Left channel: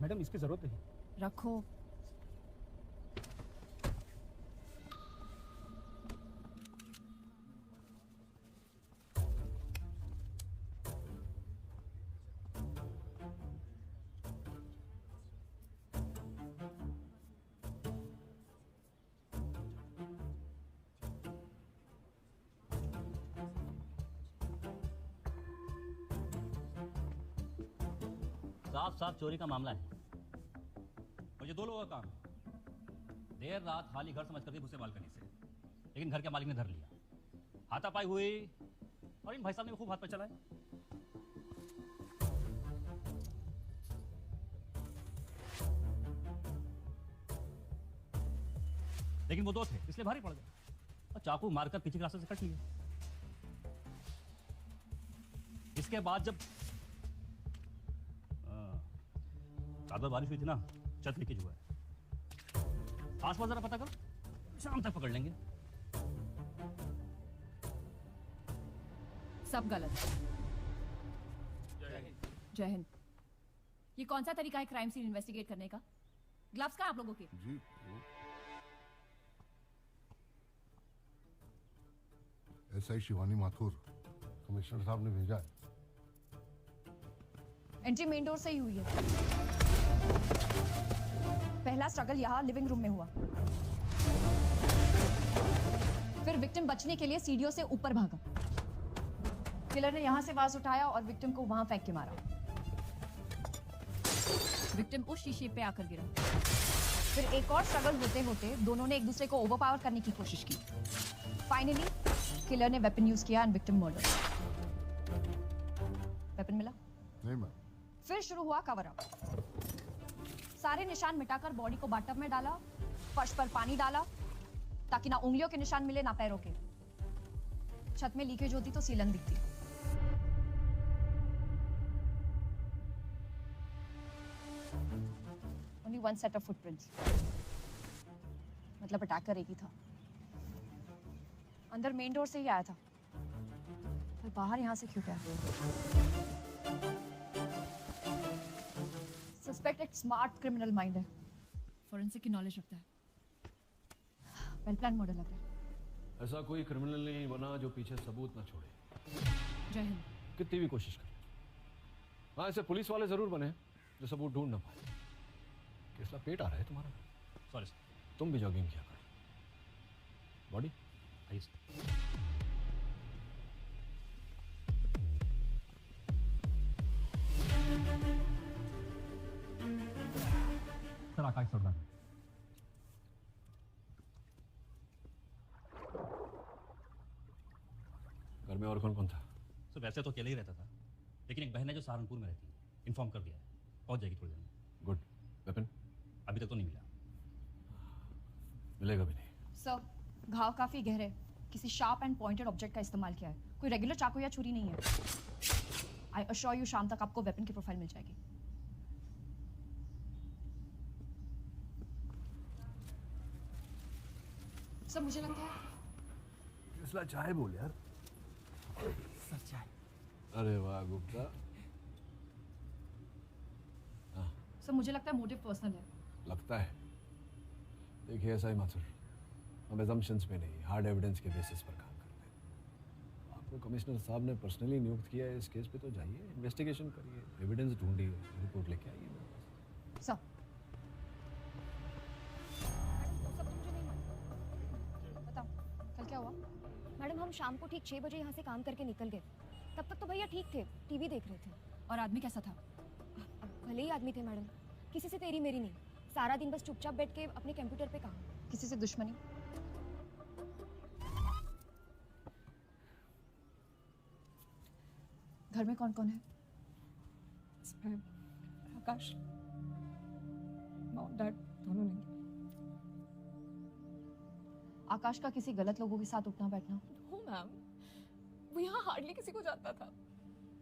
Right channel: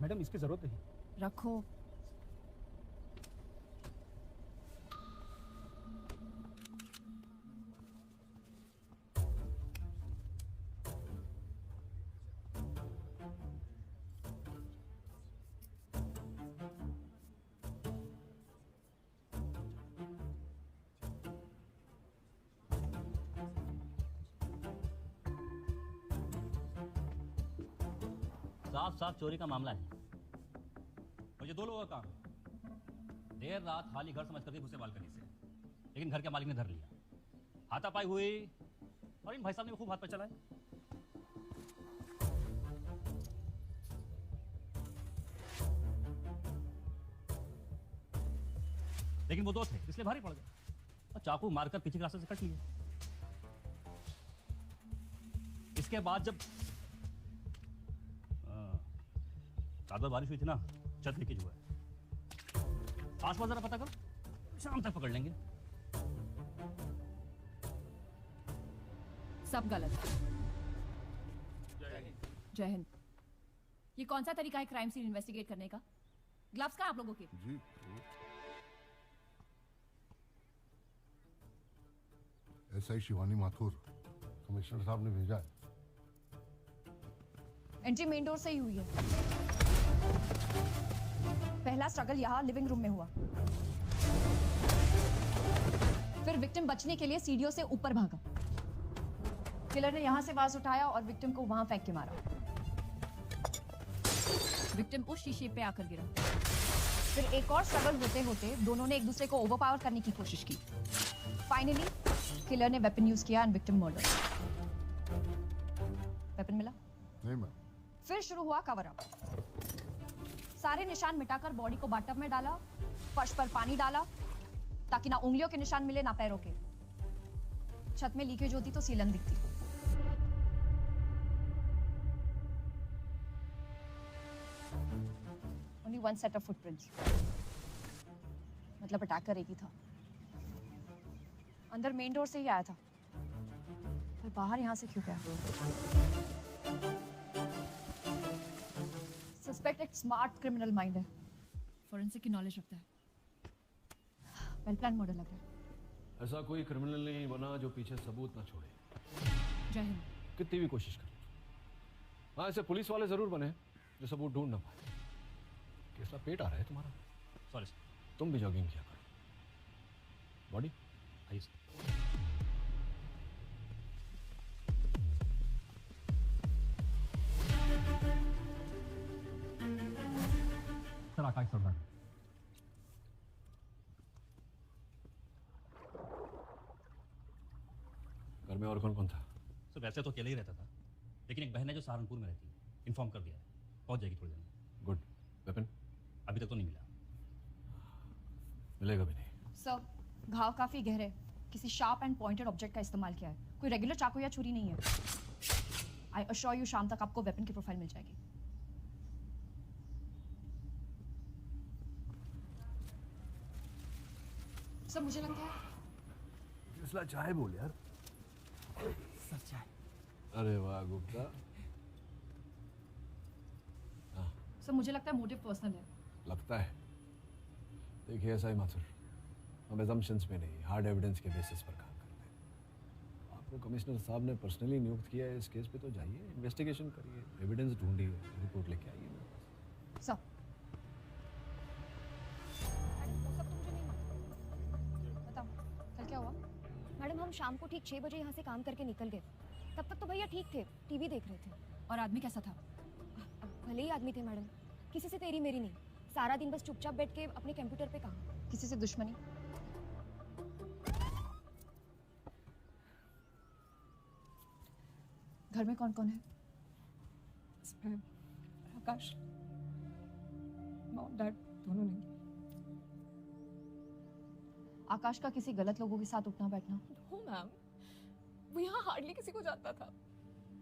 Madam इसकी जरूरत नहीं। रखो। साफ साफ चोरी का मामला है। मुझे 2 लोगों का काम है। देर रात खाली घर समझ करके घुसे बालकनी से, लेकिन घर के मालिक ने धर लिया। हाथापाई हुई और इन भाई साहब ने खूब हाथ पे चलाए। लेकिन वो दोस्त है इसलिए भारी पड़ गया और चाकू मारकर पीछे के रास्ते से कट लिया। इसके बाद जब रात में बारिश हुई थी ना, छत लीकेज हुआ है। आसमान जरा पता करो, शाम तक पकड़ लेंगे। सब गलत। जय हिंद। ये कौन सा तरीका है क्राइम सीन इन्वेस्टिगेट करने का? ग्लव्स का है आप लोगों के? जी एसआई शिवानी माथुर कमिश्नर साहब ने भेजा। एंट्री मेन डोर से ही हुई है। पहला स्ट्रगल यहाँ लिविंग रूम में हुआ, फिर विक्टिम बचने के लिए सीढ़ियों से ऊपर भागा। किलर ने यहाँ से बाज उठाया और विक्टिम को वहां फेंक के मारा। विक्टिम को शीशे पे आकर गिरा। फिर एक और स्ट्रगल होते होते दोनों ने एक दूसरे को ओवरपावर करने की कोशिश की। फाइनली किलर ने वेपन यूज किया एंड विक्टिम मर्डर। वेपन मिला? नहीं मैं फिर शुरू हुआ कवर अप। सारे निशान मिटाकर बॉडी को बाथटब में डाला, फर्श पर पानी डाला ताकि ना उंगलियों के निशान मिले ना पैरों के। छत में लीकेज होती तो सीलन दिखती। Only one set of footprints, मतलब अटैकर एक ही था। अंदर मेन डोर से ही आया था, पर बाहर यहां से क्यों गया? सस्पेक्ट एक स्मार्ट क्रिमिनल माइंड है, फोरेंसिक की नॉलेज रखता है। वेल प्लान मॉडल लगा। ऐसा कोई क्रिमिनल नहीं बना जो पीछे सबूत न छोड़े। जय हिंद। कितनी भी कोशिश करें। ऐसे पुलिस वाले जरूर बने जो सबूत ढूंढ न पाए। कैसा पेट आ रहा है तुम्हारा? Sorry sir. तुम भी जॉगिंग किया करो। बॉडी नहीं सर। सर आकाश शर्मा। घर में और कौन कौन था? सर वैसे तो अकेले ही रहता था, लेकिन एक बहन है जो सहारनपुर में रहती है, इन्फॉर्म कर दिया, पहुंच जाएगी थोड़ी देर में। गुड। वेपन अभी तक तो नहीं मिला। मिलेगा भी नहीं। सर घाव काफी गहरे, किसी शार्प एंड पॉइंटेड ऑब्जेक्ट का इस्तेमाल किया है। कोई रेगुलर चाकू या छुरी नहीं है। आई अश्योर यू शाम तक आपको वेपन की प्रोफाइल मिल जाएगी। सर मुझे लगता है इसमें चाय बोल यार। सर चाय। अरे वाह गुप्ता। सर मुझे लगता है मोटिव पर्सनल है। लगता है। देखिए साई माथुर, हम assumptions में नहीं, हार्ड एविडेंस के बेसिस पर काम करते हैं। आपको कमिश्नर साहब ने पर्सनली नियुक्त किया है इस केस में, तो जाइए इन्वेस्टिगेशन करिए, एविडेंस ढूंढिए, रिपोर्ट लेके आइए। सर बताओ कल क्या हुआ? मैडम हम शाम को ठीक 6 बजे यहाँ से काम करके निकल गए। तब तक तो भैया ठीक थे, टीवी देख रहे थे। और आदमी कैसा था? भले ही आदमी थे मैडम, किसी से तेरी मेरी नहीं, सारा दिन बस चुपचाप बैठ के अपने कंप्यूटर पे काम, किसी से दुश्मनी। घर में कौन कौन है? आकाश, डैड दोनों नहीं। आकाश का किसी गलत लोगों के साथ उठना बैठना? वो मैम, वो यहाँ हार्डली किसी को जानता था।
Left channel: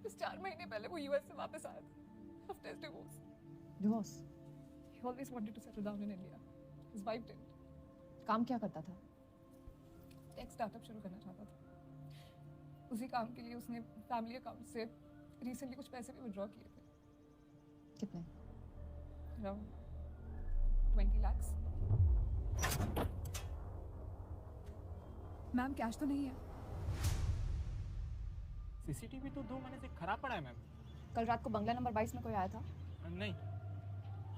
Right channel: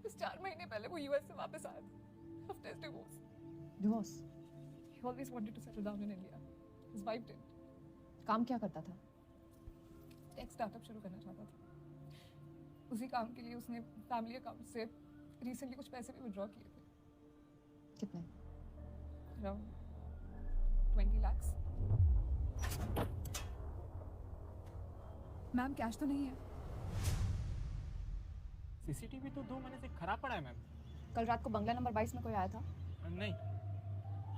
बस 4 महीने पहले वो यूएस से वापस आया था। After his divorce. Divorce? He always wanted to settle down in India. His wife did. काम क्या करता था? एक स्टार्टअप शुरू करना चाहता था। उसी काम के लिए उसने फैमिली अकाउंट से रिसेंटली कुछ पैसे भी विड्रॉ किए थे। कितने? Around 20 lakhs. मैम कैश तो नहीं है। सीसीटीवी तो 2 महीने से खराब पड़ा है मैम। कल रात को बंगला नंबर 22 में कोई आया था? नहीं।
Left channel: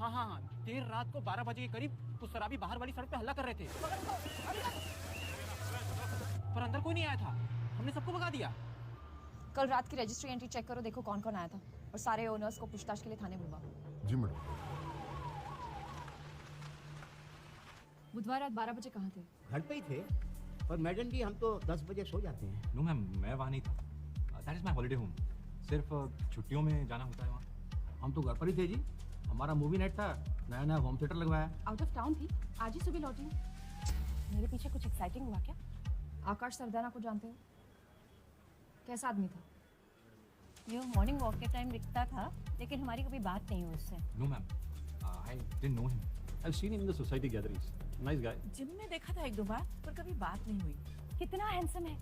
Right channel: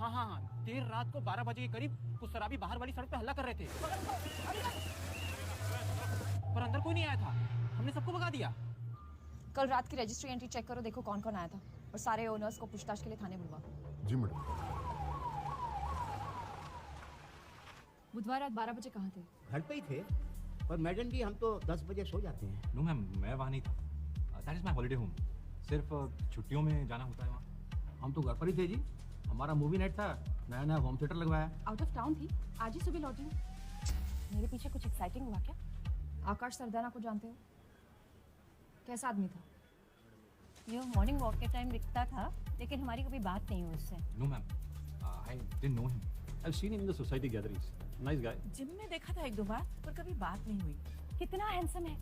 हाँ, देर रात को 12 बजे के करीब कुछ शराबी बाहर वाली सड़क पे हल्ला कर रहे थे, पर अंदर कोई नहीं आया था। हमने सबको भगा दिया। कल रात की रजिस्ट्री एंट्री चेक करो, देखो कौन कौन आया था और सारे ओनर्स को पूछताछ के लिए थाने बुलवाओ। जी मैडम। बुधवार रात 12 बजे कहाँ थे? घर पे ही थे, और मैडम जी हम तो 10 बजे सो जाते हैं। नो मैम, मैं वहाँ नहीं था। That is my holiday home. सिर्फ छुट्टियों में जाना होता है वहाँ। हम तो घर पर ही थे जी, हमारा मूवी नाइट था, मैंने होम थिएटर लगवाया। आउट ऑफ टाउन थी, आज ही सुबह लौटी हूँ। मेरे पीछे कुछ एक्साइटिंग हुआ क्या? आकाश सरदाना को जानते हो? कैसा आदमी था? ये मॉर्निंग वॉक के टाइम दिखता था, लेकिन हमारी कभी बात नहीं हुई उससे। No ma'am, I didn't know him. I have seen him in the society gatherings. Nice guy. Gym में देखा था 1-2 बार, पर कभी बात नहीं हुई। कितना हैंडसम है।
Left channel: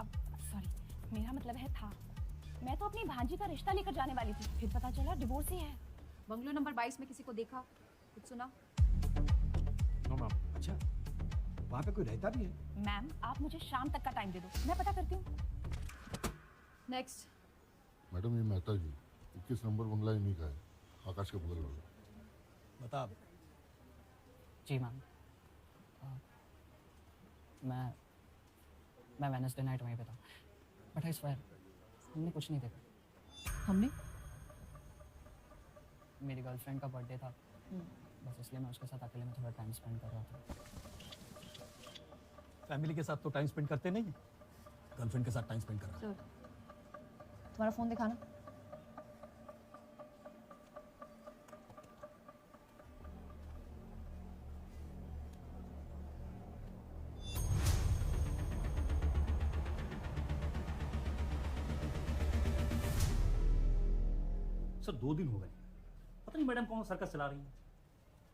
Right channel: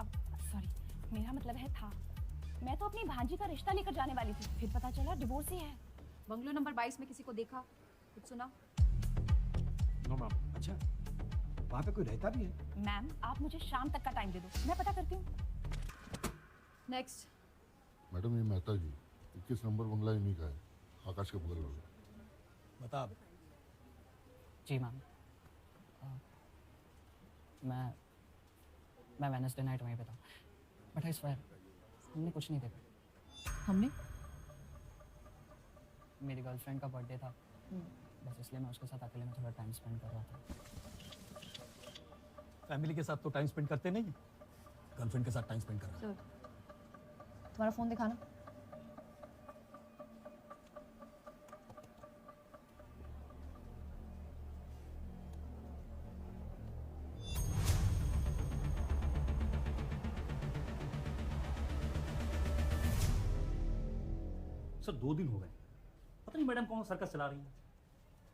अब सॉरी, मेरा मतलब है था। मैं तो अपनी भांजी का रिश्ता लेकर जाने वाली थी, फिर पता चला डिवोर्स ही है। बंगलो नंबर 22 में किसी को देखा, कुछ सुना? No ma'am. अच्छा, वहाँ पे कोई रहता भी है? मैम आप मुझे शाम तक का टाइम दे दो, मैं पता करती हूँ। नेक्स्ट। मैडम ये मेहता जी 21 नंबर बंगला ही लिखा है, आकाश के बगल में। बता। जी मैम, मैं वेडनेसडे नाइट वहीं पे था, बट इस बार हमने कुछ नहीं देखा। हमने मेरी गर्लफ्रेंड का बर्थडे था, बस इसलिए मैं उसके साथ अकेले में थोड़ा टाइम स्पेंड कर रहा था। फैमिली के साथ तो टाइम स्पेंड करते नहीं, गर्लफ्रेंड के साथ टाइम स्पेंड कर रहा है। तुम्हारा फोन दिखाना। सर 2 दिन हो गए, पता नहीं मैडम कौन सर्कस चला रही है।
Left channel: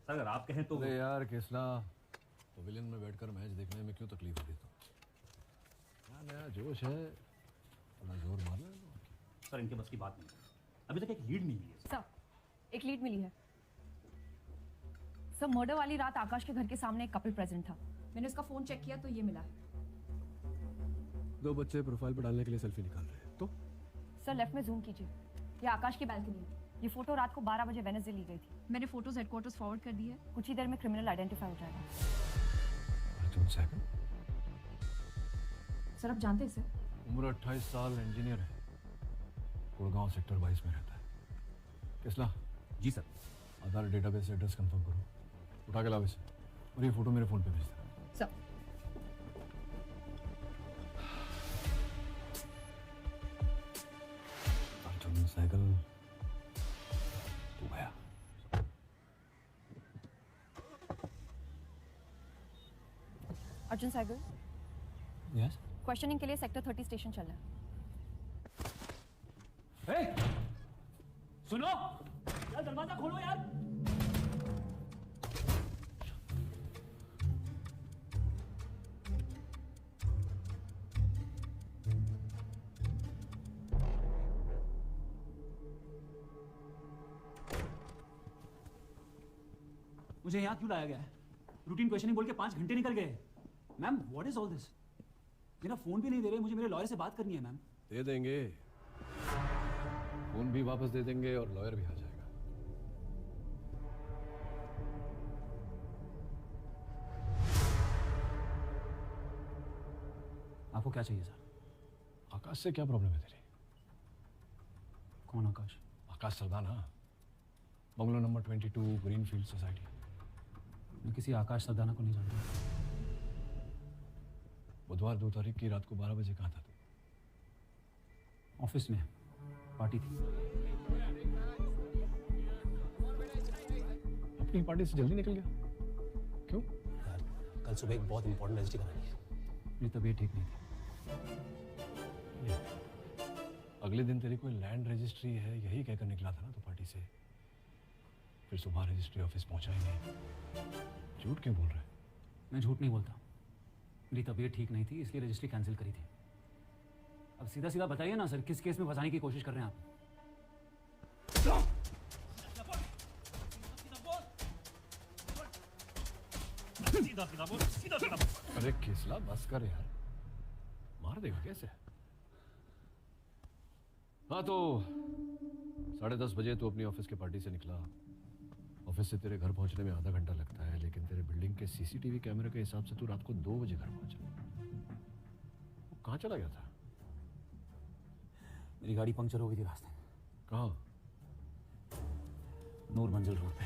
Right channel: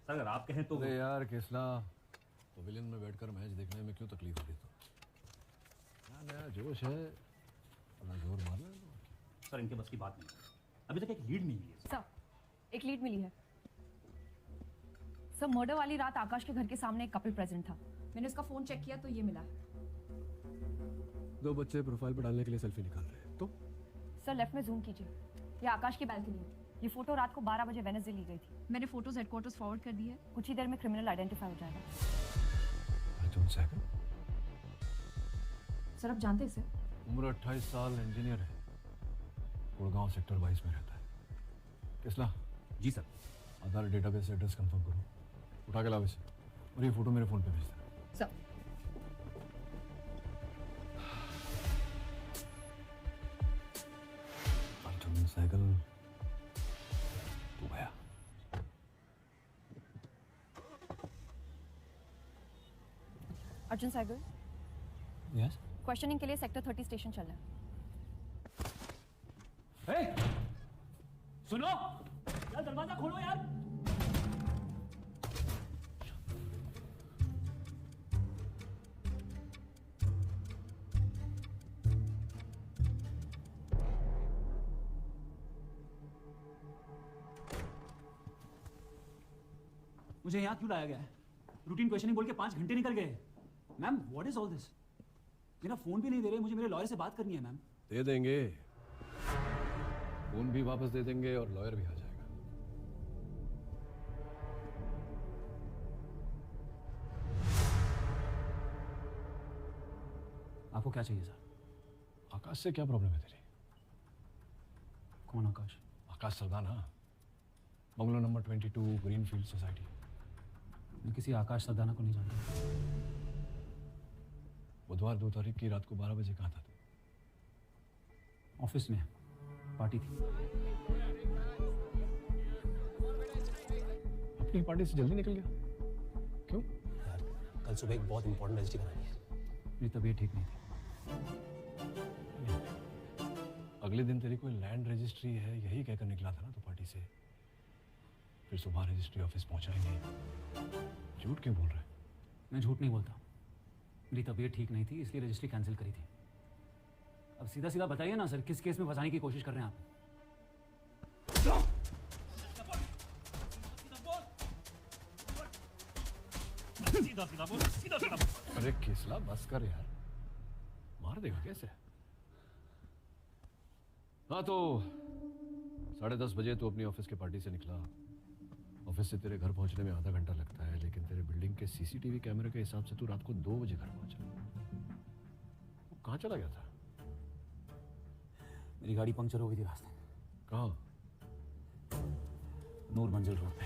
सर अगर आप कहें तो। अरे यार किसला, पवेलियन में बैठकर मैच देखने में क्यों तकलीफ हो रही तो? क्या नया जोश है, थोड़ा जोर मारो। सर इनके बस की बात नहीं है, अभी तक एक लीड नहीं मिली है। सर एक लीड मिली है। सर मर्डर वाली रात आकाश के घर के सामने एक कपल प्रेजेंट था। मैंने उसका फोन चेक किया तो ये मिला। 2 बच्चे प्रोफाइल पर डालने के लिए सेल्फी निकाल रहे हैं तो? सर लेफ्ट में जूम कीजिए, ये आकाश की बैल्कनी है। ये फोटो रात को 12 बजे वेडनेसडे ली गई थी। मैंने फोटोज हेडक्वार्टर्स फॉरवर्ड कर दिए, कुछ ही देर में क्रिमिनल आइडेंटिफाई हो जाएगा। सर आप जानते हैं इसे? उम्र 28 साल, इंजीनियर है, गुड़गांव सेक्टर 22 में रहता है। किसला? जी सर। आधार डेटाबेस से एड्रेस कंफर्म करो, उठा के लाओ इसे, और ये फोटो मेरे फोन पे भेज देना। सर अर्जुन साइकिल गया। अर्जुन साइकिल, यस क्वेश्चनिंग के लिए सेक्टर 30 स्टेशन चलना है। सुनो, दरवाजा खोलो यार। मुझे यहाँ क्यों लाया गया है? रूटीन क्वेश्चनिंग बोल के 5 घंटे निकल गए। Ma'am what is all this? मेरा फोन भी नहीं दे रहे, मुझे मेरे लॉयर से बात करनी है मैम। दे देंगे, फोन भी वापस दे देंगे और लॉयर भी आ जाएगा। आपको क्या चाहिए सर? आकाश से क्या प्रॉब्लम है तेरी? कौन Akash? Akash Sardana, bungalow number 22 Greenfield society. मैं किसी आकाश सरदाना को नहीं जानता। बुधवार 2 तारीख की रात को 12 बजे कहा था तू? ऑफिस में पार्टी थी। अपनी पार्टी से जल्दी निकल गया क्यों? कल सुबह एक बहुत इंपॉर्टेंट रजिस्ट्री करानी है, मेरी तबीयत ठीक नहीं थी। अगले दिन तारीख में लैंड रजिस्ट्री है, यही कहकर निकला था ना तो पार्टी से। फिर सुबह रजिस्ट्री ऑफिस पहुंचा ही नहीं। झूठ क्यों बोल रहे? मैं झूठ नहीं हुआ था, मेरी तबीयत ठीक नहीं थी इसलिए रजिस्ट्री कैंसिल करी थी। अब सीधा सीधा बताइए ना सर, किस केस में फंसाने की कोशिश कर रहे हैं आप? सीधा सीधा बोल, सीधा सीधा बोल। अरे किसला बस कर यार, मार देगा कैसे? हाँ तो 10:30 बजे तू अपनी ऑफिस की पार्टी से निकला। ऑफिस से तेरे घर पहुंचने में आधा घंटा लगता है, लेकिन तेरे बिल्डिंग के सीसीटीवी कैमरे के हिसाब से तू रात को 2 बजे घर पहुंचा। वो कहाँ चला गया था? मेरी गाड़ी पंक्चर हो गई थी रास्ते में। कहाँ? नूर मंजिल रोड पे।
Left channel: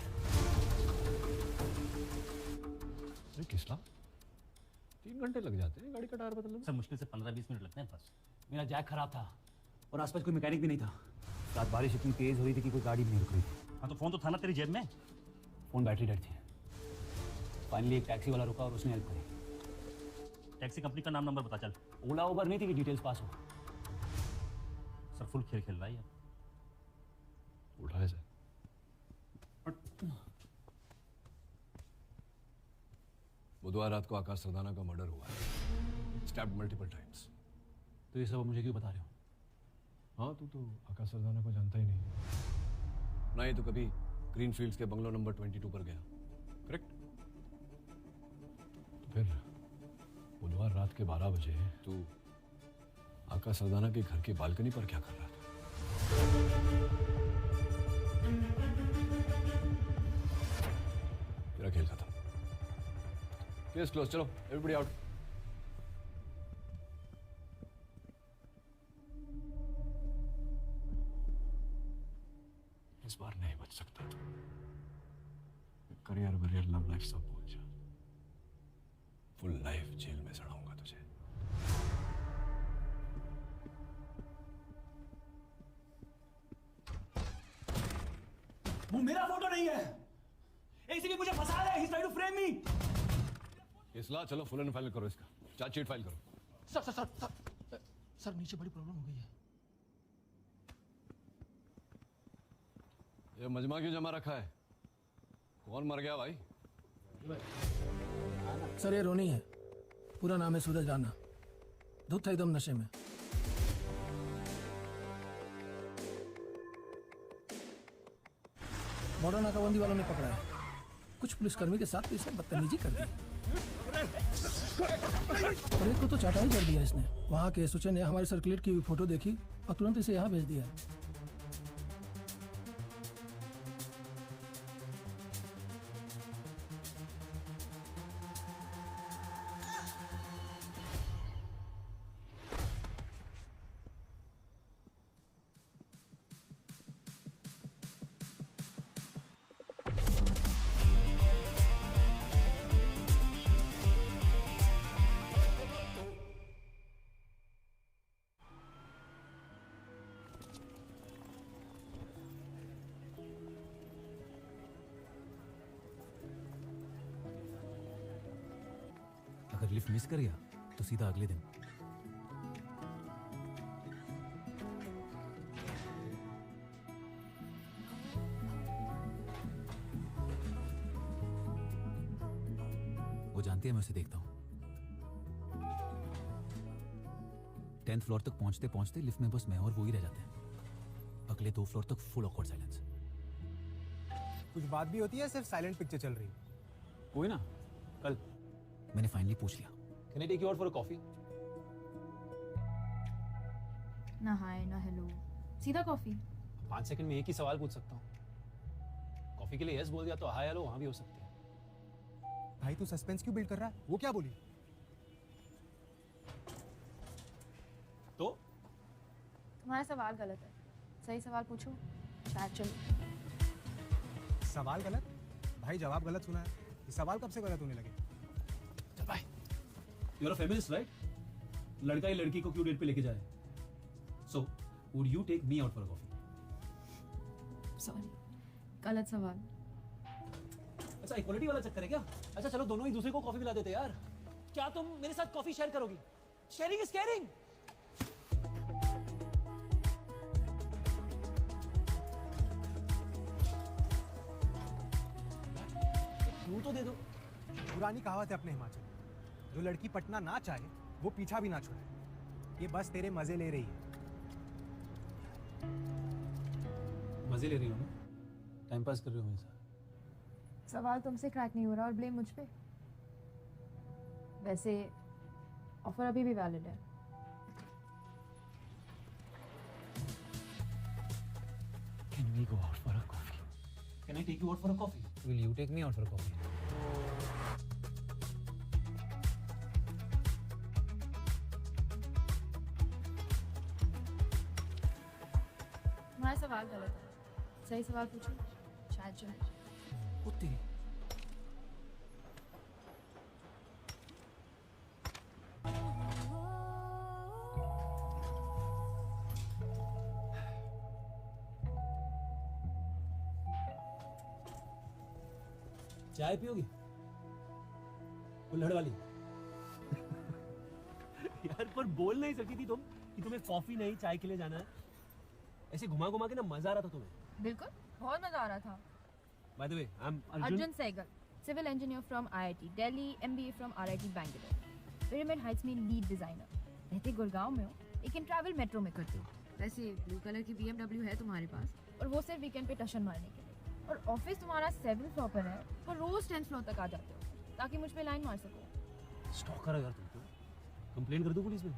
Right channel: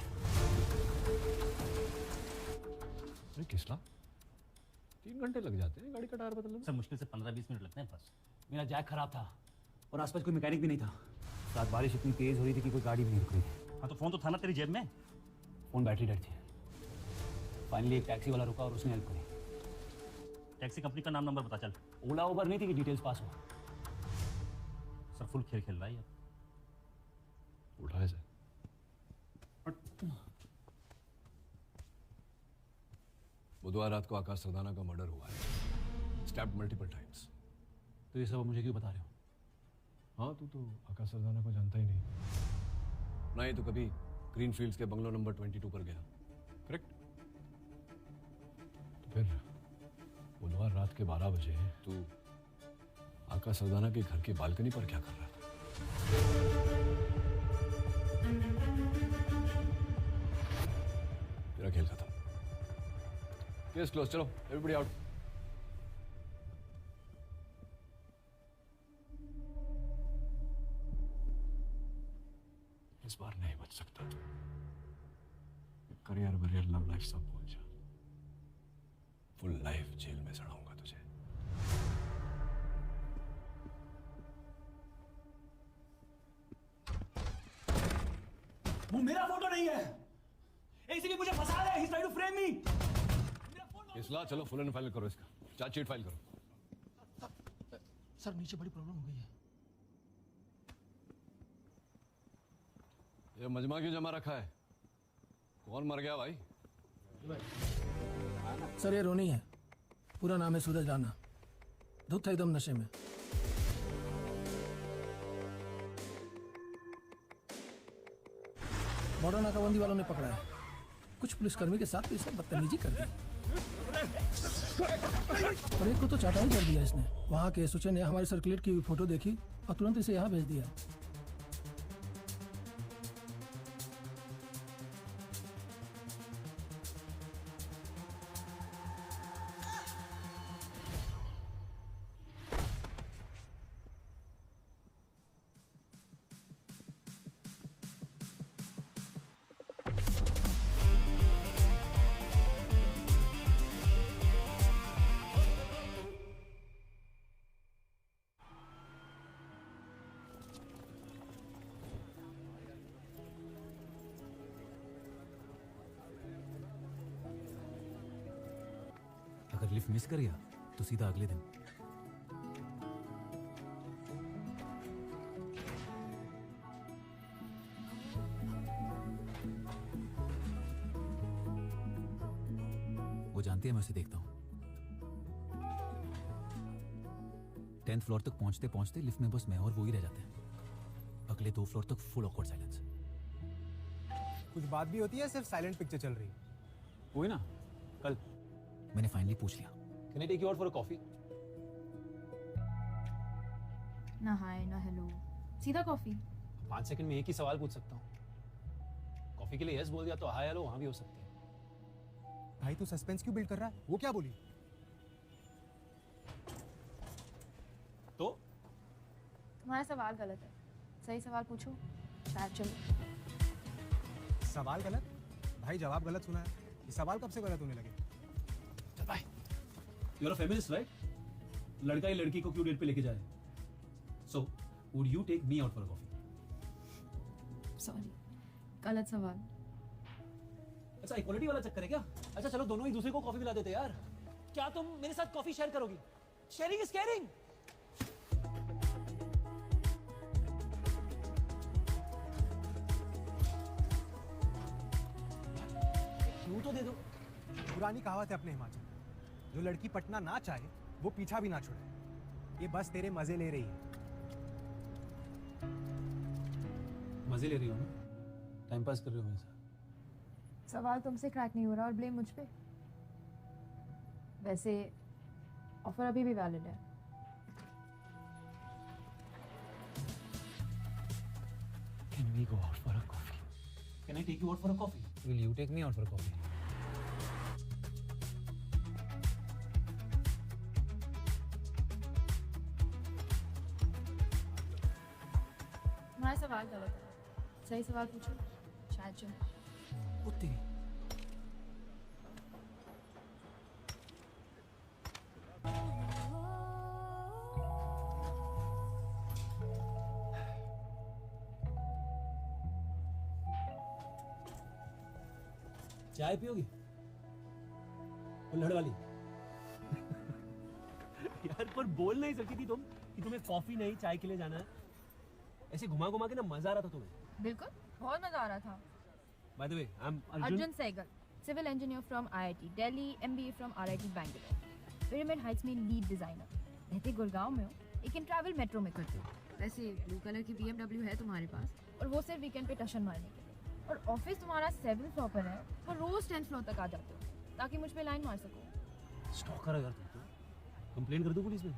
अरे किसला 3 घंटे लग जाते हैं गाड़ी का टायर बदलने में। सर मुश्किल से 15-20 मिनट लगते हैं बस। मेरा जैक खराब था और आसपास कोई मैकेनिक भी नहीं था। रात बारिश इतनी तेज हुई थी कि कोई गाड़ी भी नहीं रुकी। हाँ तो फोन तो था ना तेरी जेब में। फोन बैटरी डेड थी। फाइनली एक टैक्सी वाला रुका और उसने हेल्प करी। टैक्सी कंपनी का नाम नंबर बता चल। ओला उबर नहीं थी कि डिटेल्स पास हो। सब फुल खेल खेल रहा है यार। उठाया जाए। बुधवार रात को आकाश सरदाना का मर्डर हुआ है, स्टैप्ड मल्टीपल टाइम्स। तो ये सब मुझे क्यों बता रहे हो? हाँ तू तो आकाश सरदाना को जानता ही नहीं, ना ही तो कभी ग्रीन फील्ड्स के बंगलो नंबर 22 पर गया। करेक्ट? फिर बुधवार रात के 12 बजे तू आकाश सरदाना के घर की बालकनी पर क्या कर रहा था? तेरा खेल खत्म। केस क्लोज, चलो एवरीबॉडी आउट। इस बार नहीं बच सकता तू। करियर में लव लाइफ सब पहुंचा, फुल लाइफ जेल में सड़ाऊंगा तुझे। वो मेरा फोटो नहीं है, इसलिए मुझे फंसा रहा है। He's trying to frame me. इसला चलो फुल एंड फाइल करो, इसका चार्जशीट फाइल करो। सर सर सर सर नीचे बड़ी प्रॉब्लम हो गई है। ये मजमा क्यों जमा रखा है? कौन मर गया भाई? सर ये रोनी है, पूरा नाम है सूरज राणा। धुत है एकदम नशे में। बॉर्डर नाकाबंदी वालों ने पकड़ा है। कुछ पुलिसकर्मी के साथ इसने बदतमीजी कर दी। अमित को तो चाटा ही कर दिया इसने। वहाँ के एसोचे ने हमारी सर्कुलेट की हुई फोटो देखी और तुरंत इसे यहाँ भेज दिया। अगर लिफ्ट मिस कर गया तो सीधा अगले दिन। वो जानते हैं मैं उसे देखता हूँ। 10th फ्लोर तक पहुंचते पहुंचते लिफ्ट में बस मैं और वो ही रह जाते हैं। अगले 2 फ्लोर तक फुल ऑकवर्ड साइलेंस। कुछ बात भी होती है, सिर्फ साइलेंट पिक्चर चल रही है। वही ना, कल मैंने फाइनली पूछ लिया। Can I take you out for a coffee? ना हाय ना हेलो, सीधा कॉफी। 5 सेकंड में एक ही सवाल पूछ सकता हूँ। कॉफी के लिए यस बोल दिया तो हाय हेलो वहां भी हो सकते हैं। भाई तू सस्पेंस क्यों बिल्ड कर रहा है? वो क्या बोली? तो तुम्हारा सवाल गलत है, सही सवाल पूछो। शायद चलो। सवाल गलत? भाई जवाब गलत सुना। ये सवाल कब से गलत होने लगे? चल भाई, you're a feminist, right? लड़का ही लड़की को क्यों डेट पे लेके जाए? So, would you take me out for a coffee? सवाल गलत सवाल। अच्छा इक्वालिटी वाला चक्कर है क्या? अच्छा चलो दोनों एक दूसरे को कॉफी पिला देते यार। क्या तुम मेरे साथ कॉफी शेयर करोगी? Sharing is caring. तो दे दो। पुरानी कहावत है अपने हिमाचल, जो लड़की पटना ना चाहे वो पीछा भी ना छोड़े। ये बस तेरे मजे ले रही है। मजे ले रही हो ना? टाइम पास कर रही हो मेरे साथ। सवाल तुमसे क्रैक नहीं हो रहा और ब्लेम मुझ पे। वैसे ऑफर अभी भी वैलिड है। Can we go out for a coffee? Can I take you out for a coffee? Will you take me out for a coffee? तुम्हारा सवाल गलत है। सही सवाल पूछो। शायद चुनो। वो तेरी चाय पियोगी? कुल्हड़ वाली। यार पर बोल नहीं सकती थी तुम कि तुम्हें कॉफी नहीं चाय के लिए जाना है। ऐसे घुमा घुमा के ना मजा आ रहा था तुम्हें। बिल्कुल बहुत मजा आ रहा था। By the way, I'm Arjun Saigal, civil engineer from IIT Delhi, MBA from RIT Bangalore, Pyramid Heights में lead designer। कहते गुड़गांव में हो, लेकिन ट्रैवल मेट्रो में करते हो। वैसे ब्लू कलर की BMW है तुम्हारे पास, और वो सिर्फ वीकेंड पे टशन मारने के लिए। और ऑफिस तुम्हारा 7th फ्लोर पर है, और रोज 10th फ्लोर तक आ जाते हो, ताकि मुझ पे लाइन मार सको। स्टॉकर है यार तुम तो। कंप्लेन कर दो पुलिस में।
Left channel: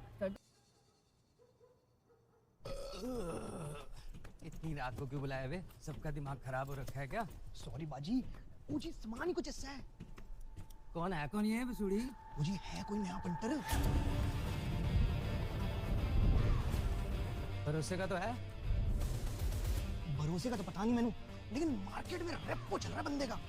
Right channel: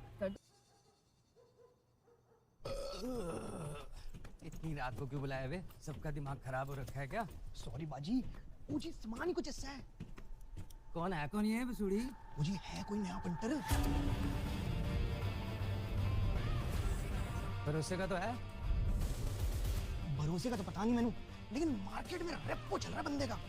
इतनी रात को क्यों बुलाया वे? सबका दिमाग खराब हो रखा है क्या? सॉरी बाजी, वो जी सामान ही कुछ ऐसा है। कौन है कौन ये वसूड़ी? वो जी है कोई नया पेंटर? भरोसे का तो है। भरोसे का तो पता नहीं मैंने, लेकिन मार्केट में रेपो चल रहा है बंदे का।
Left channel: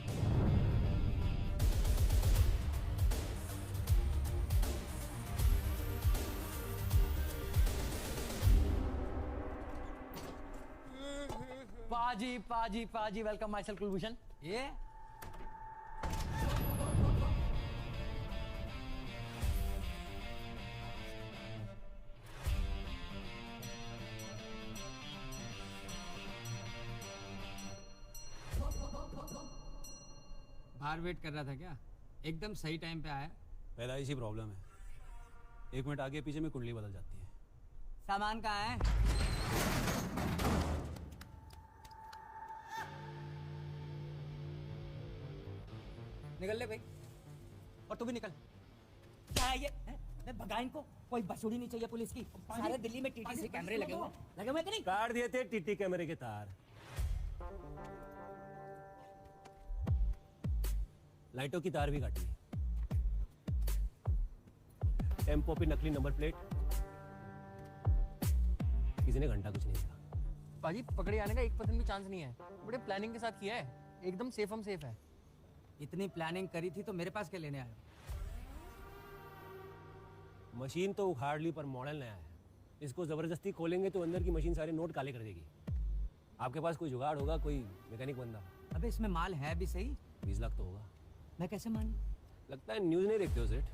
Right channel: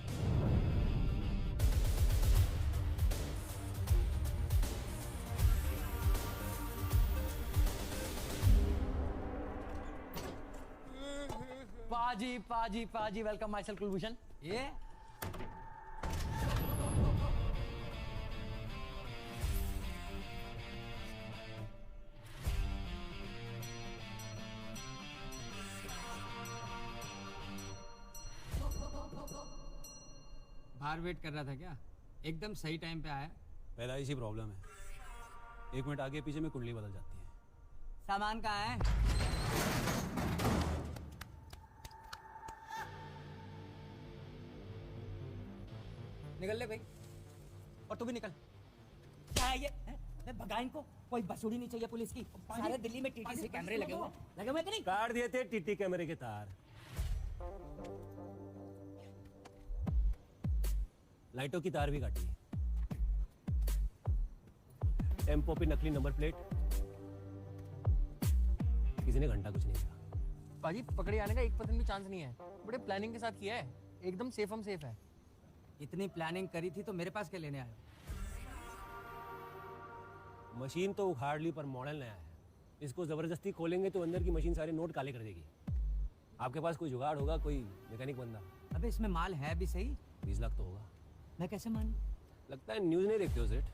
पाजी वेलकम माय सेल्फ कुलभूषण। ये बाहर वेट कर रहा था क्या? एकदम सही टाइम पे आया। पहला ही से प्रॉब्लम है। 1 मिनट आगे पीछे में कुंडली बदल जाती है। सामान कहाँ है? निकल ले भाई, और तू भी निकल। भगाइन को कोई बसूड़ी नहीं चाहिए पुलिस की। सारे दिल्ली में टीटी कैमरे लगे हुए कि नहीं? काट दिए थे टीटी कैमरे के तार। लाइटों की तार भी काटी है। टेम्पो पे नकली नंबर प्लेट। किसी ने घंटा कुछ नहीं कहा। पाजी पकड़े जाने का 1% भी चांस नहीं है। बड़ी प्लानिंग के साथ किया है, एकदम सेफ है। इतनी प्लानिंग करी थी तो मेरे पास क्या लेने आए? मशीन तो उखाड़ ली पर मॉडल नया है। इसको जबरदस्ती खोलेंगे तो अंदर की मशीन सारे नोट काले कर देगी। आपके पास कोई जुगाड़ होगा, कोई मैकेनिक बंदा? अबे इसमें माल है भी सही। 20 लाख तो होगा। मैं कैसे मानूं? लगता है न्यूज़ नहीं देखते हो सेठ।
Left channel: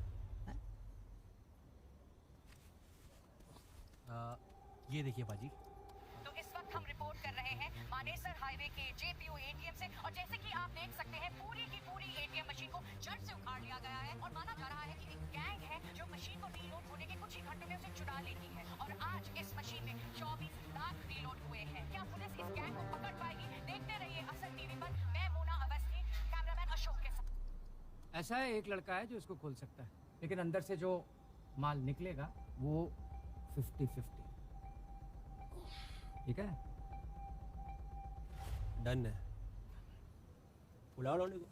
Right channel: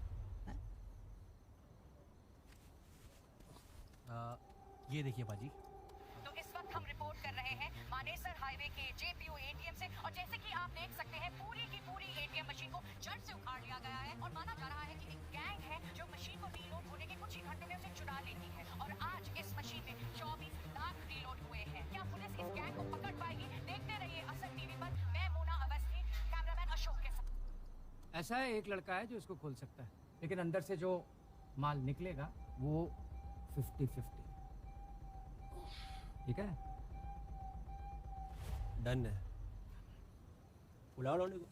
ये देखिए बाजी। तो इस वक्त हम रिपोर्ट कर रहे हैं मानेसर हाईवे की जेपीयू एटीएम से, और जैसे कि आप देख सकते हैं पूरी की पूरी एटीएम मशीन को जड़ से उखाड़ लिया गया है। और माना जा रहा है कि एक गैंग है जो मशीन को रीलोड होने के कुछ ही घंटों में उसे चुरा लेती है। और आज इस मशीन में 24 लाख रीलोड हुए हैं। क्या पुलिस इस गैंग को पकड़ पाएगी? देखते रहिए असम टीवी पर। मैं मोना अवस्थी, कैमरामैन अशोक के साथ। ऐसा है, एक लड़का है जो इसको खोल सकता है, लेकिन अंदर से जो माल निकलेगा वो 50-50। ठीक है? डन है। बुलाओ लौंडे को।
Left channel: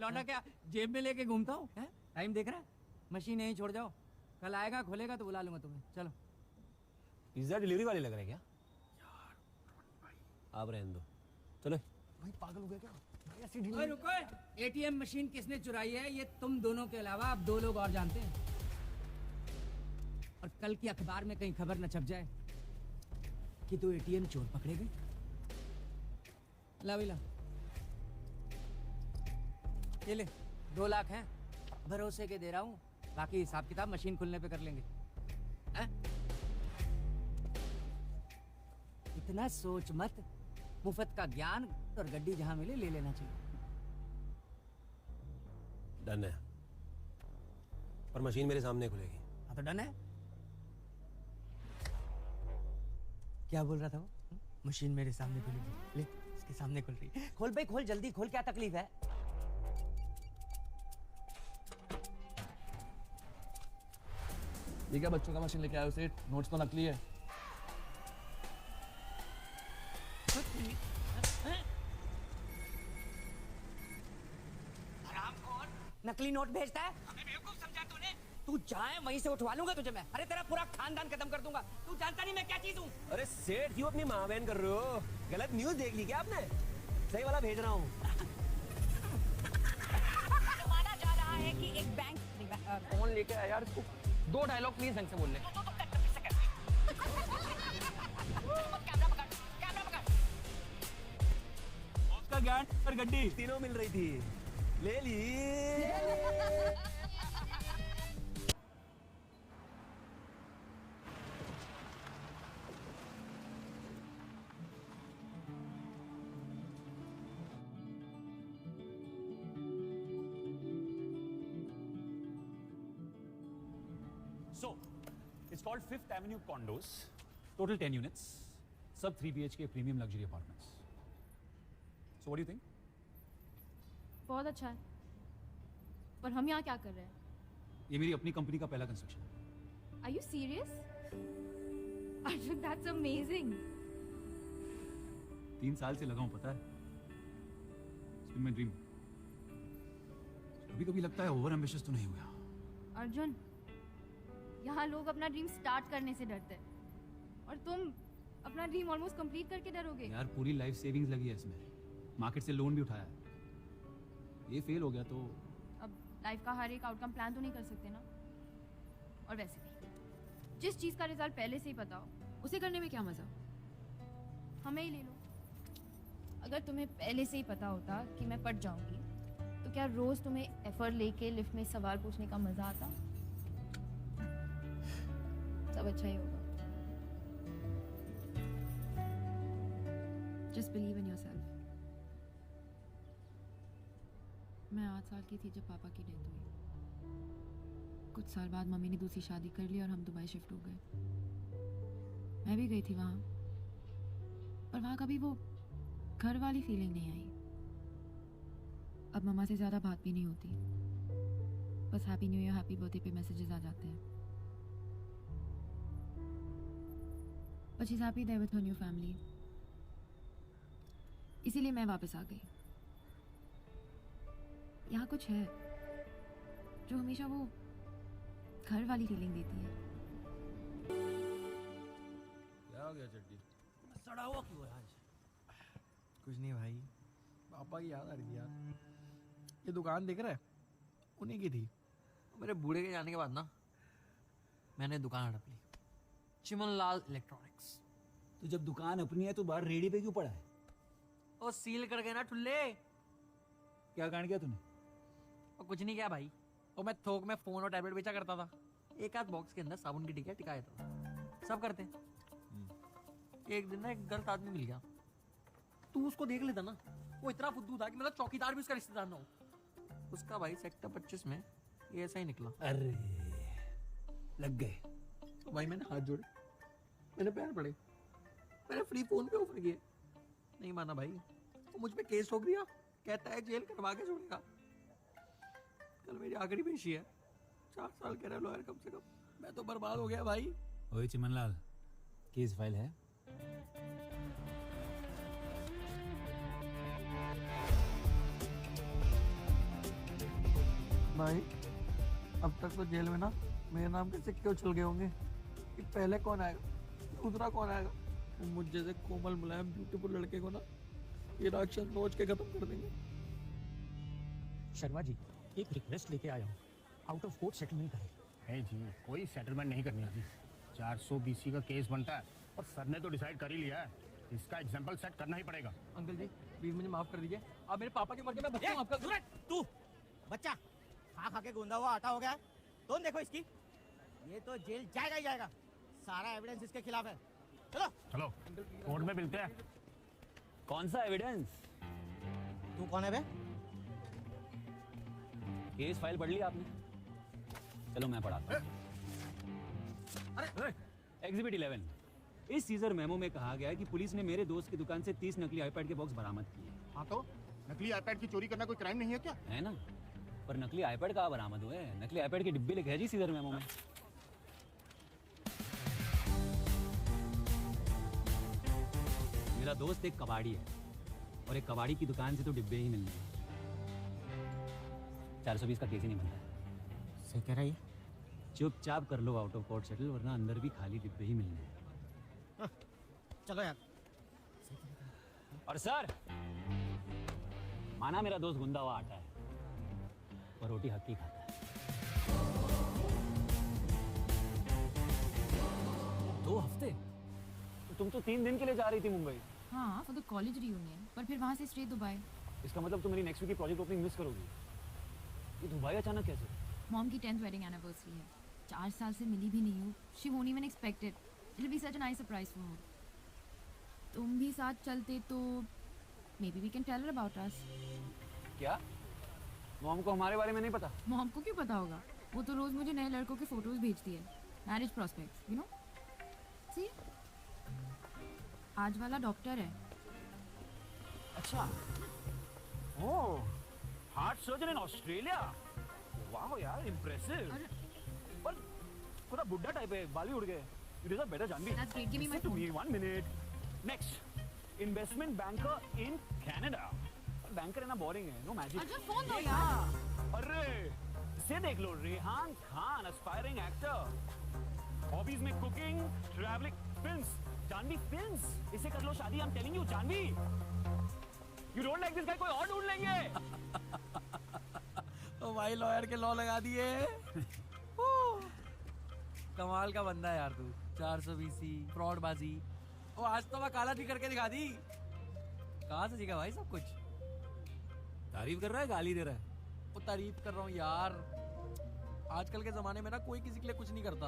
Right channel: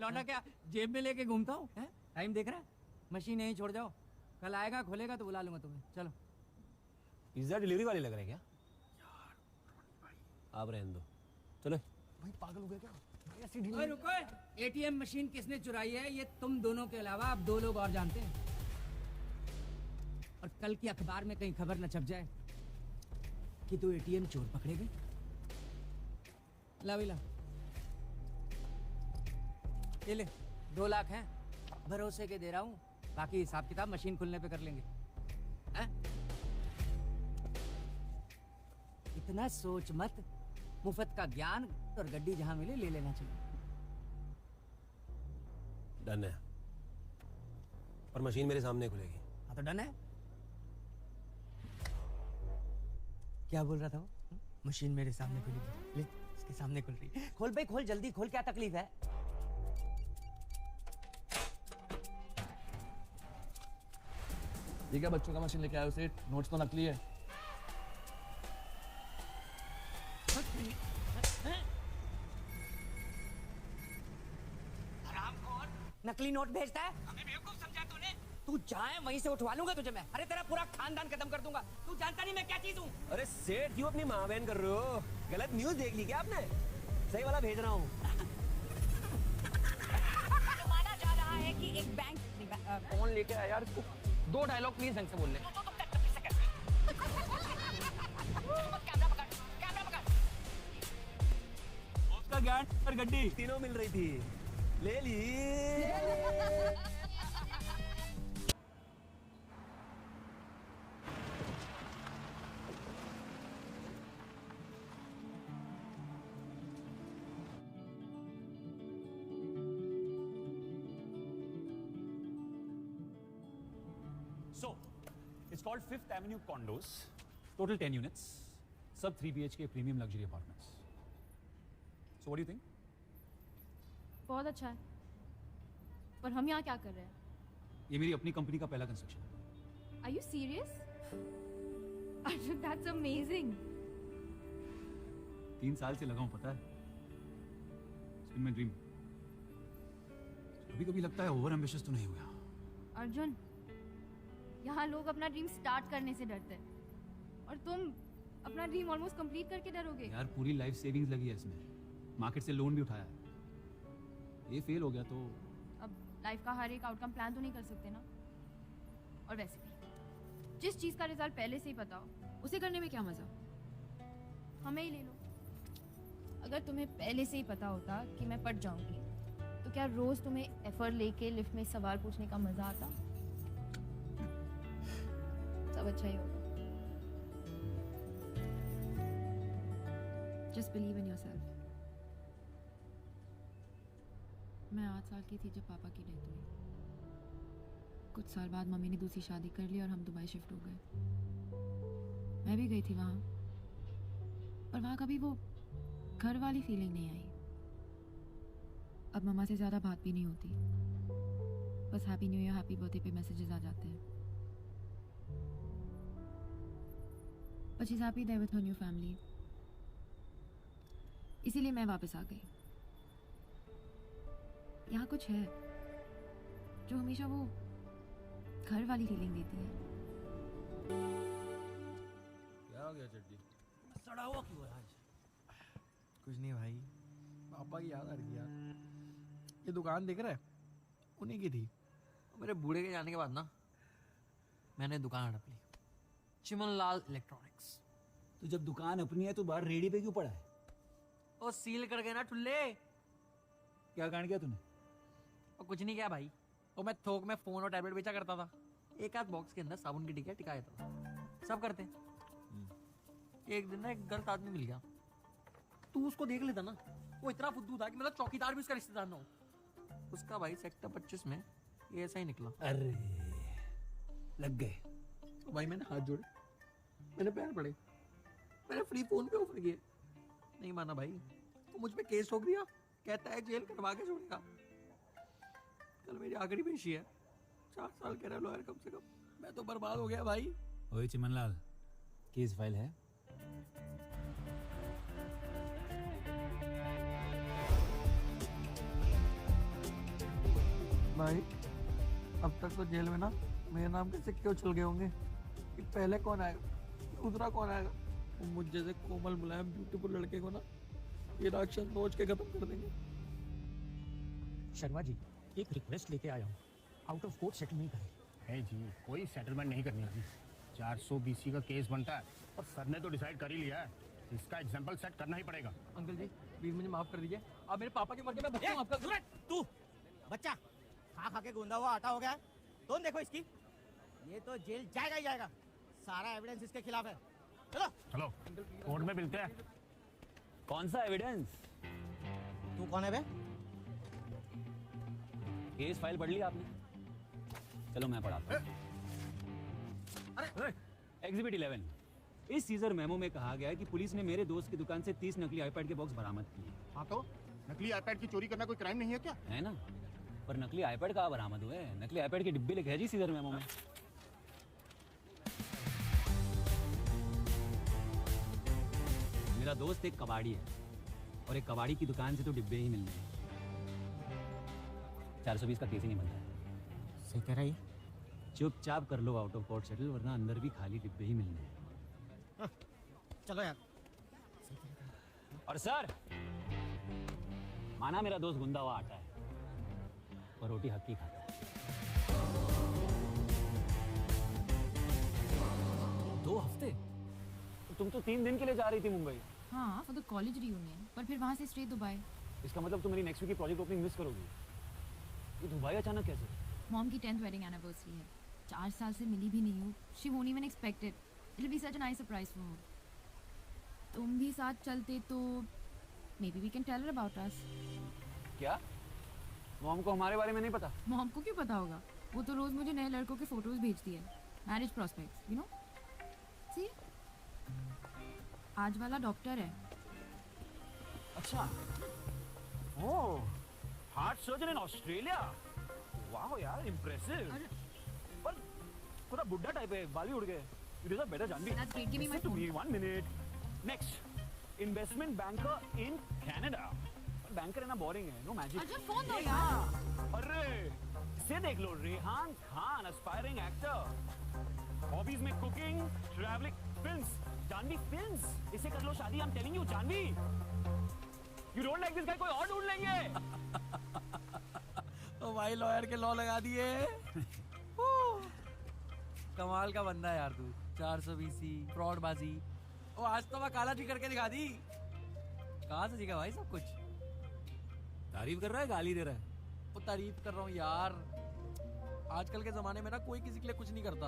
लौंडा क्या जेब में लेके घूमता हूँ? टाइम देख रहा है? मशीन यहीं छोड़ जाओ, कल आएगा खुलेगा तो बुला लूंगा तुम्हें। चलो। पिज्जा डिलीवरी वाले लग रहे हैं क्या? आप रहने दो। चलो। भाई पागल हो गया क्या? ओए रुको, एटीएम मशीन किसने चुराई है ये तुम दोनों के अलावा अब 2 लोग और जानते हैं। और कल की अखबार में कहीं खबर न छप जाए कि तो एटीएम चोर पकड़े गए। ला भाई ला, ये ले 2 लाख हैं, भरोसे के दे रहा हूँ। बाकी हिसाब किताब मशीन खुलने पे कर लेंगे। हैं? इतना सोच मत, मुफ्त का ज्ञान और गड्डी जहां मिले ले लेना चाहिए। डन है। पर मशीन मेरे सामने खुलेगी। हाँ तो डन है। क्या बोल रहा था वो? मशीन मेरे सामने खुली। ले इसके सामने खुल रही है। खोल भाई खोल, जल्दी खोल, क्या तकलीफ है? क्या बच्चों का मशीन लेके आए हो? सीट नोट्स तो नकली है। नकली नोट भेजता है? अबे बेवकूफ समझा तूने? तू जाए वहीं से उठवा लूंगा तुझे मैं। अरे तेरा पूरा खानदान खत्म कर दूंगा। तू जानता नहीं मैं क्या चीज हूँ। अरे सेठ क्यों अपनी माँ बहन कर रहे हो? गलत न्यूज देख ली क्या आपने? सही वाला भेज रहा हूँ। माना जा रहा है कि एक बैंक फोन लेके आया यार, इसको 2 डायलॉग प्लीज ढंग से बोल ले। उसका ज्ञान और गड्डी तीनों मिल रही थी, ले ली। So, it's called Fifth Avenue Condos. Total 10 units. Sub 3 BHK premium luxury apartments. So, what do you think? बहुत अच्छा, पर हम यहाँ क्या कर रहे हैं? ये मेरी अपनी कंपनी का पहला construction. Are you serious? That's amazing. 3 साल से लगा हूँ, पता है? It's been my dream. कभी-कभी लगता है ओवर एम्बिशियस तो नहीं हो गया। अर्जुन, यहाँ लोग अपना ड्रीम स्टार्ट करने से डरते हैं और तुम अपना ड्रीम ऑलमोस्ट कंप्लीट करके डरोगे। यार पूरी लाइफ सेविंग्स लगी है इसमें, मार्केट से लोन भी उठाया, ये फेल हो गया तो अब लाइफ का हर एक आउटकम प्लान तो नहीं कर सकते ना। और वैसे भी जिस चीज का रिजल्ट पहले से ही पता हो उसे करने में क्या मजा? हमें ही ले लो। अगर तुम्हें पहले से ही पता होता कि मैं पट जाऊंगी तो क्या रोज तुम्हें एफर्ट लेके लिफ्ट में सवाल पूछने का मजा आता? सब अच्छा ही होगा। Just believe in yourself. मैं 8 साल की थी जब पापा की डेथ हुई। कुछ साल बाद मम्मी ने दूसरी शादी कर ली और हम दुबई शिफ्ट हो गए। मैं भी गई थी वहाँ, पर वहाँ कभी वो घर वाली फीलिंग नहीं आई। अब मम्मा से ज़्यादा बात भी नहीं होती, बस happy new year happy birthday पे मैसेजेस आ जाते हैं। But she's happy there with her new family. इसीलिए मैं वापस आ गई। यहाँ कुछ है जो हमेशा वो घर वाली फीलिंग देती है। क्या हो गया जड्डी? सड़ा हुआ क्यों है? कुछ नहीं भाई, पापा की याद आ रही थी यार। ये दुकान दिख रहा है, उन्हीं की थी। मेरे बूढ़े के जाने के बाद ना मैंने दुकान हड़प ली, चिमनलाल इलेक्ट्रॉनिक्स। तो जब दुकान अपनी है तो बाहर रेडी पे क्यों पड़ा है? वो सील कर गए ना ठुल्ले। क्या कारण किया तूने? और कुछ नहीं किया भाई, तो मैं थोक में फोन और टैबलेट बेचा करता था। एक आध बॉक्स के अंदर साबुन की टिक्का टिकाया था, सब करते। एक दिन ना एक गर्क आदमी मिल गया, तू उसको देख लेता ना, वो इतना फुद्दू था कि मेरा चौकीदार भी उसका रिश्तेदार ना हो। उसका भाई सेक्टर 25 में ऐसा ही निकला। अरे लग गए। तो भाई मैंने हाथ जोड़े, मेरे पैर पड़े, मैंने फ्री फोन पे ऑफर किए, नहीं माना भाई, मुझ पे केस ठोक दिया, कहता है जेल कटवा के छोड़ेगा। कल मेरी आखिरी पेशी है, 4 साल के रह कम से कम। मैं तो बर्बाद हो गया भाई। ओए चिमनलाल, केस फाइल है? भाई अब तक तो जेल में ना मेरे नाम के सिक्के उछल गए होंगे कि पहले कौन आएगा, दूसरा कौन आएगा। मुझ जैसे कोमल मुलायम ब्यूटीफुल लड़के को ना राक्षस नोच के खत्म कर देंगे। शर्मा जी, एक रिक्वेस्ट लेके आया हूँ, आउट ऑफ कोर्ट सेटलमेंट करें। नहीं जी, कोई सेटलमेंट नहीं करनी है। 420 का केस बनता है, अब सर ने तो डिसाइड कर ही लिया है, इसका एग्जाम्पल सेट करना ही पड़ेगा। अंकल जी प्लीज मुझे माफ कर दीजिए, आप मेरे पापा की मर्जी में बच्चा हूँ आपका। तू बच्चा खा के गोंदा हुआ आटा हो गया। तुम देखो इसकी, ये तो जेल जाएगा ही जाएगा। सारा एविडेंस इसके खिलाफ है। चलो चलो कोर्ट में मिलते हैं। कौन सा एविडेंस? तू कौन है बे? केस फाइल पढ़ ली आपने? चलो मैं पढ़ाता हूँ। एग्जिबिट 11, इस सीजर मेमो में कहा गया है कि पुलिस ने मेरे दोस्त की दुकान से 30 नकली आईपैड के बॉक्स बरामद किए। हाँ तो नकली आईपैड की चोरी करना कोई क्राइम नहीं है क्या? है ना, पर नकली आईपैड कहाँ बरामद हुए? नकली आईपैड की डिब्बी लिखा है जी सीजर मेमो में। दोस्त एक कबाड़ी है और एक कबाड़ी की दुकान से तो डिब्बे ही मिल गए। 420 का केस ही नहीं बनता। सही कह रहा है। चुपचाप कर लो आउट ऑफ कोर्ट सेटल, वरना अंदर भी खाली डिब्बे ही मिलेंगे। चलो यार। और सर, माना मेरा दोस्त गुंदा हुआ आटा है और रोटी हक्की खाता है। 2 हफ्ते? तुम तो 3 दिन के लिए जा रही थी मुंबई। हाँ, फॉर द कॉलेज रियूनियन, पर फिर वहाँ से स्ट्रेट दुबई। इसका मतलब तुम मेरी नेक्स्ट वीक की प्रोजेक्ट ओपनिंग मिस करोगी। तो दुबई अचानक कैसे? मॉम की 10th वेडिंग एनिवर्सरी है। 4 साल से मिली भी नहीं हूँ। She won't even expected. It will be such a nice surprise for her. तुम भी साथ चलते तो maybe we can tell her about us. क्या? मॉम को हमारे बारे में नहीं पता? मॉम को क्यों पता होगा? वो तो रोज मुझे नए लड़कों के फोटोज भेजती है। Marriage prospects, you know. See, आज वाला डॉक्टर है। अच्छा। Wow, heart surgeon in Australia. Wow यार, इम्प्रेसिव। पर थोड़ा बुड्ढा टाइप है, बाल भी उड़ गए। मेरा जान गई। That's great. Give me my Listen to phone. me, 1 minute. Next, investment banker in Canada. Banker है ना, बोरिंग है, नो मैजिक। अर्जुन, फोन दो यार। अरे इसे देख लो, Rehan Khan, aspiring actor, hobbies में cooking, travelling, films, Janvi films. इसे कर लो शादी। I am telling you, Janvi. You don't like this guy, कोई और ढूंढ लेंगे। ओ भाई, लॉयर के लॉ लगा दिए। कमाल का बंदा है यार तू। 420 फ्रॉडबाजी। ओ आज तो मैं काला जी करके दिखा दी। कहाँ से सीखा भाई सब कुछ? तारीफ कर रहा है, गाली दे रहा है? वो तारीफ कर रहा हूँ यार। आजकल के जमाने में ना कोई किसी के लिए कुछ नहीं करता।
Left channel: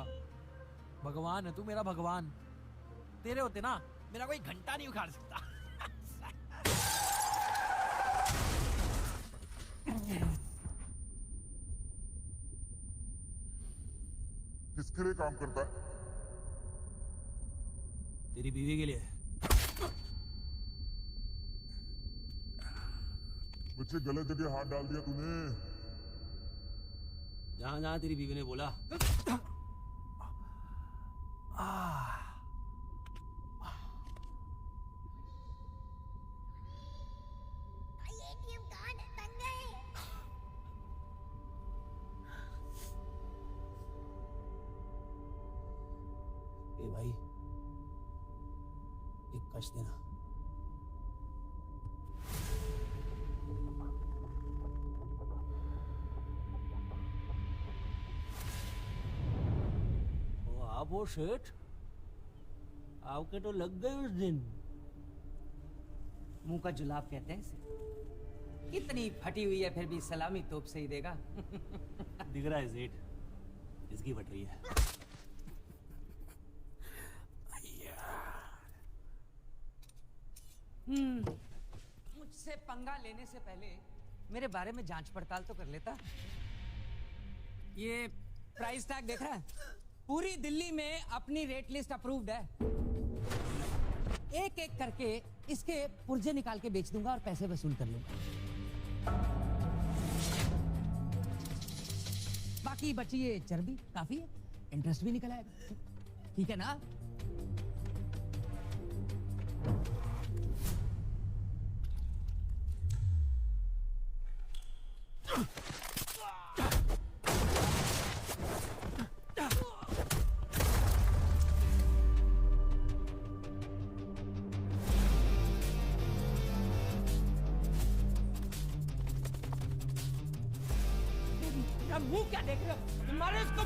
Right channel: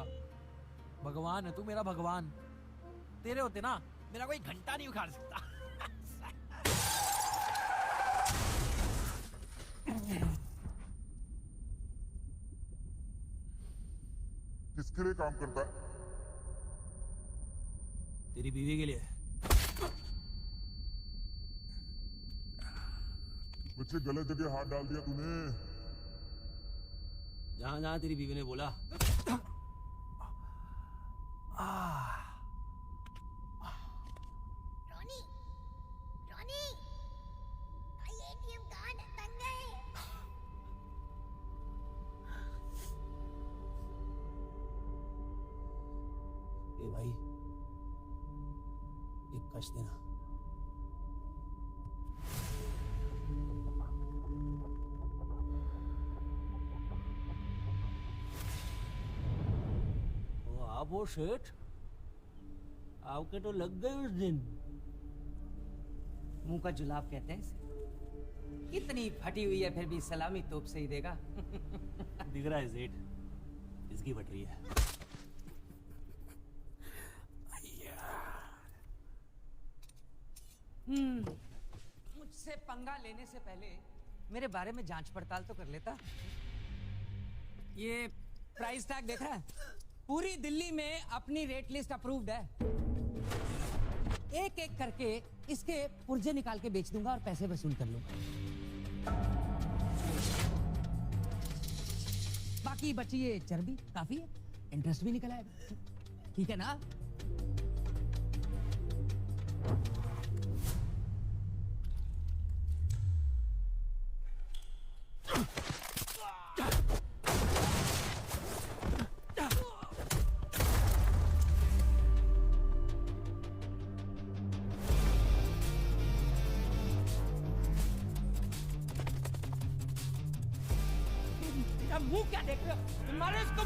भगवान है तू, मेरा भगवान। तेरे होते ना मेरा कोई घंटा नहीं उखाड़ सकता। किसके लिए काम करता है? तेरी बीवी के लिए। बच्चे गलत जगह हाथ डाल दिया तूने। जहाँ जहाँ तेरी बीवी ने बोला। Ronnie, Ronnie, I ATM card बन गए। ए भाई, एक कश देना। वो शेठ आपके तो लग गए उस दिन। मुंह का जुलाब कहते हैं इसे। इतनी फटी हुई है फिर भी सलामी तोप से ही देगा। दिख रहा है सेठ, इसकी बटरी है। मुझसे पंगा लेने से पहले मेरे बारे में जांच पड़ताल तो कर लेता। ये प्राइस टैग देख रहा है? पूरी दिल्ली में अपनी रेट लिस्ट अप्रूव्ड है। एक एक करके इसके पुर्जे निकाल के बेच दूंगा और पैसे वसूल कर लूंगा। बाकी बची ये चर्बी काफी है, इंटरेस्ट भी निकला है। ठीक है ना? वो क्या देख रहे हो? मारो इसको।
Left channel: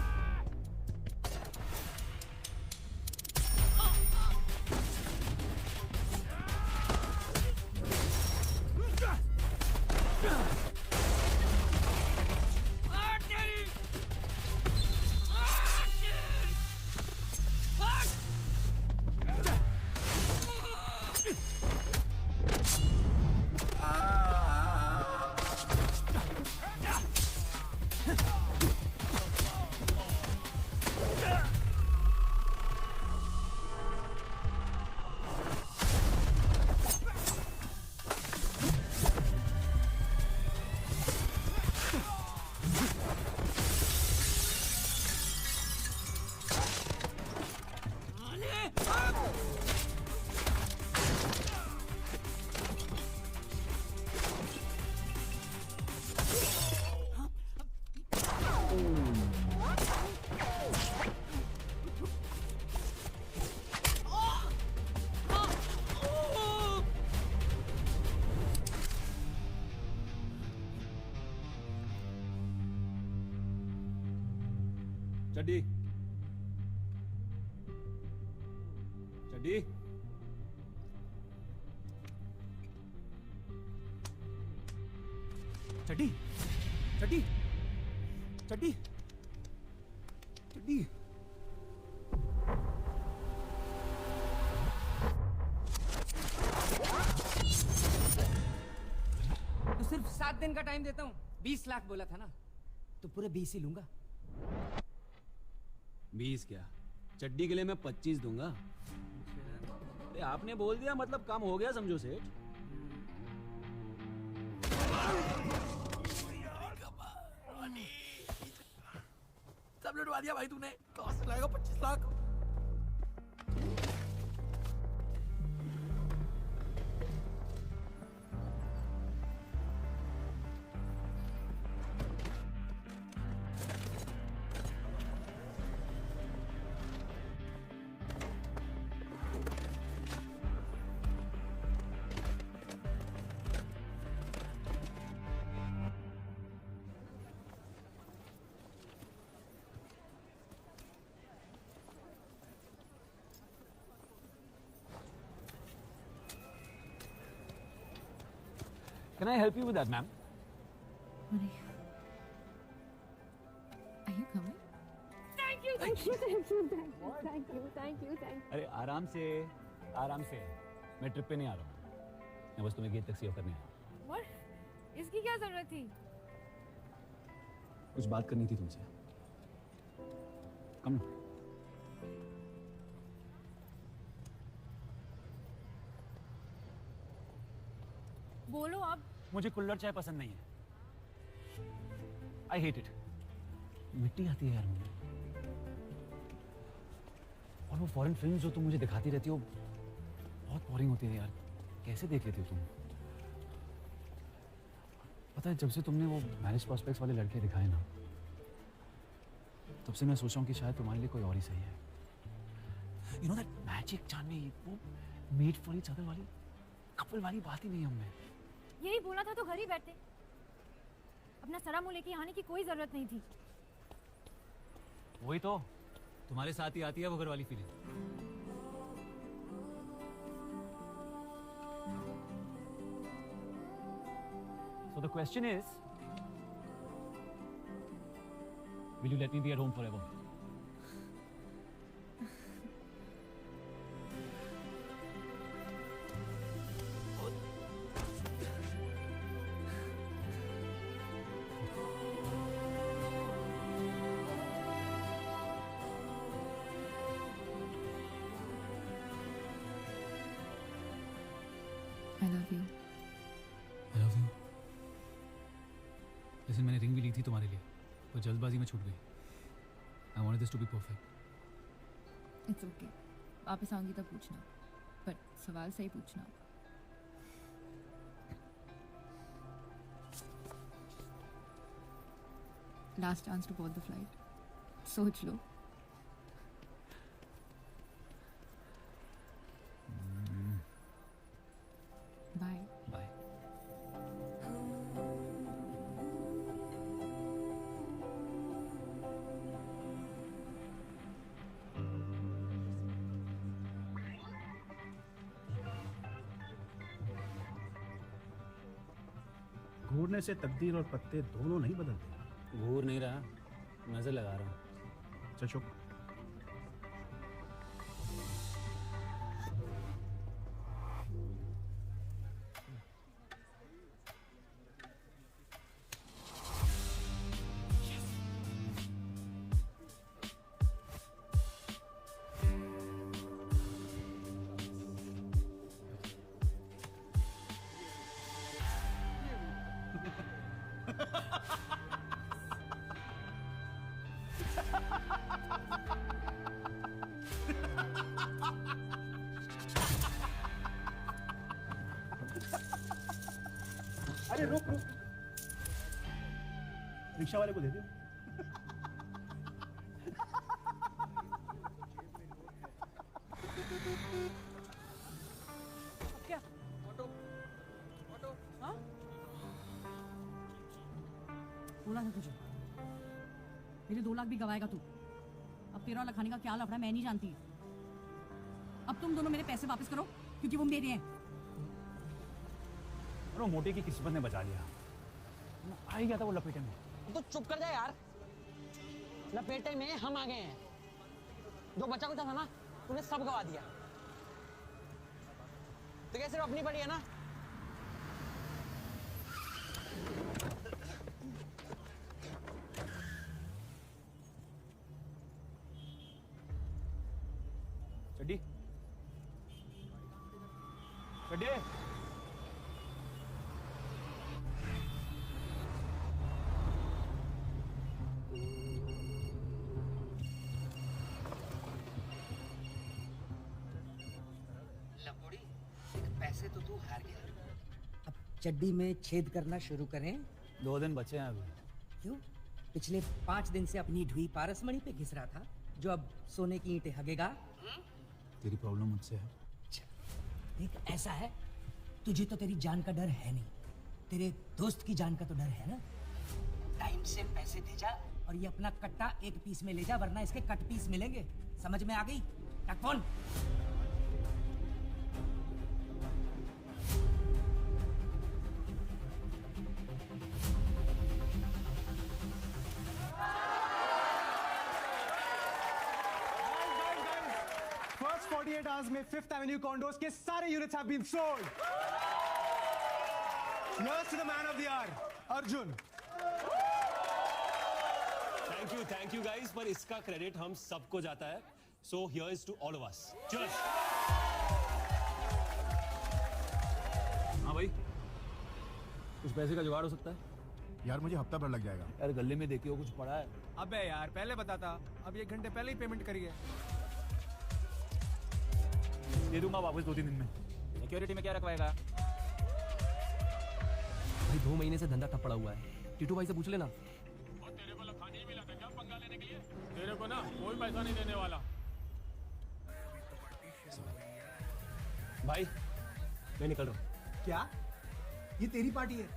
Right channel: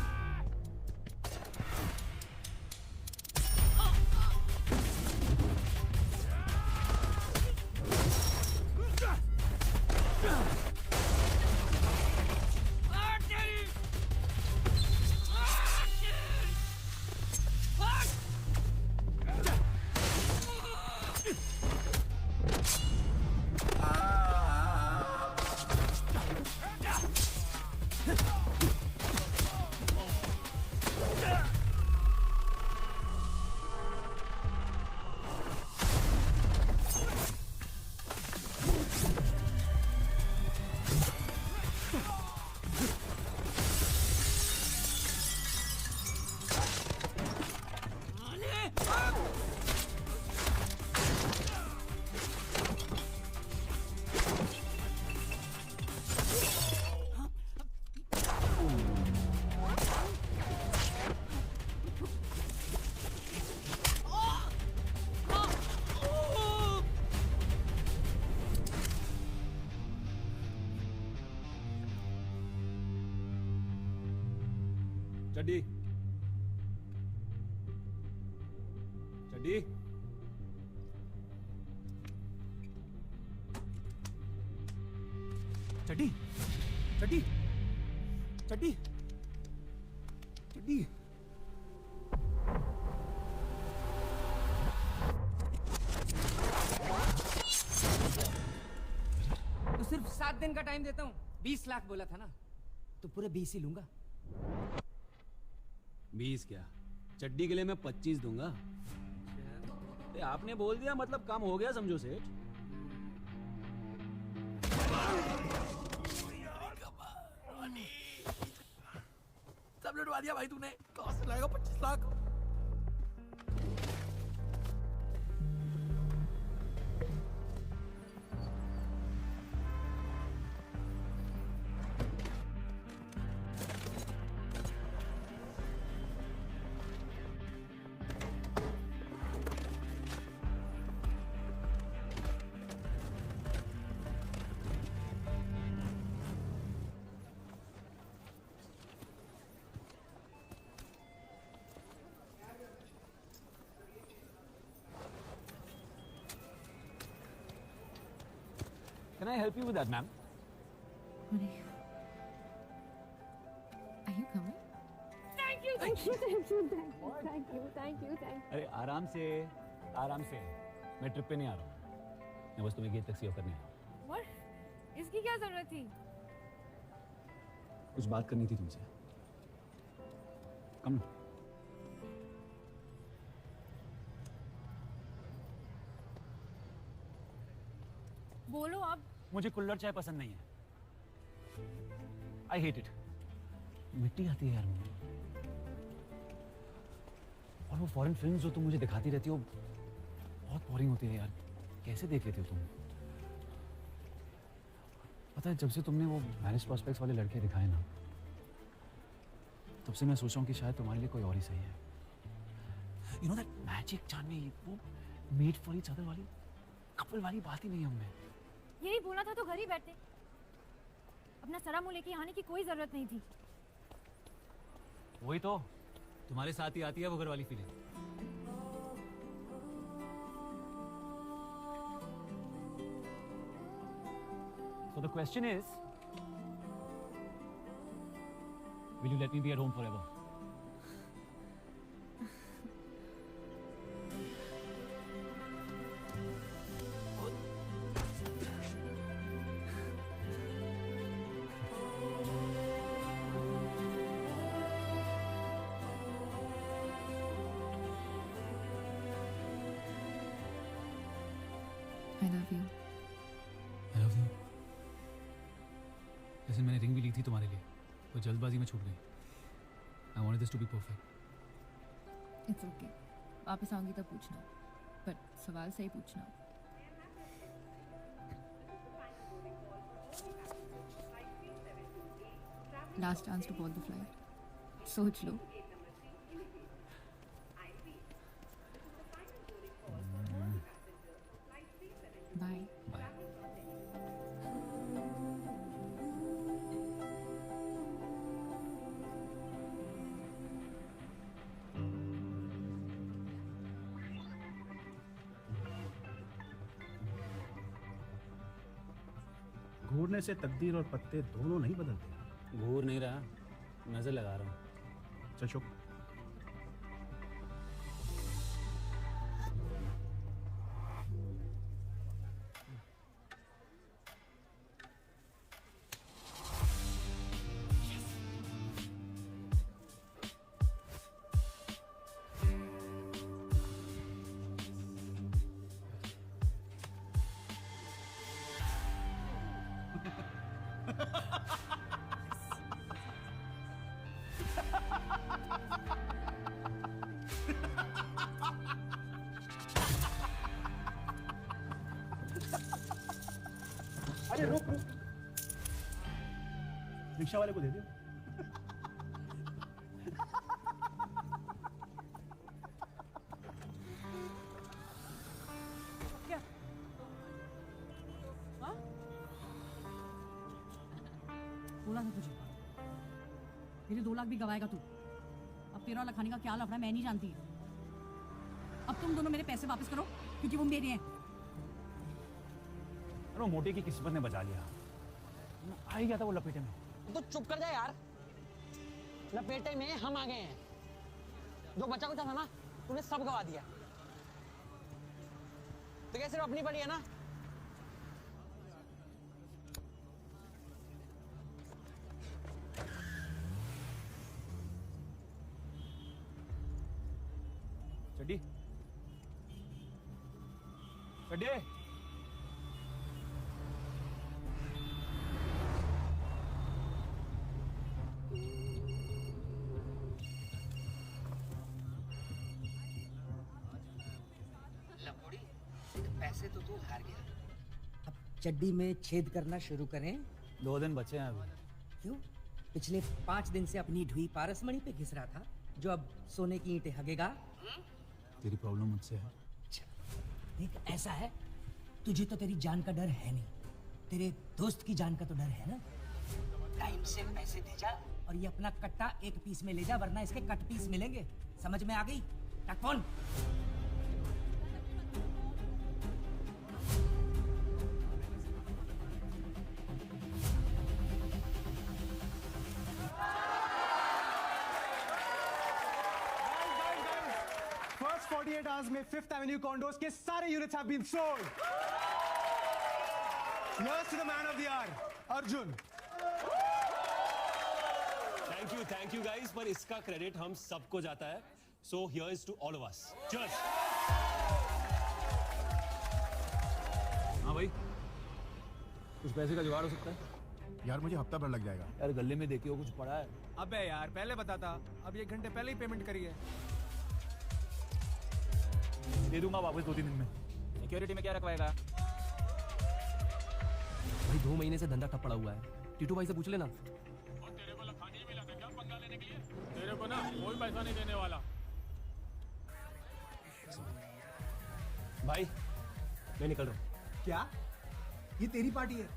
चड्डी चड्डी चड्डी चड्डी चड्डी चड्डी सिर्फ 7 दिन का टाइम देता हूँ। 20 लाख बोला था ना, तो पूरे 20 ही लूंगा। 20 क्या, चड्डी के लिए मैं 25 दूंगा। आपने बोल दिया मतलब काम हो गया समझो सेठ। सब लुटवा दिया भाई तूने। कहाँ से लाएगा 25 lakh? Can I help you with that, ma'am? Honey, are you coming? Thank you, thank you, thank you, thank you, thank you, thank you. अरे आराम से मैं ट्रिप पे नहीं आ रहा हूँ, मैं बस तुम्हें गेट तक सेव करनी है। What? इसकी क्या जरूरत थी? कुछ बात करनी थी तुमसे। कम बोलो आप। मुझे कुल्हड़ चाय पसंद नहीं है। I hate it. मिट्टी आती है यार मुझे। और वो फॉरेन फिल्म्स जो तुम मुझे दिखाती रहती हो बहुत बोरिंग होती है यार। कैसे देख लेती हो तुम? पता है जब से तुमने वो मैरिज प्रॉस्पेक्ट्स वाले लड़के दिखाए ना, तब से मैं सोच रहा हूँ कि शायद तुम्हारे लिए कोई और ही सही है। Magic Chandni made for each other वाली कपल वाली बात ही नहीं है हमने। यही बोला था तो घर ही बैठे। अपना सड़ा मुंह लेके आने की कोई जरूरत नहीं थी। वही तो तुम्हारे साथ ही आती है वो घर वाली feeling. So the question is, will you let me be a room forever? I love you. I love you. जैसे मैंने रिंग भी ली थी तुम्हारे लिए, वो जल्दबाजी में छूट गई। I wanted this to be perfect. It's okay. वापस आऊंगी तो पूछना, but सवाल सही पूछना। Last chance to board the flight. सोच लो। Bye. Bye. घूरने से तकदीर और पत्ते दोनों नहीं बदलते। घूर नहीं रहा, नजर लगा रहा हूँ। अच्छा शुभ। अरे रुक रुक, रिक्शा वाले को दे दे। बोला था तुझे, मेरे 2 लाख भी गवाएगा तू। तेरा वाला खाने का क्या लफड़ा मैं नहीं जानती। अब तुम दोनों मेरे पैसे वापस करो क्योंकि वो मेरे हैं। अरे मोटी के किसी ने बचा लिया। आ ही गया था वो लपेटे में। तो चुप कर जा यार। लपेटे में हम आ गए हैं। जो बचा कुचा था ना तूने सब गवा दिया। तो कैसे अपनी पड़ी है ना। चड्डी चड्डी पैसे तो तू हार गया। अब चड्डी में छेद करना शुरू करें। 2 दिन बचे हैं अभी। क्यों? पिछले 5 दिन से अपनी ढुई पारसमणि पे घिस रहा था जो अब सोने की ईंटें हगेगा। तेरी प्रॉब्लम मुझसे है। ऐसा है तुझे तो तेरी जान का डर है नहीं, तेरे दोस्त की जान का तो डर है ना। टाइम से पैसे दे जा और ये अपना कट्टा 1 पीस में ले जा वरना इसका कट पीस मिलेंगे। समझ में आ गई? कौन? First 48 hours में 5th Avenue condos के सारे units have been sold. Here's to the man of the hour, Arjun. Thank you guys, पर इसका क्रेडिट हम सबको जाता है. So here's to all of us. Cheers. हाँ भाई, कुछ पैसे का जुगाड़ हो सकता है? यार मुझे हफ्ता भर लग जाएगा। यार गले में देखे हो कुछ पड़ा है? अबे यार पहले बताता. अब 1 घंटे पहले ही पेमेंट करिए. दे दूंगा वापस 2-3 दिन में. सिक्योरिटी में क्या रखवाएगा? 2 महीने से धंधा ठप पड़ा हुआ है. टीटू भाई से पूछ लेना. और तेरे को लखानी भी लगा क्यों पंगा लेने के लिए? तेरे को ना कोई पैसा नहीं देने वाला. भाई मैं निकल रहा हूँ. क्या? ये तेरी पार्टी है?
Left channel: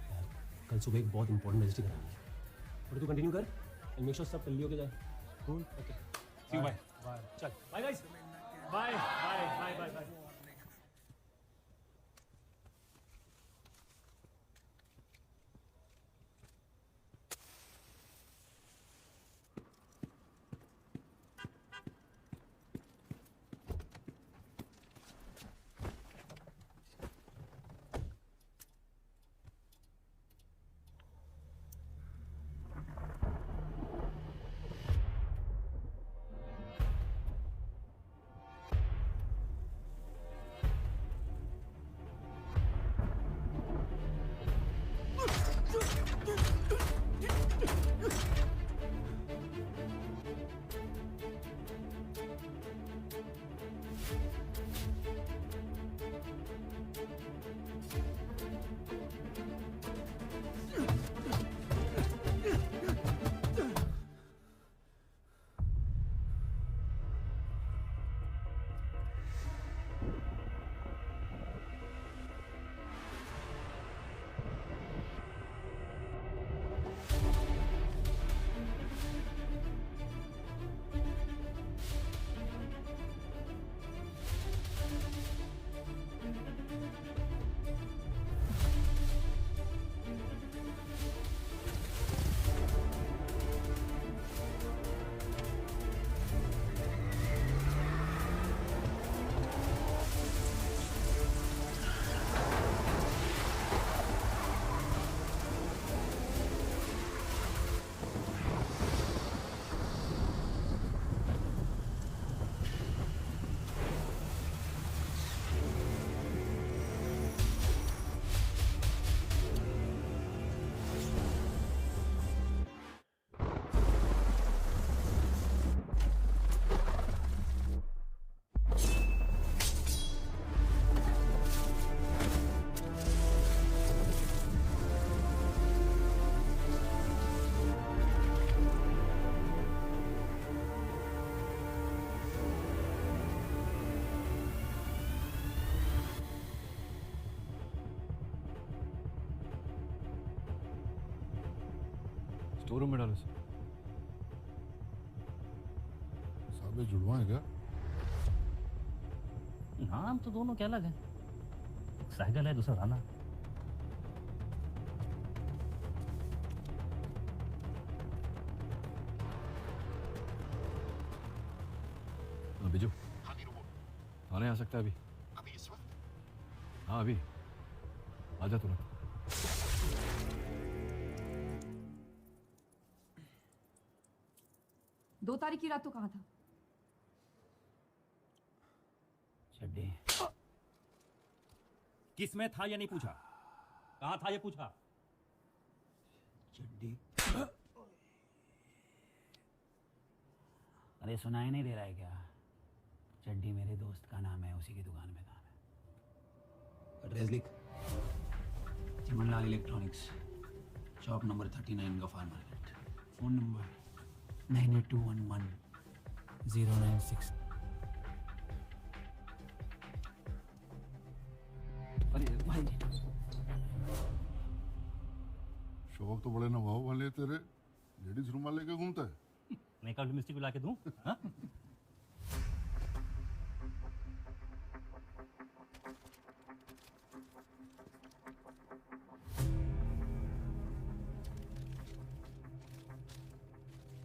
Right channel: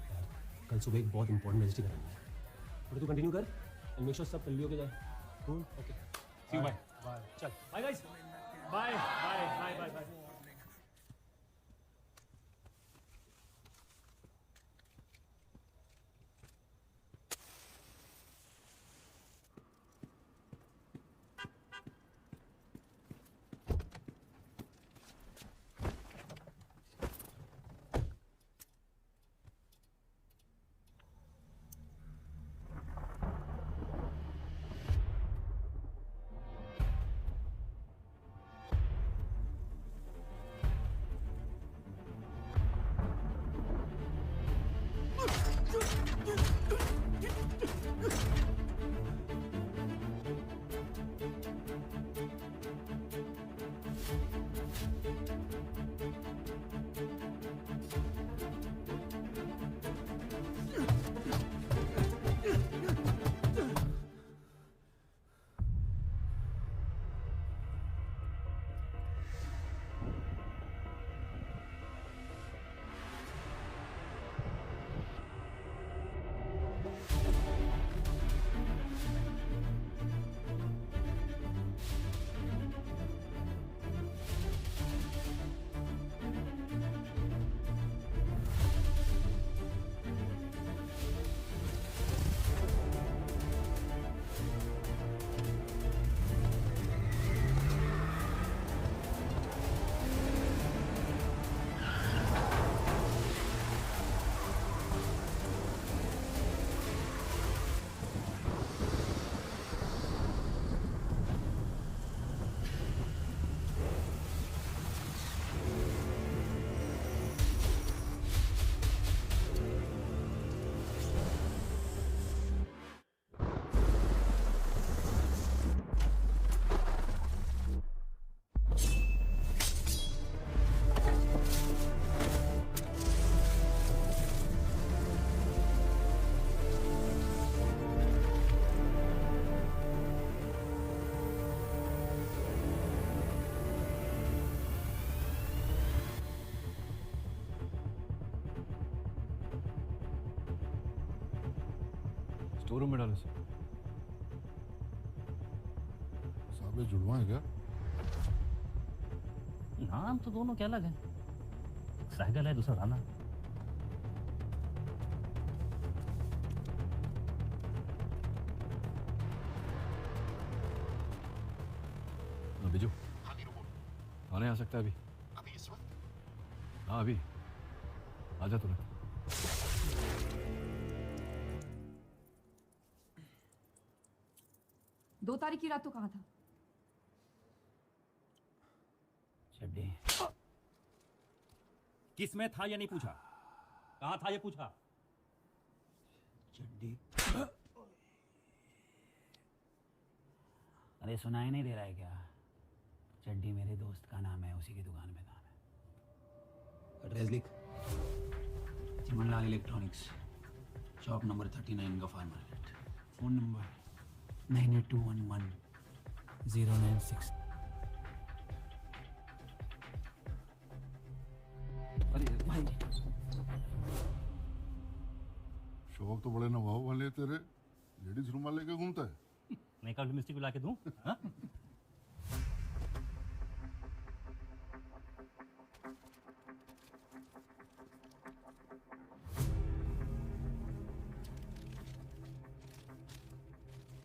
कल सुबह एक बहुत इंपॉर्टेंट रजिस्टर करना है. थोड़ी तू कंटिन्यू कर. मेक श्योर सब जल्दी हो जाए. Cool. Okay. See you. Bye. चल. Bye guys. Bye bye bye bye. Store room में डालो. गुलवा है क्या? नाम तो दोनों क्या अलग है, साइकिल है दूसरा राना। बिजू कौन आ सकता है अभी? हाँ अभी आजा तुम। 2 तारीख की रात तो कहाँ था? किस में था या नहीं पूछा, कहाँ था ये पूछा। चड्डी। अरे सुनाई नहीं दे रहा है क्या? चड्डी मेरे दोस्त का नाम है, उसी की दुकान में काम है। एड्रेस देख, Chimanlal electronics, shop number 39 Gaffar market. Phone number 98211096। शौक तो बड़े नवाब वाले तेरे, लेडीज रूम में लेके घूमता है। मेकअप मिस्त्री को ला के दूं? हाँ?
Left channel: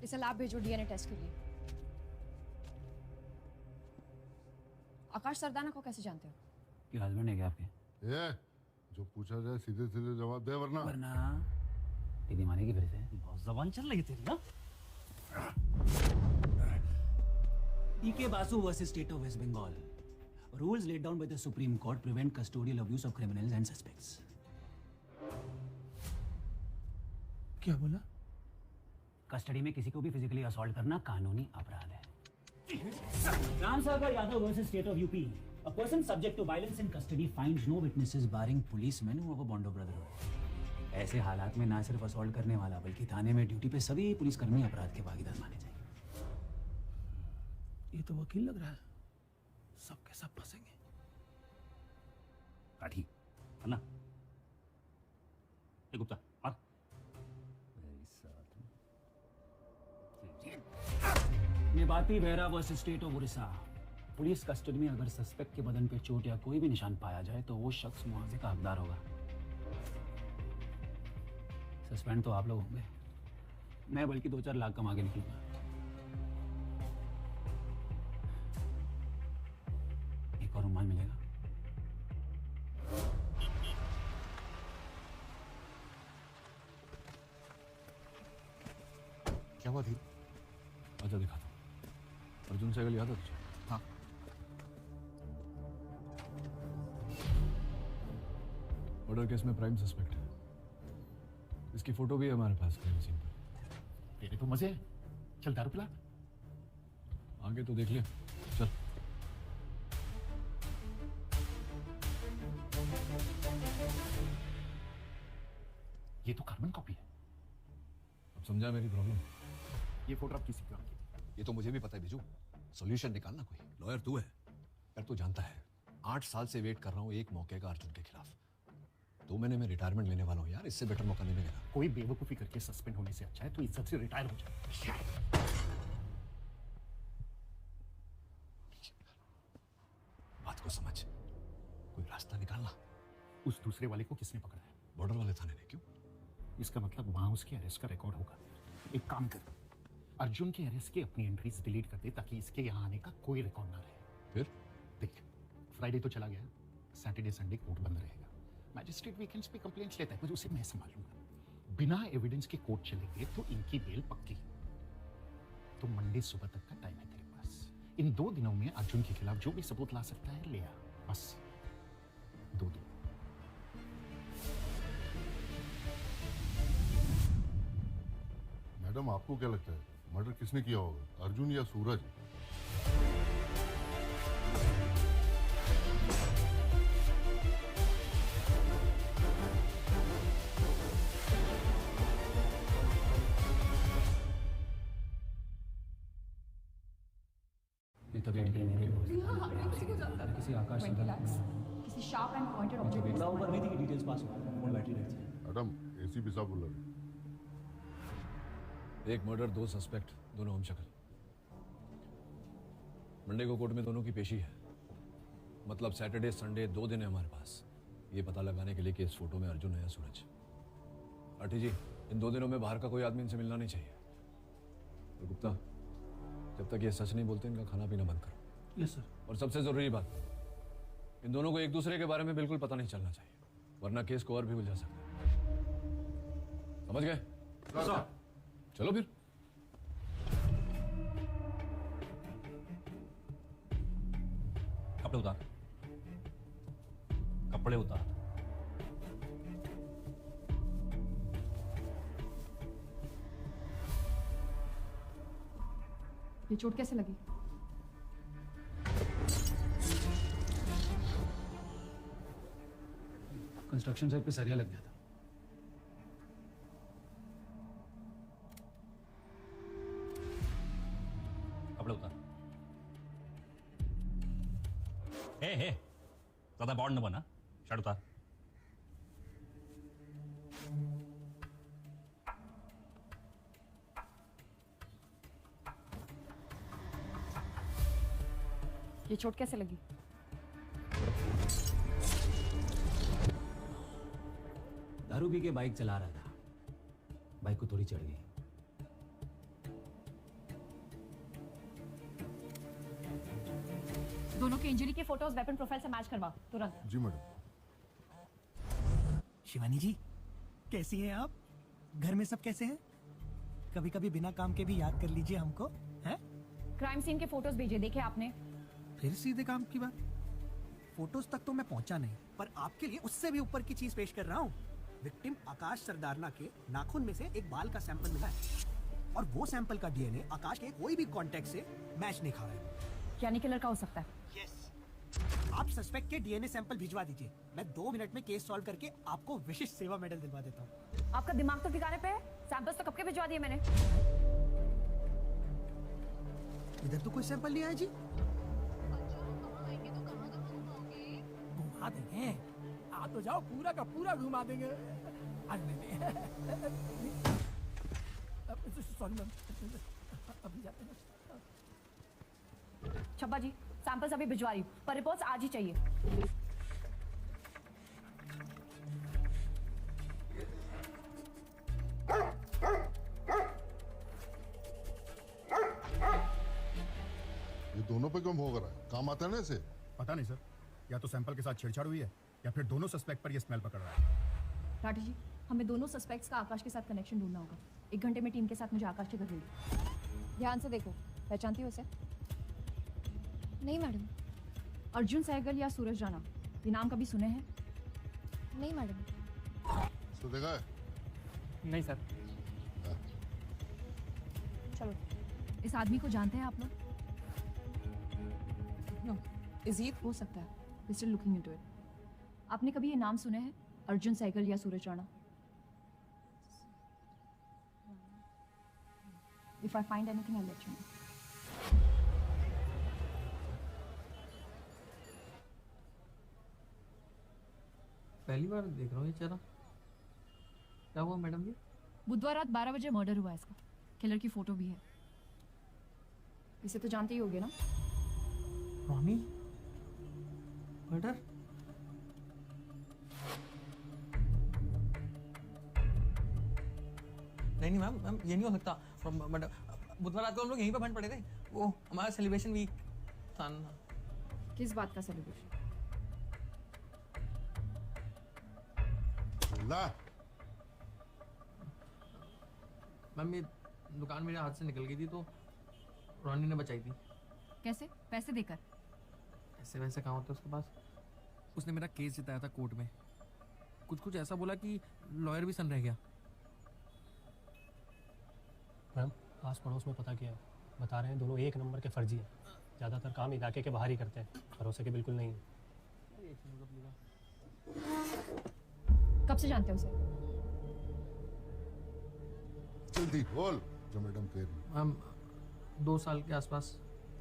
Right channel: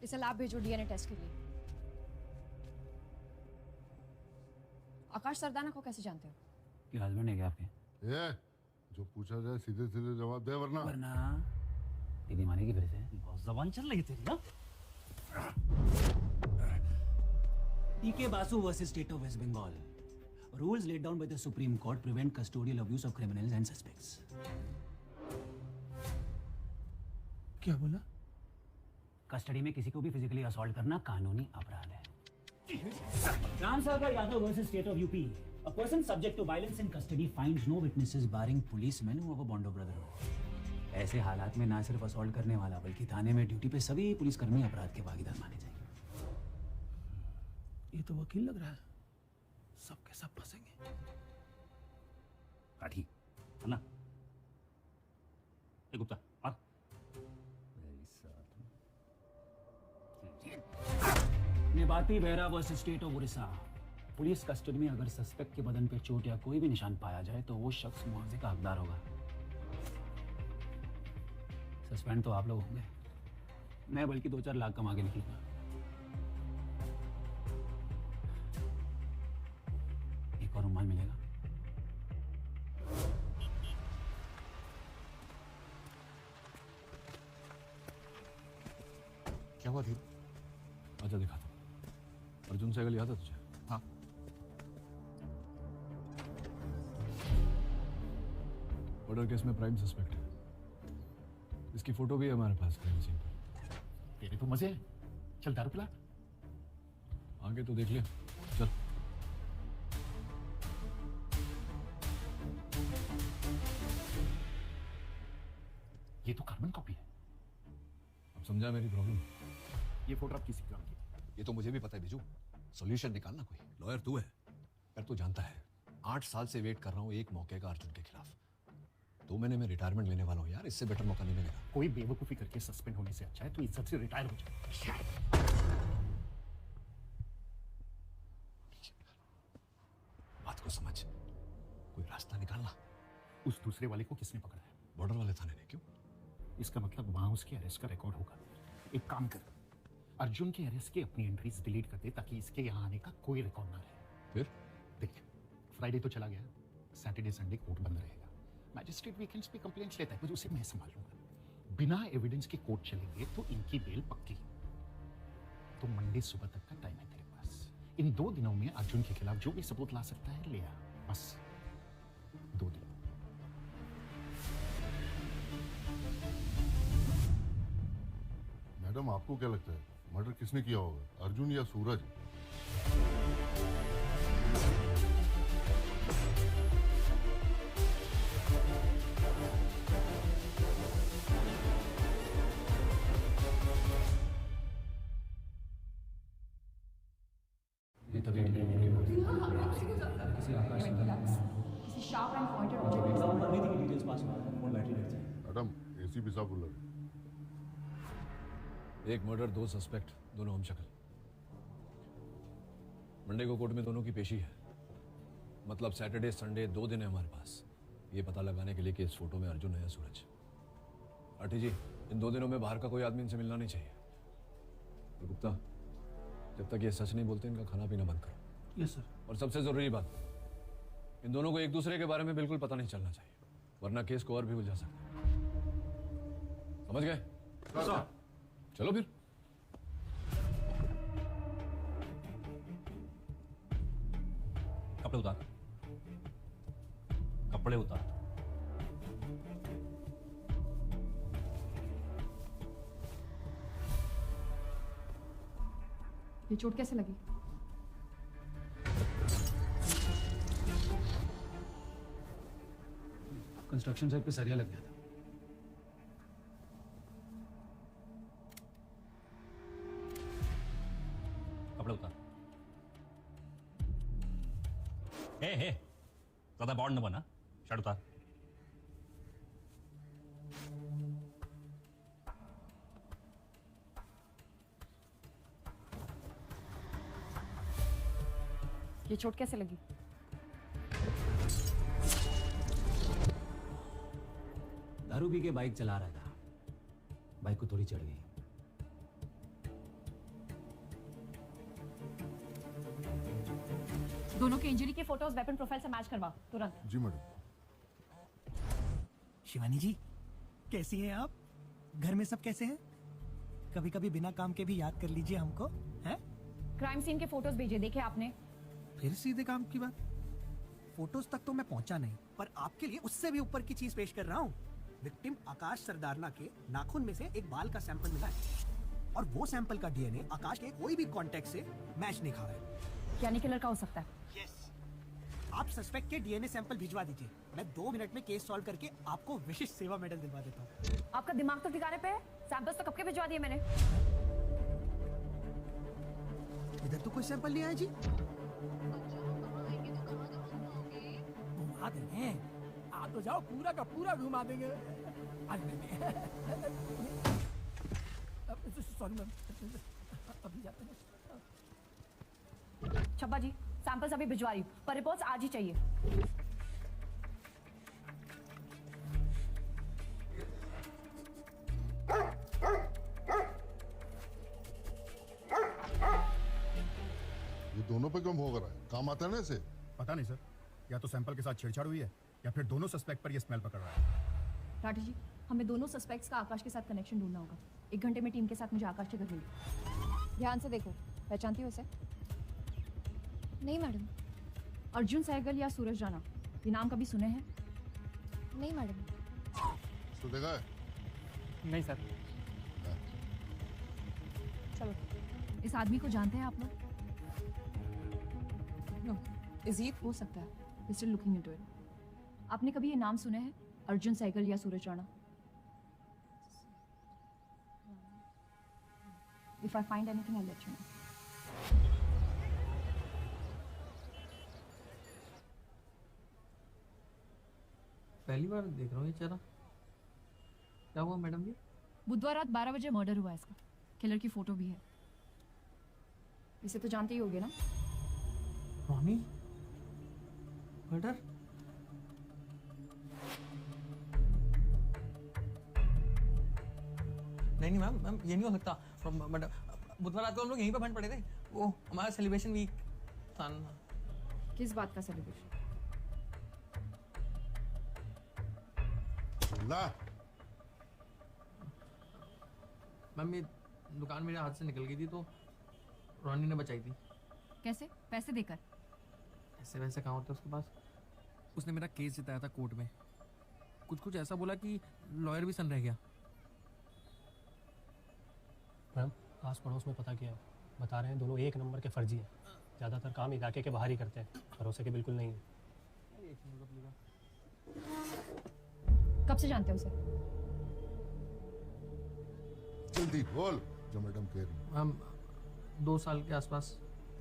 इसे लैब भेजो डीएनए टेस्ट के लिए। आकाश सरदाना को कैसे जानते हो? कि हस्बैंड है क्या आपकी? ये जो पूछा जाए सीधे सीधे जवाब दे, वरना ये दीवाने की फिर से बहुत जबान चल रही तेरी ना। PK Basu versus state of West Bengal. Rules laid down by the Supreme Court prevent custodial abuse of criminals and suspects. क्या बोला? कस्टडी में किसी को भी फिजिकली असॉल्ट करना कानूनी अपराध है। राम सरकार Yadav versus state of UP. A person subject to violence in custody finds no witnesses barring policemen who have a bond of brotherhood. ऐसे हालात में ना सिर्फ असॉल्ट करने वाला बल्कि थाने में ड्यूटी पे सभी पुलिसकर्मी अपराध के भागीदार माने जाएंगे। ये तो वकील लग रहा है, सब के सब फंसेंगे। काठी है ना? ए गुप्ता आ। मैं बात नहीं बहरा versus state of Orissa. Police custody में अगर सस्पेक्ट के बदन पे चोट या कोई भी निशान पाया जाए तो वो शख्स वहां से का हकदार होगा। सस्पेंड तो आप लोग होंगे, मैं बल्कि 2-4 लाख कमा के निकलूंगा। एक और रुमाल मिलेगा। क्या हुआ थी? अर्जुन दिखा था। अर्जुन सहगल याद है तुझे? हाँ। मर्डर केस में प्राइम सस्पेक्ट है। इसकी फोटो भी है हमारे पास क्राइम सीन पर। तेरे को मजे हैं? चल दारू पिला। आगे तो देख ले। चल। ये तो कार्बन कॉपी है। अब समझा मेरी प्रॉब्लम? ये फोटो आप किसी का होगी? ये तो मुझे भी पता है बिजू। सॉल्यूशन निकालना कोई। लॉयर तू है, पर तू जानता है 8 साल से वेट कर रहा हूँ एक मौके का अर्जुन के खिलाफ। 2 महीने में रिटायरमेंट लेने वाला हूँ यार, इससे बेटर मौका नहीं मिलेगा। कोई बेवकूफी करके सस्पेंड होने से अच्छा है तो इज्जत से रिटायर हो जाए। बात को समझ, कोई रास्ता निकालना। उस दूसरे वाले को किसने पकड़ा है? बॉर्डर वाले थाने ने। क्यों? इसका मतलब वहां उसके अरेस्ट का रिकॉर्ड होगा। एक काम कर, अर्जुन के अरेस्ट की अपनी एंट्रीज डिलीट कर दे ताकि इसके यहाँ आने का कोई रिकॉर्ड ना रहे। देखिए, फ्राइडे तो चला गया, सैटरडे संडे कोर्ट बंद रहेगा। मैजिस्ट्रेट वीकेंड्स पे कंप्लेंट्स लेता है, मुझे उसे मैं संभालूंगा। बिना एविडेंस के कोर्ट चलेंगे तो इनकी बेल पक्की। तो मंडे सुबह तक का टाइम है तेरे पास। इन 2 दिनों में अर्जुन के खिलाफ जो भी सबूत ला सकता है ले आ, बस 2 दिन। मैडम आपको क्या लगता है मर्डर किसने किया होगा, अर्जुन या सूरज? मैडम एसीपी साहब बोल रहे हैं। एक मर्डर, 2 सस्पेक्ट, दोनों हम शक्ल। मंडे को कोर्ट में दोनों की पेशी है, मतलब सैटरडे संडे 2 दिन है हमारे पास ये पता लगाने के लिए कि इस फोटो में अर्जुन है या सूरज। आठी जी, इन 2 दिनों में बाहर का कोई आदमी इनसे मिलना नहीं चाहिए। तो गुप्ता, जब तक ये सच नहीं बोलते इनका खाना पीना बंद करो। Yes sir. और सबसे जरूरी बात, इन दोनों को एक दूसरे के बारे में बिल्कुल पता नहीं चलना चाहिए, वरना केस को और भी उलझा सकते हैं। समझ गए? चलो फिर। कपड़े उतार, कपड़े उतार। ये चोट कैसे लगी? कंस्ट्रक्शन साइट पे सरिया लग गया था। कपड़े उतार। हे ज्यादा बॉन्ड न बना, शर्ट उतार। ये चोट कैसे लगी? दारू पी के बाइक चला रहा था, बाइक को थोड़ी चढ़ गई। दोनों के इंजरी के फोटोज वेपन प्रोफाइल से मैच करवाओ तुरंत। जी मैडम। शिवानी जी, कैसी हैं आप? घर में सब कैसे हैं? कभी कभी बिना काम के भी याद कर लीजिए हमको, हैं? क्राइम सीन के फोटोज भेजे, देखे आपने? फिर सीधे काम की बात। फोटोज तक तो मैं पहुंचा नहीं, पर आपके लिए उससे भी ऊपर की चीज पेश कर रहा हूँ। विक्टिम आकाश सरदारना के नाखून में से एक बाल का सैंपल मिला है, और वो सैंपल का डीएनए आकाश के कोई भी कॉन्टेक्ट से मैच नहीं खा रहा है। यानी किलर का हो सकता है। आप सस्पेक्ट के डीएनए सैंपल भिजवा दीजिए, मैं 2 मिनट में केस सॉल्व करके आपको विशिष्ट सेवा मेडल दिलवा देता हूँ। आपका दिमाग तो ठिकाने पे है? सैंपल्स तो कब के भिजवा दिए मैंने। इधर तो कोई सैंपल नहीं आया जी। घुमा देंगे, आ तो जाओ, पूरा का पूरा घुमा देंगे। Sorry ma'am. Chhabba ji, samples अभी भिजवा रही हूँ, पर रिपोर्ट्स आज ही चाहिए। ये दोनों पे कम हो रहा है, काम आता है ना इसे? पता नहीं सर, या तो सैंपल के साथ छेड़छाड़ हुई है या फिर दोनों सस्पेक्ट पर ये स्मेल पकड़ रहा है। राठी जी, हमें दोनों सस्पेक्ट्स का आकाश के साथ कनेक्शन ढूंढना होगा। 1 घंटे में टीम के साथ मुझे आकाश ठिकाना चाहिए। ध्यान से देखो, पहचानती हो उसे? नहीं मैडम। अर्जुन सहगल या सूरज राणा, ये नाम कभी सुने हैं? नहीं मैडम। इसको देखा है? नहीं सर। चलो, इस आदमी को जानते हैं आप लोग? नो, इजी हो सकता है। Still looking into it. आपने कभी ये नाम सुने हैं, अर्जुन सहगल या सूरज Rana? If I find anything, I'll let you know. पहली बार देख रहा हूँ ये चेहरा। क्या हुआ मैडम ने? बुधवार रात 12 बजे मर्डर हुआ इसका। किलर की फोटो भी है। इसे तो जानते ही होगे ना? Mummy, murder? नहीं मैम, ये नहीं हो सकता। मैडम, बुधवार रात को हम लोग यहीं पे बंद पड़े थे। वो हमारा सेलिब्रेशन वीक था। किस बात का सेलिब्रेशन? ना मैम, ये दुकान मेरे हाथ से निकल गई थी तो रानी ने बचाई थी। कैसे? पैसे देकर? ऐसे वैसे काम होता है उसके पास। उसने मेरा केस जिताया था कोर्ट में। कुछ ऐसा बोला कि लॉयर भी सन रह गया। मैम, आस पड़ोस में पता किया, बता रहे हैं दोनों 1 नंबर के फर्जी है। ज़्यादातर काम इलाके के बाहर ही करते हैं, भरोसे के बिल्कुल नहीं है। कब से जानते हो उसे? जल्दी बोल जो मैडम कह रही है। हम 2 साल के आसपास।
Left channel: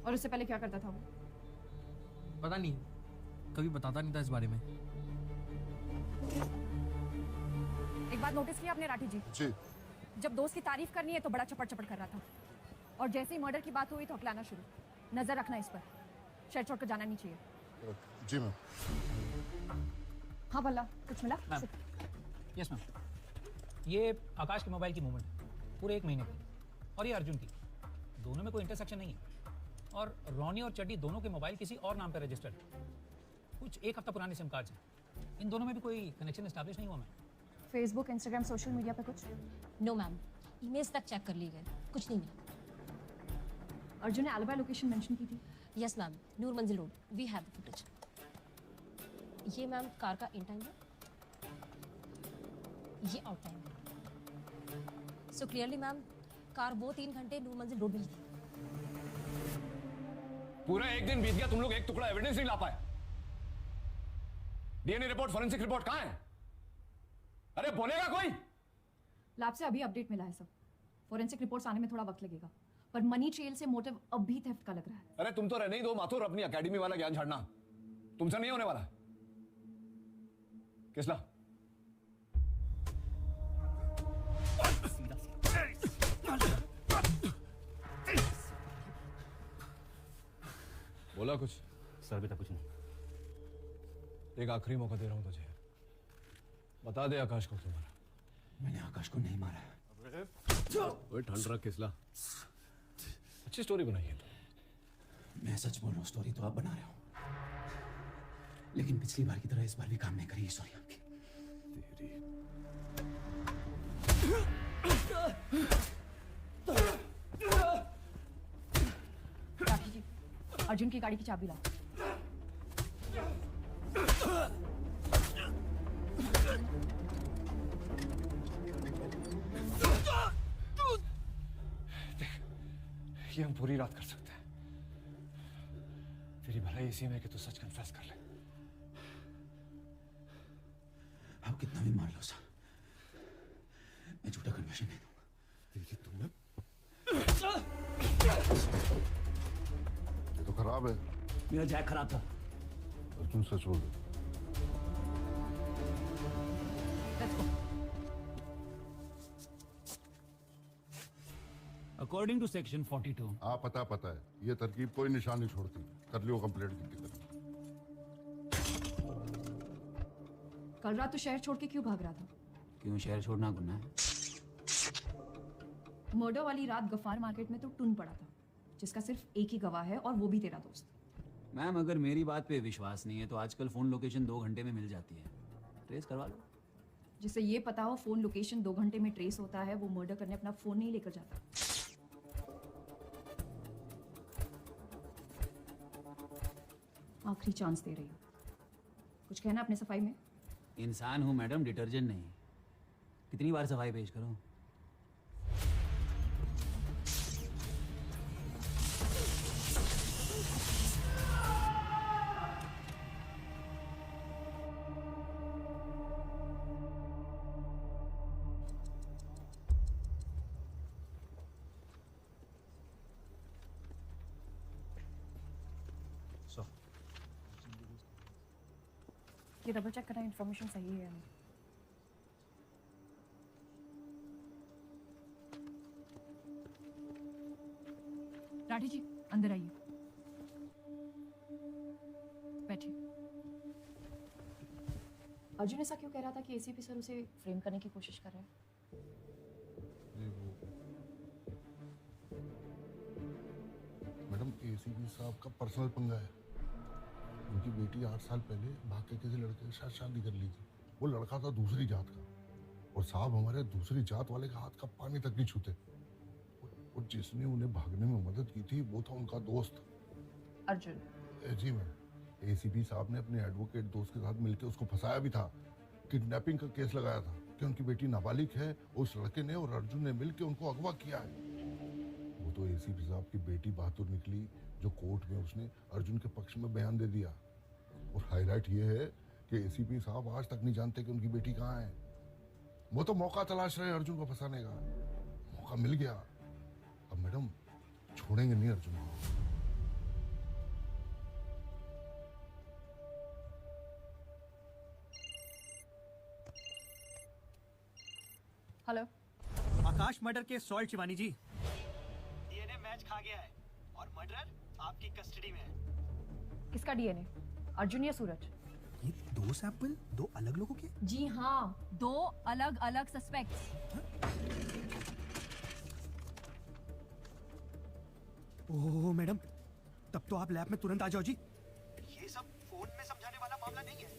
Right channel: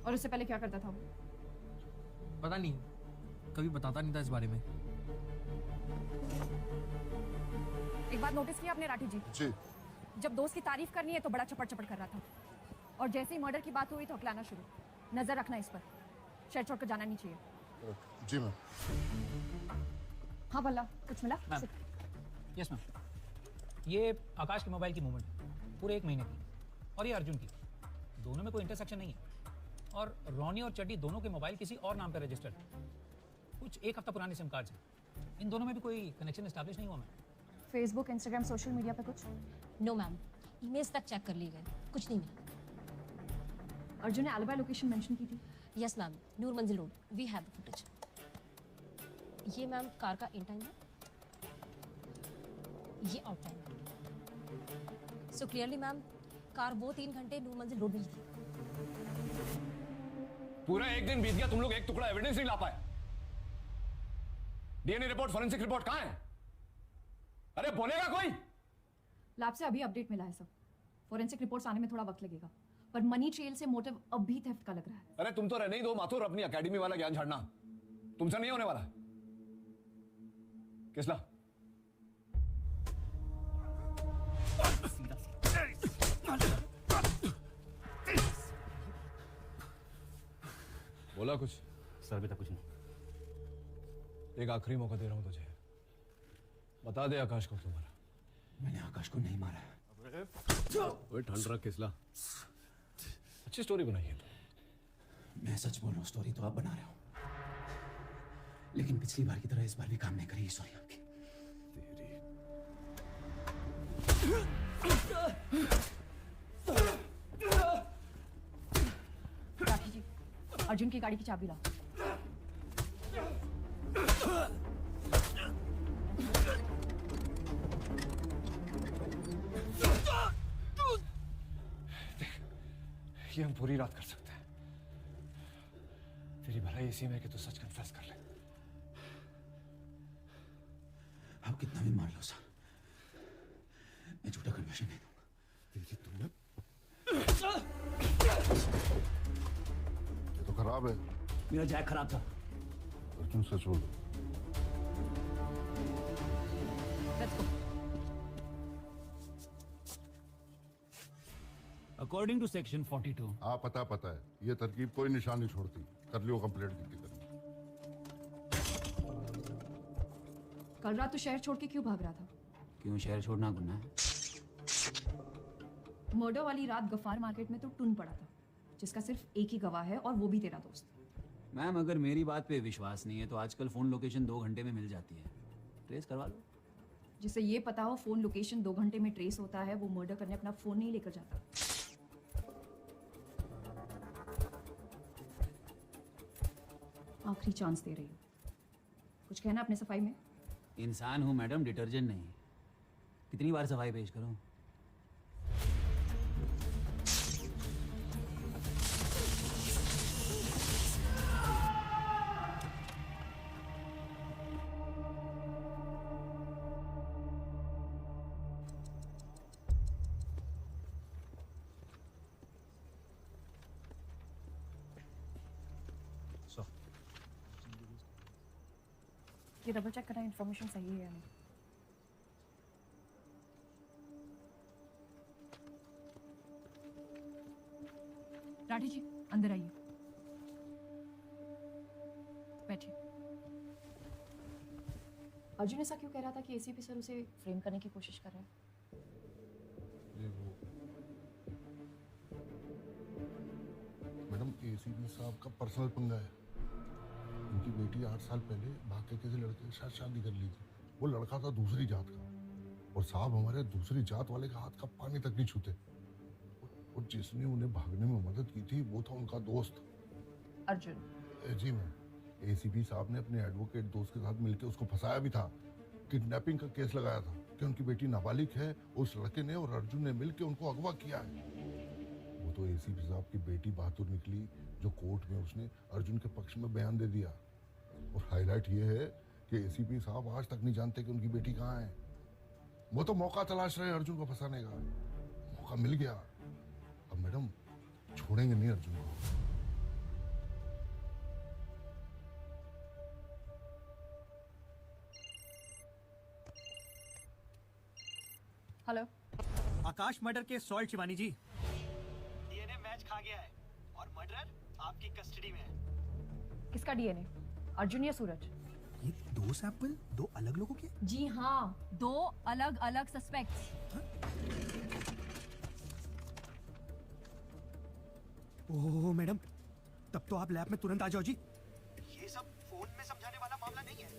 और उससे पहले क्या करता था? पता नहीं, कभी बताता नहीं था इस बारे में। एक बात नोटिस की आपने राठी जी? चल जब दोस्त की तारीफ करनी है तो बड़ा चपड़ चपड़ कर रहा था, और जैसे ही मर्डर की बात हुई तो हकलाना शुरू। नजर रखना इस पर। शहर छोड़ कर जाना नहीं चाहिए। जी मैम। हाँ बल्ला, कुछ मिला? Yes ma'am. ये आकाश के मोबाइल की मूवमेंट है पूरे 1 महीने की, और ये अर्जुन की। दोनों में कोई इंटरसेक्शन नहीं है, और रॉनी और चड्डी दोनों के मोबाइल किसी और नाम पर रजिस्टर्ड है। कुछ 1 हफ्ता पुराने सिम कार्ड्स हैं। इन दोनों में भी कोई कनेक्शन एस्टैब्लिश नहीं हुआ। फेसबुक, इंस्टाग्राम, सोशल मीडिया पे कुछ? नो मैम, ईमेल्स तक चेक कर ली गए, कुछ नहीं मिला। अर्जुन ने एलिबा लोकेशन मेंशन की थी। Yes ma'am, Noor Manzil road, we have the footage. ये मैम कार का इन टाइम है, ये आउट टाइम है। सो क्लियरली मैम, कार वो 3 घंटे नूर मंजिल रोड में ही थी। पूरा 1 दिन बीत गया, तुम लोग एक टुकड़ा एविडेंस नहीं ला पाए। डीएनए रिपोर्ट, फोरेंसिक रिपोर्ट कहाँ है? अरे बोलेगा कोई? लैब से अभी अपडेट मिला है सब। फोरेंसिक रिपोर्ट्स आने में थोड़ा वक्त लगेगा, पर मनी ट्रेल से मोटिव अभी थेफ्ट का लग रहा है। अरे तुम तो रहने ही दो माथुर, अपनी एकेडमी वाला ज्ञान झाड़ना तुमसे नहीं होने वाला। किसला बोला कुछ? सर अभी तक कुछ नहीं। एक आखिरी मौका दे रहा हूं तुझे, बता दे आकाश को क्यों मारा। मैंने आकाश को नहीं मारा। ओए ठंड रख किसला, अच्छी स्टोरी बनाई है तूने। मैं सच बोल रहा हूँ, स्टोरी तो आप बना रहे हो, लेकिन पिछली बार की तरह इस बार भी काम नहीं करेगी सॉरी आपकी। अर्जुन की गाड़ी की चाबी लाओ। ये हम पूरी रात कर सकते हैं। तेरी भलाई इसी में कि तू सच कन्फेस कर ले। आप कितने दिन में सर, मैं झूठा कन्फेशन दे दूंगा। ये तो खराब है। मेरा जैक खराब था। अर्जुन से छोड़ दो। According to section 42। हाँ पता है, ये तरकीब कोई निशान नहीं छोड़ती। कर लियो कंप्लीट। कल रात तो शहर छोड़ के क्यों भाग रहा था? क्यों शहर छोड़ना गुनाह? मर्डर वाली रात गफ्फार मार्केट में तो टून पड़ा था, जिसका सिर्फ एक ही गवाह है और वो भी तेरा दोस्त। मैम अगर मेरी बात पे विश्वास नहीं है तो आजकल फोन लोकेशन 2 घंटे में मिल जाती है, ट्रेस करवा लो। जिससे ये पता हो फोन लोकेशन 2 घंटे में ट्रेस होता है, वो मर्डर करने अपना फोन नहीं लेकर जाता। आखिरी चांस दे रही हूँ, कुछ कहना अपने सफाई में? इंसान हूँ मैडम, डिटर्जेंट नहीं। कितनी बार सफाई पेश करूँ? ये डबल चेक करना, इन्फॉर्मेशन सही है। राठी जी अंदर आइए, बैठिए। अर्जुन ऐसा क्यों कह रहा था कि एसीपी सर उसे फ्रेम करने की कोशिश कर रहे हैं? मैडम एसीपी साहब का पर्सनल पंगा है। उनकी बेटी 8 साल पहले भाग के किसी लड़के के साथ शादी कर ली थी। वो लड़का था दूसरी जात का, और साहब हमारे दूसरी जात वाले का हाथ का पानी तक नहीं छूते। और जिसने उन्हें भागने में मदद की थी वो था उनका दोस्त अर्जुन। जी मैम, एसीपी साहब ने अपने एडवोकेट दोस्त के साथ मिलकर उसको फंसाया भी था। किडनैपिंग का केस लगाया था कि उनकी बेटी नाबालिग है, उस लड़के ने और अर्जुन ने मिलकर उनको अगवा किया। वो तो एसीपी साहब की बेटी बहादुर निकली, जो कोर्ट में उसने अर्जुन के पक्ष में बयान दे दिया। और हाईलाइट ये है कि एसीपी साहब आज तक नहीं जानते कि उनकी बेटी कहाँ है। वो तो मौका तलाश रहे हैं अर्जुन को फंसाने का। मौका मिल गया, अब मैडम छोड़ेंगे नहीं अर्जुन को। हेलो आकाश मर्डर के सॉल्ट शिवानी जी। डीएनए मैच खा गया है और मर्डरर आपके किसका डीएनए, अर्जुन या सूरज? ये 2 सैंपल 2 अलग लोगों के? जी हाँ, 2 अलग अलग सस्पेक्ट्स। ओह मैडम, तब तो आप लैब में तुरंत आ जाओ जी। ये सब फोन में समझाने वाला मामला नहीं है।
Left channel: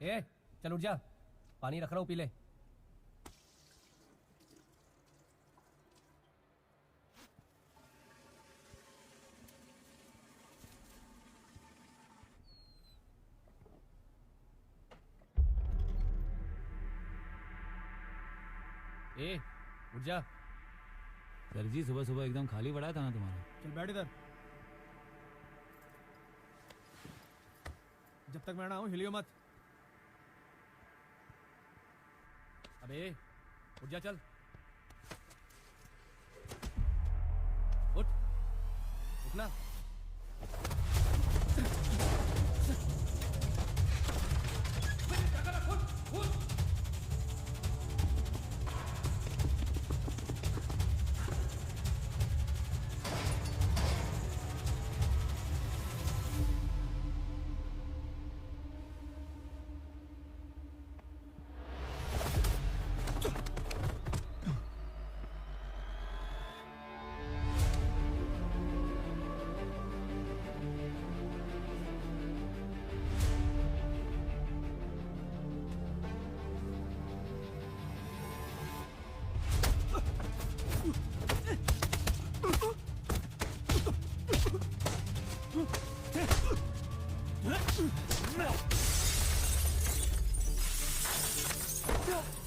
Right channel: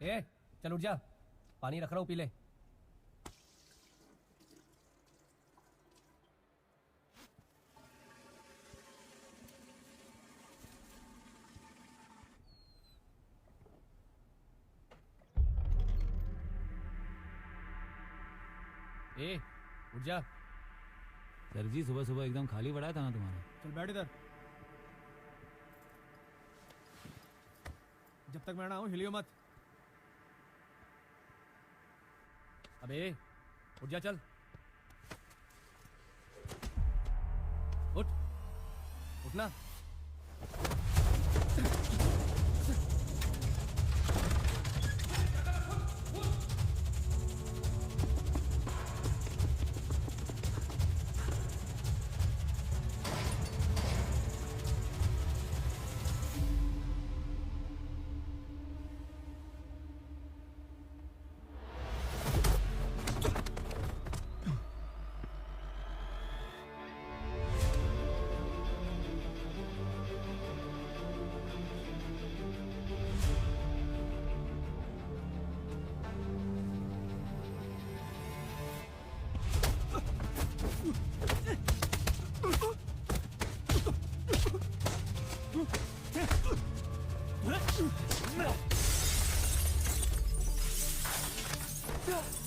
ए, चल उठ जा, पानी रख रहा हूँ, पी ले। ए, उठ जा। सर जी सुबह सुबह एकदम खाली पड़ा था ना तुम्हारा। चल बैठ इधर। जब तक मैं ना आऊं हिलियो मत। अबे उठ जा, चल उठ, उठना।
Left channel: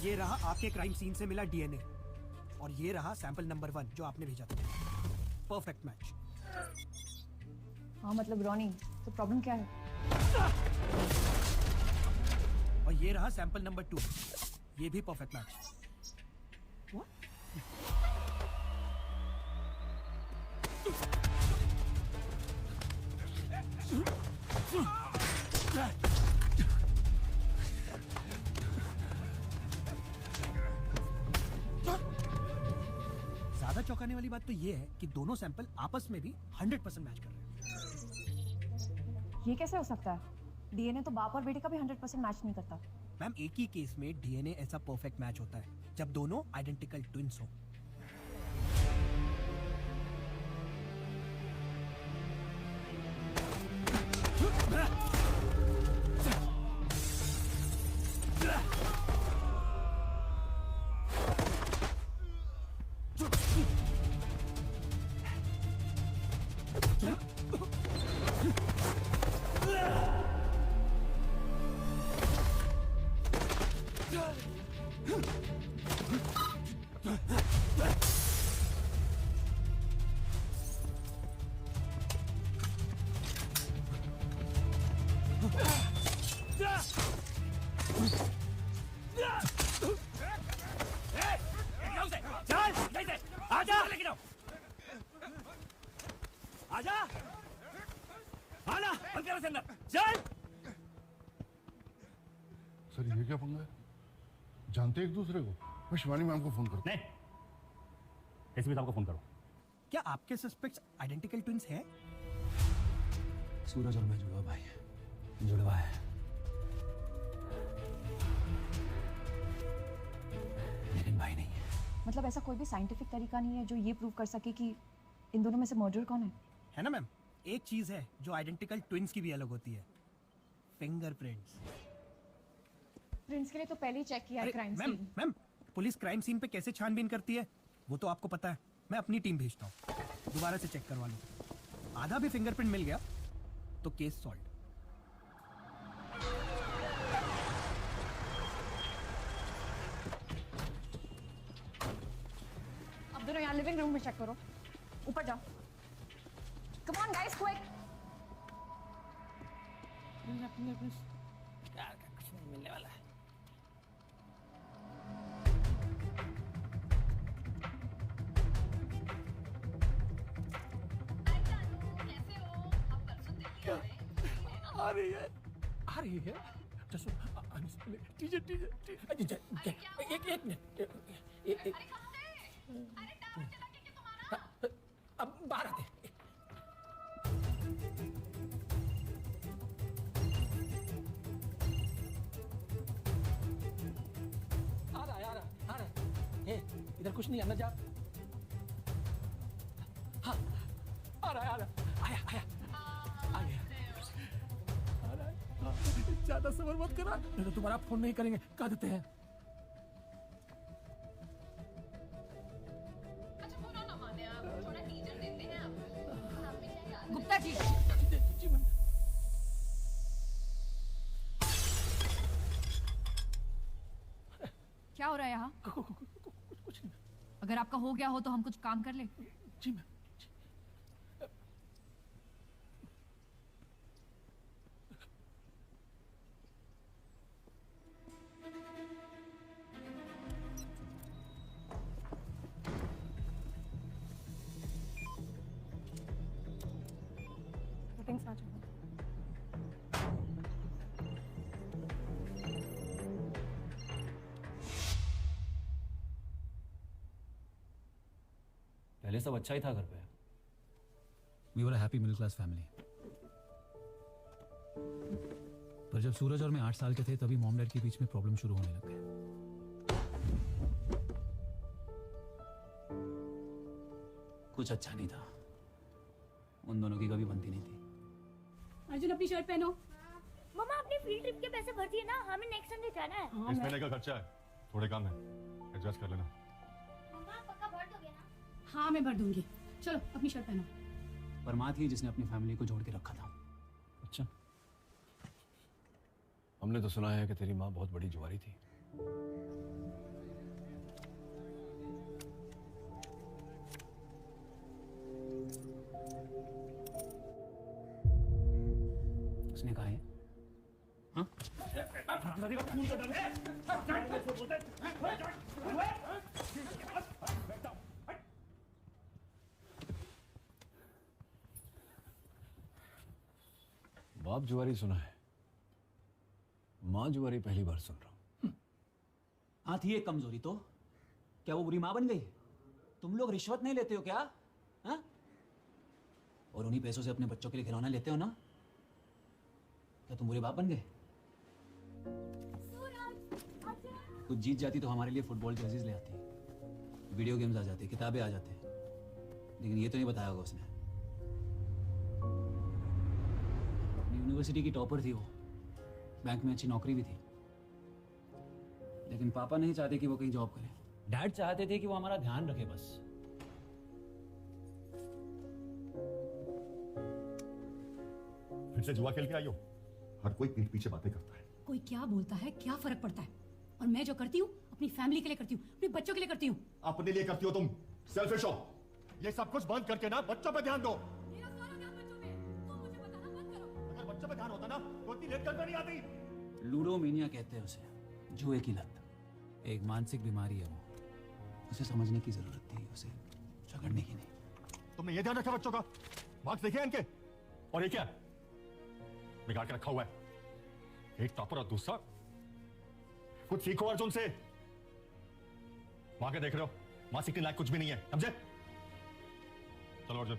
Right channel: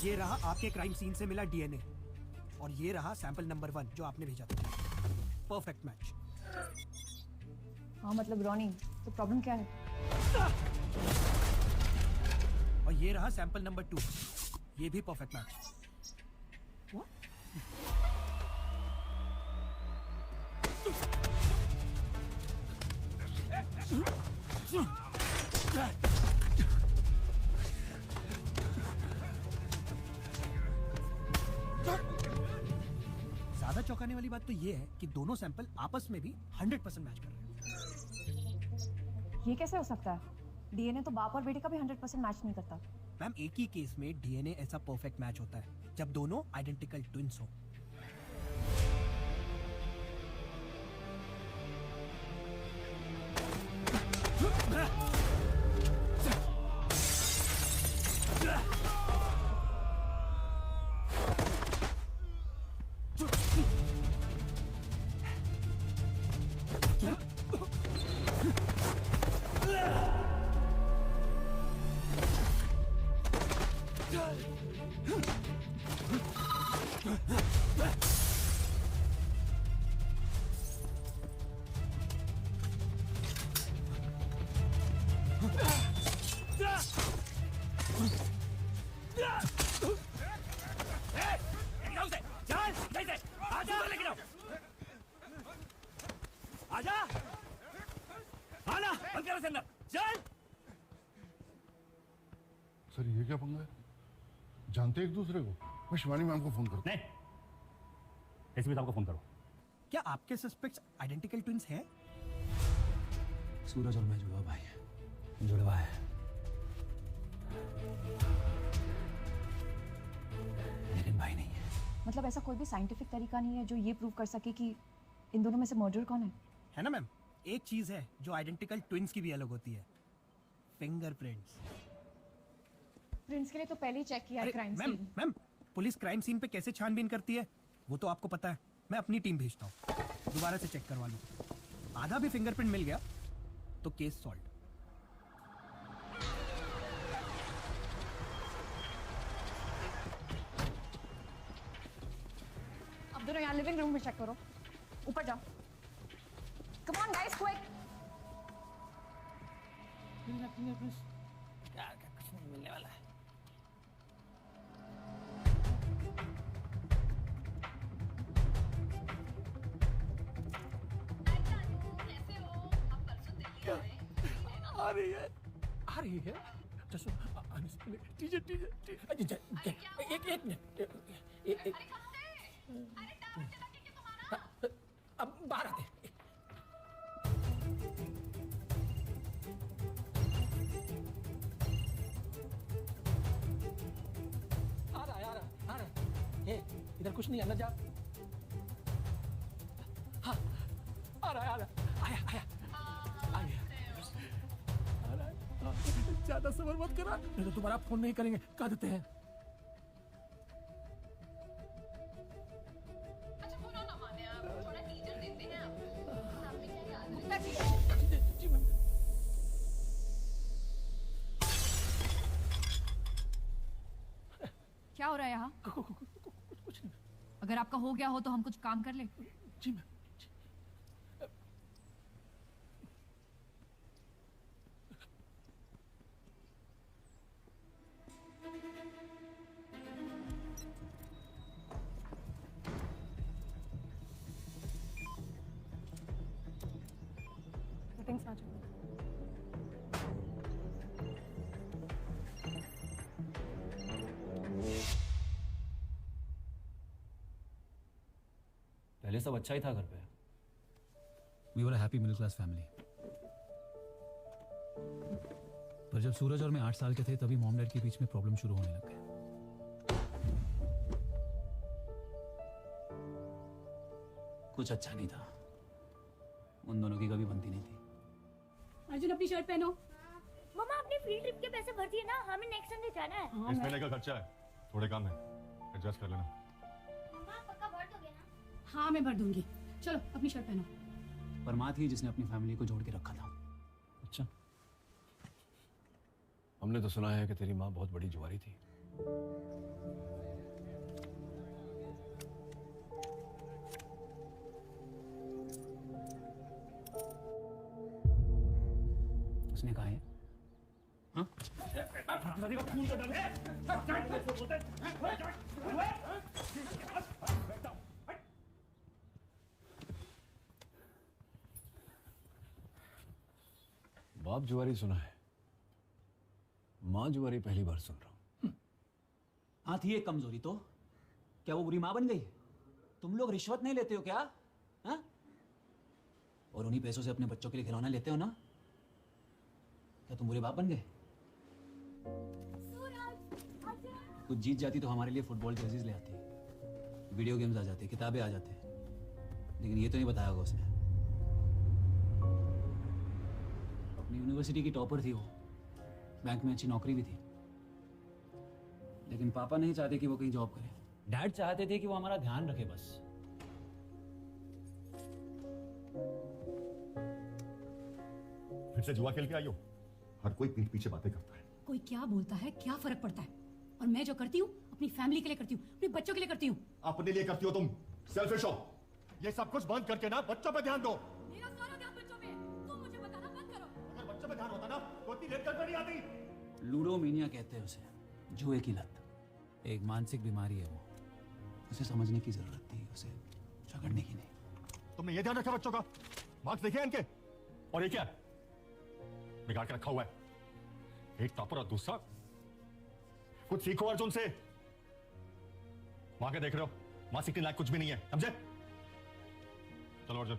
ये रहा आपके क्राइम सीन से मिला डीएनए और ये रहा सैंपल नंबर 1 जो आपने भेजा था। Perfect match. हाँ मतलब रॉनी, तो प्रॉब्लम क्या है? और ये रहा सैंपल नंबर 2, ये भी परफेक्ट मैच। ज्यादा चौंकाने वाली बात तो ये है कि दोनों सैंपल आपस में भी 100% मैच कर रहे हैं। ये कैसे हो सकता है? डीएनए तो बाप और बेटी का भी 100% मैच नहीं करता। मैम एक ही केस में डीएनए ऐसा परफेक्ट मैच होता है जब दोनों आइडेंटिकल ट्विंस हो। सर ये क्या पंगा है? जानते एक दूसरे को? मैं शिवानी मैम को फोन करता नहीं, एसपी साहब को फोन करो। क्या आपके सस्पेक्ट्स आइडेंटिकल ट्विंस है? सूरज और मैं जुड़वा भाई है, जुड़वा है। लेकिन भाई नहीं है। मतलब ऐसा कोई भी साइंटिफिक तरीका नहीं है जो ये प्रूव कर सके कि इन दोनों में से मर्डर कौन है? है ना मैम, एक चीज है जो आइडेंटिकल ट्विंस की भी अलग होती है, फिंगरप्रिंट्स। प्रिंट्स के लिए तो पहले ही चेक किया crime ma'am scene. Ma'am police crime scene पे कैसे छानबीन करती है वो तो आपको पता है। मैं अपनी टीम भेजता हूँ, दोबारा से चेक करवा लूँ। आधा भी फिंगरप्रिंट मिल गया तो केस सॉल्व। अब दोनों यहाँ लिविंग रूम में चेक करो। ऊपर जाओ। Come on guys, quick. आ रही है? जसो ठीक है ठीक है ठीक है। एक मिनट अब बाहर आते हैं। आ रहा। इधर कुछ नहीं, अंदर जाओ। हाँ आ रहा ज्यादा सबर मत करना, नहीं तो तुम्हारा फोन नहीं करेंगे, कह देते हैं। गुप्ता जी, क्या हो रहा है यहाँ? अगर आपका हो गया हो तो हम कुछ काम कर ले। जी मैम। पहले सब अच्छा ही था घर पे। We were a happy middle class family. तो जब सूरज और मैं 8 साल के थे तभी मॉम डैड के बीच में प्रॉब्लम शुरू होने लग गए। कुछ अच्छा नहीं था, उन दोनों की कभी बनती नहीं थी। अर्जुन अपनी शर्ट पहनो। मम्मा अपने फील्ड ट्रिप के पैसे भर लिए ना, हमें नेक्स्ट संडे जाना है। इस महीने का खर्चा है, थोड़े काम है, एडजस्ट कर लेना। मम्मा पक्का भर दोगे ना? हाँ मैं भर दूंगी, चलो अपनी शर्ट पहनो। पर माँ थी जिसने अपनी फैमिली को जोड़ के रखा था। अच्छा, हमने तो सुना है कि तेरी माँ बहुत बड़ी जुआरी थी। उसने कहा है हाँ? बाप जुआरी सुना है, माँ जुआरी पहली बार सुन रहा हूँ। हाँ थी एक कमजोरी तो, क्या वो बुरी माँ बन गई? तुम लोग रिश्वत नहीं लेते हो क्या? हाँ? और उन्हीं पैसों से अपने बच्चों के लिए खिलौने लेते हो ना, तो तुम बुरी बाप बन गए। कुछ जीत जाती तो हमारे लिए फुटबॉल जर्सीज ले आती, वीडियो गेम्स आ जाते, किताबें आ जाते, लेकिन ये तो नहीं बताया होगा उसने। यूनिवर्सिटी की टॉपर थी वो, बैंक में अच्छी नौकरी भी थी, लेकिन पापा नहीं चाहते कि वो कहीं जॉब करे। डैड चाहते थे कि वो हमारा ध्यान रखे बस। फिर से जुआ खेल के आई हो? हर कोई पीठ पीछे बातें करता है। कोई क्या बोलता है, क्या फर्क पड़ता है? और मैं जो करती हूँ अपनी फैमिली के लिए करती हूँ, अपने बच्चों के लिए करती हूँ। अपने लिए करती हो तुम, सेल्फिश हो। ये सब कुछ बंद करके ना बच्चों पे ध्यान दो। अगर बच्चों पे ध्यान होता ना तो इतनी लेट नहीं आती। लूडोमेनिया कहते हैं उसे, जुए की लत। एक मानसिक बीमारी है वो, उसे समझने की जरूरत नहीं, उसे झगड़ने की नहीं। तुमने ये ध्यान रखा बच्चों का? मार्क्स देखे इनके? और ये क्या बिगाड़ के रखा हुआ है? एक टॉपर और दूसरा। कुछ सीखो अर्जुन से। माँ के देख रहे हो, माँ सीखने लायक कुछ भी नहीं है, समझे? चलो अर्जुन।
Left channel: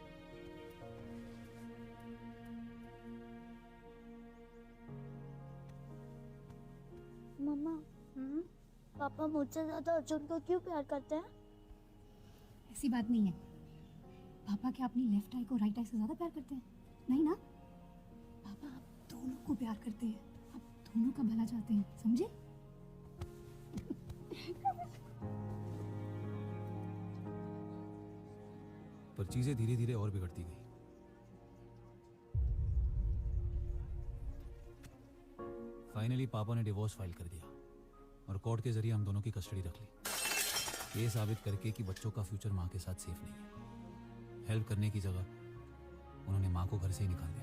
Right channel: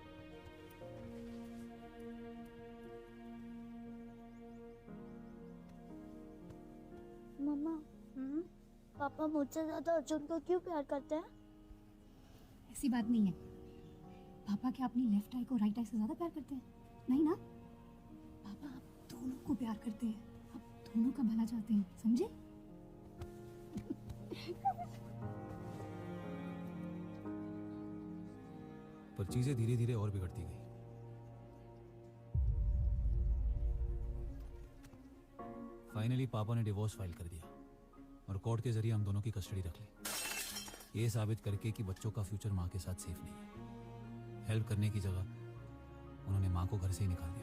मम्मा पापा मुझसे ज्यादा अर्जुन को क्यों प्यार करते हैं? ऐसी बात नहीं है। पापा क्या अपनी लेफ्ट आई को राइट आई से ज्यादा प्यार करते हैं? नहीं ना, पापा आप दोनों को प्यार करते हैं, आप दोनों का भला चाहते हैं, समझे? पर चीजें धीरे धीरे और बिगड़ती गई। फाइनली पापा ने डिवोर्स फाइल कर दिया और कोर्ट के जरिए हम दोनों की कस्टडी रख ली, ये साबित करके कि बच्चों का फ्यूचर माँ के साथ सेफ नहीं है। हेल्प करने की जगह उन्होंने माँ को घर से ही निकाल दिया।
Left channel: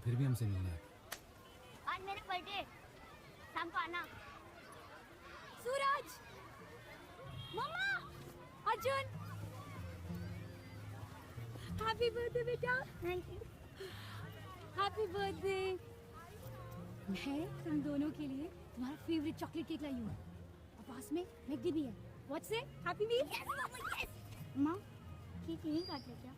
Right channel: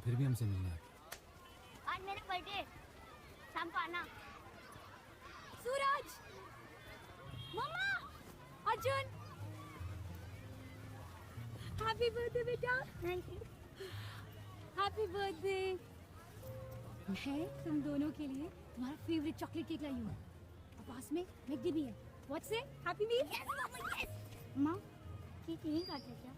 फिर भी हमसे मिलना है। आज मेरा बर्थडे, शाम को आना। सूरज, मम्मा, अर्जुन, हैप्पी बर्थडे बेटा। Thank you. हैप्पी बर्थडे है तुम दोनों के लिए। तुम्हारा फेवरेट चॉकलेट केक लाई हूँ और पास में मैगी भी है। व्हाट्स से हैप्पी मील। यस मम्मा यस। माँ केक नहीं काटे क्या?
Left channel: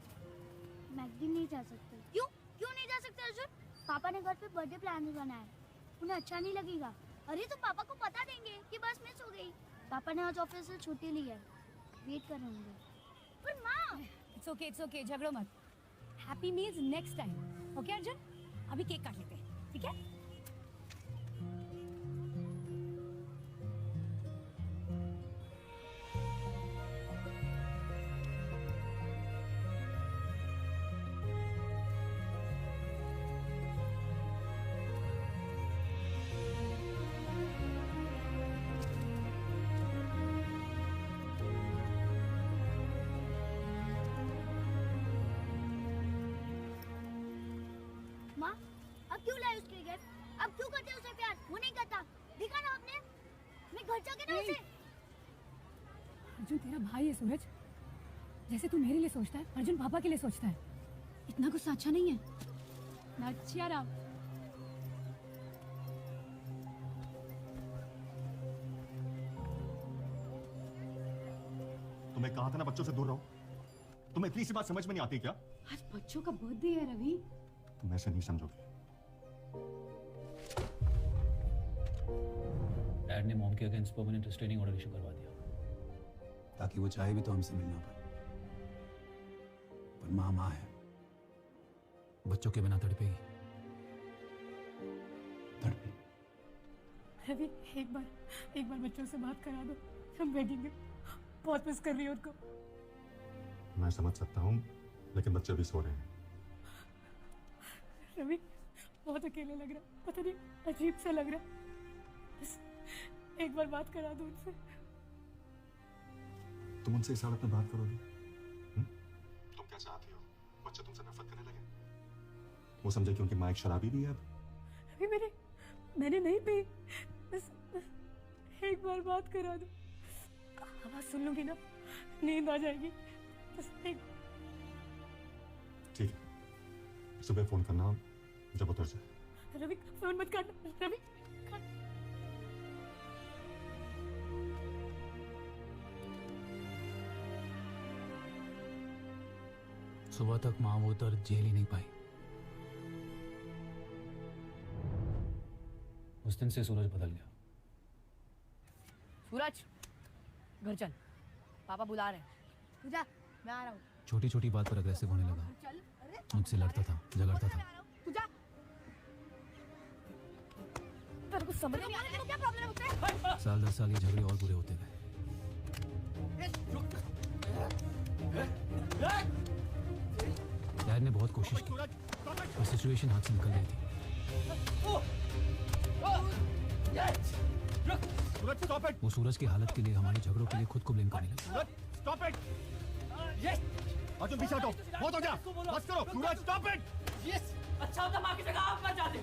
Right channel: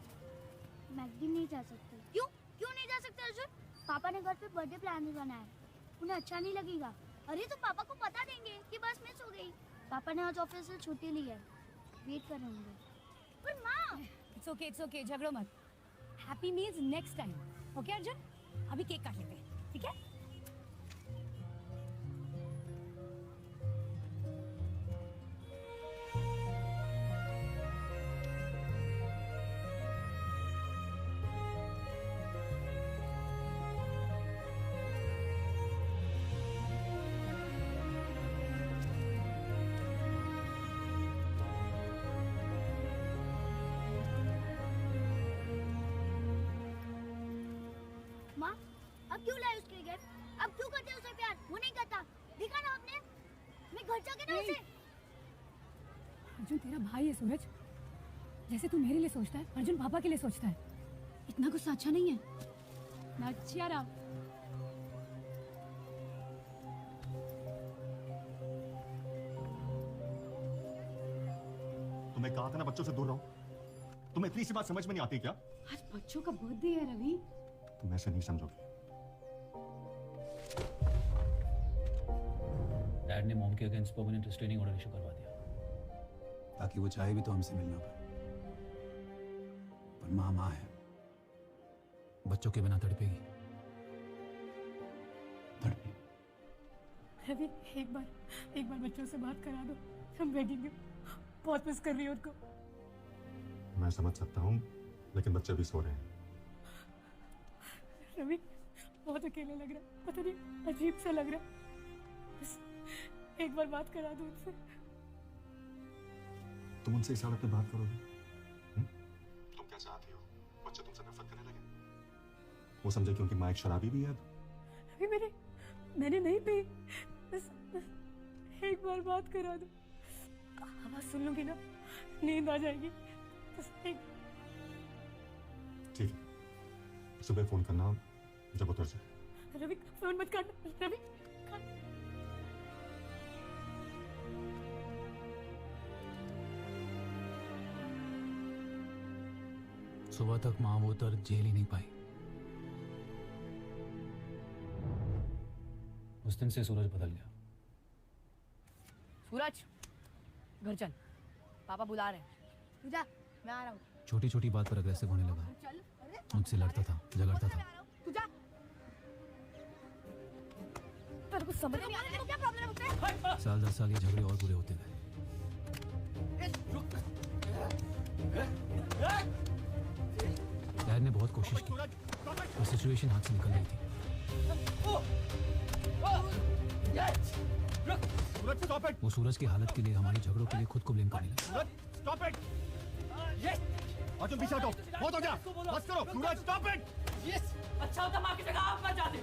मैकडी नहीं जा सकते। क्यों नहीं जा सकते अर्जुन? पापा ने घर पे बर्थडे प्लान नहीं बनाया, उन्हें अच्छा नहीं लगेगा। अरे तो पापा को पता नहीं है कि बस मिस हो गई। पापा ने आज ऑफिस से छुट्टी ली है, वेट कर रहे होंगे। पर माँ इट्स ओके झगड़ो मत। Happy meals next time okay Arjun? अभी केक काट लेते हैं ठीक है? अब क्यों लाए उसके घर? अब क्यों करते उसे प्यार? वो नहीं करता, देखा ना आपने? मैं घर जाके ना उसे। अर्जुन तेरा भाई है सूरज, जैसे तू मेरे लिए सोचता है अर्जुन पापा के लिए सोचता है। इतना कुछ अच्छा नहीं है। अच्छा राम तुम्हें कहा था ना बच्चों से दूर रहो। तुम्हें इतनी सी बात समझ में नहीं आती क्या? आज बच्चों का बर्थडे है रवि। तुम ऐसे नहीं समझोगे। डैड ने मॉम के against permanent restraining order issue करवा दिया ताकि वो चाहे भी तो हमसे मिलना पाए। पर माँ है, बच्चों के बिना तड़पेगी। रवि एक बार बच्चों से बात करा दो, हम भेजेंगे। बहुत मिस कर रही हूँ उनको। मैं समझ सकता हूँ लेकिन बच्चे भी सो रहे हैं। रवि बहुत अकेला लग रहा है, पता नहीं अजीब सा लग रहा है। बस एक बार बात करा दो उनसे। तुम उनसे इस हालत में बात करोगे? तुम क्या चाहती हो? बच्चे तुमसे नफरत करने लगे? वो समझे कि उनकी माँ एक शराबी भी है अब? रवि मैंने नहीं पी। बस एक बार बात करा दो, आवाज सुन लूंगी ना नींद आ जाएगी। बस ठीक है, सुबह फोन करना जब उतर जाए। रवि फोन मत करना। रवि सुबह तक माँ वो दर्द झेल ही नहीं पाई। उस दिन से सूरज बदल गया। सूरज घर चल, पापा बुला रहे हैं। तू जा, मैं आ रहा हूँ। छोटी छोटी बात पर अग्रेसिव होने लगा। मुझसे लड़ता था, झगड़ता था। तू जा। तेरे को समझ नहीं आ रहा है क्या प्रॉब्लम होती है? साल 10 साल ये झगड़े और बुरे होते गए। डैड ने बहुत कोशिश की और सिचुएशन हाथ से निकल गई थी। वो सूरज की हालत के लिए, हमारे झगड़ों के लिए खुद को ब्लेम पाने लगे। पीछे हटो, बहुत हो गया। बस सूरज, स्टॉप इट। अच्छा होता माँ की जगह आप मत जाने।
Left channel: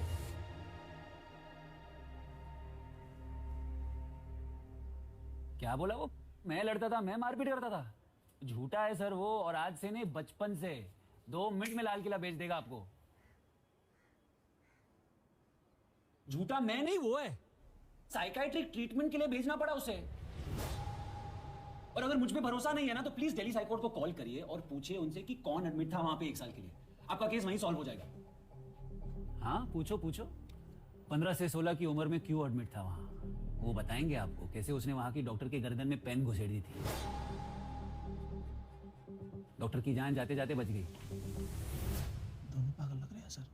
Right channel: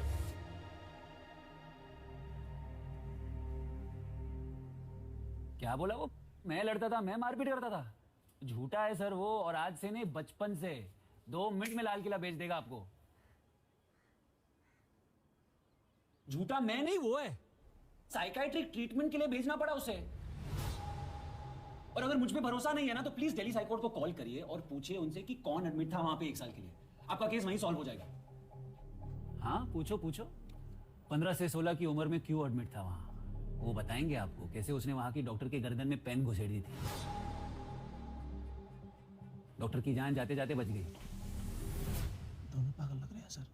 क्या बोला वो? मैं लड़ता था, मैं मारपीट करता था। झूठा है सर वो, और आज से नहीं बचपन से। 2 मिनट में लाल किला बेच देगा आपको। झूठा मैं नहीं, वो है। साइकाइट्रिक ट्रीटमेंट के लिए भेजना पड़ा उसे। और अगर मुझ पे भरोसा नहीं है ना तो प्लीज दिल्ली हाईकोर्ट को कॉल करिए और पूछिए उनसे कि कौन एडमिट था वहां पे 1 साल के लिए। आपका केस वहीं सॉल्व हो जाएगा। हाँ पूछो 15 से 16 की उम्र में क्यों एडमिट था वहां, वो बताएंगे आपको। कैसे उसने वहां की डॉक्टर के गर्दन में पेन घुसेड़ दी थी। डॉक्टर की जान जाते जाते बच गई। दोनों पागल लग रहे हैं सर।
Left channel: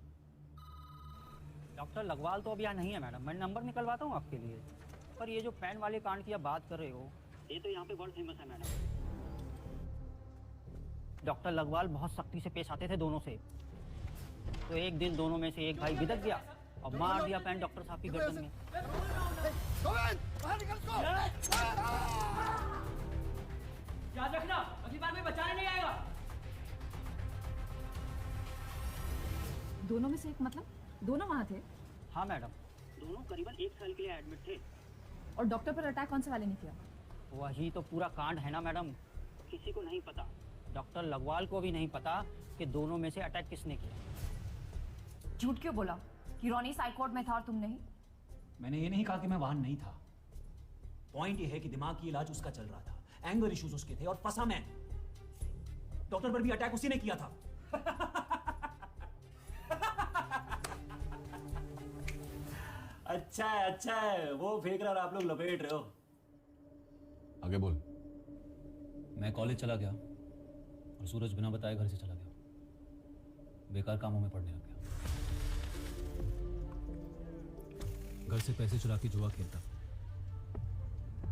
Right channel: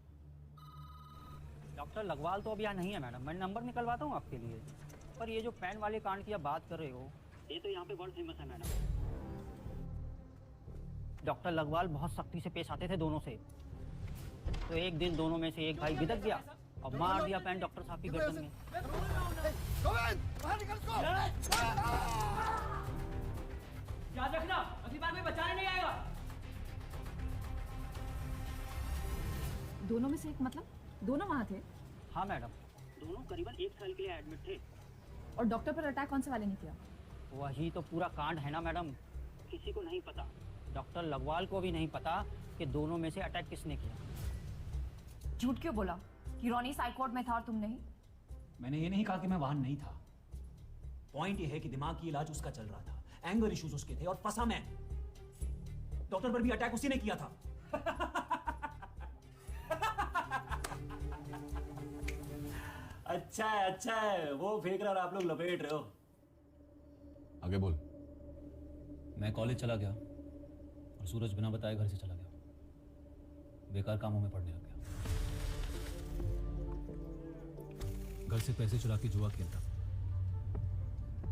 डॉक्टर लखवाल तो अभी यहाँ नहीं है मैडम, मैं नंबर निकलवाता हूँ आपके लिए। पर ये जो पेन वाले कांड की आप बात कर रहे हो, ये तो यहाँ पे बहुत फेमस है मैडम। डॉक्टर लखवाल बहुत सख्ती से पेश आते थे दोनों से। तो एक दिन दोनों में से एक भाई बिदक गया और मार दिया पेन डॉक्टर साहब की गर्दन में। याद रखना, अगली बार में बचाया नहीं आएगा। दोनों में से एक मतलब दोनों वहाँ थे हाँ मैडम, दोनों करीबन 1 साल के लिए एडमिट थे। और डॉक्टर पर अटैक कौन से वाले ने किया? वही तो पूरा कांड है ना मैडम, किसी को नहीं पता। डॉक्टर लगवाल को भी नहीं पता कि दोनों में से अटैक किसने किया। झूठ क्यों बोला कि रोनी साइकोर्ट में था और तुम नहीं? मैंने ये नहीं कहा कि मैं वहां नहीं था। पॉइंट ये है कि दिमाग की इलाज उसका चल रहा था, एंगर इश्यूज उसके थे और फंसा मैं। डॉक्टर पर भी अटैक उसी ने किया था। अच्छा है, वो फेंक रहा और आप लोग लपेट रहे हो। आगे बोल। मैं कॉलेज चला गया और सूरज बिना बताए घर से चला गया। बेकार कामों में पड़ने लग गया। घर से पैसे चुरा के जुआ खेलता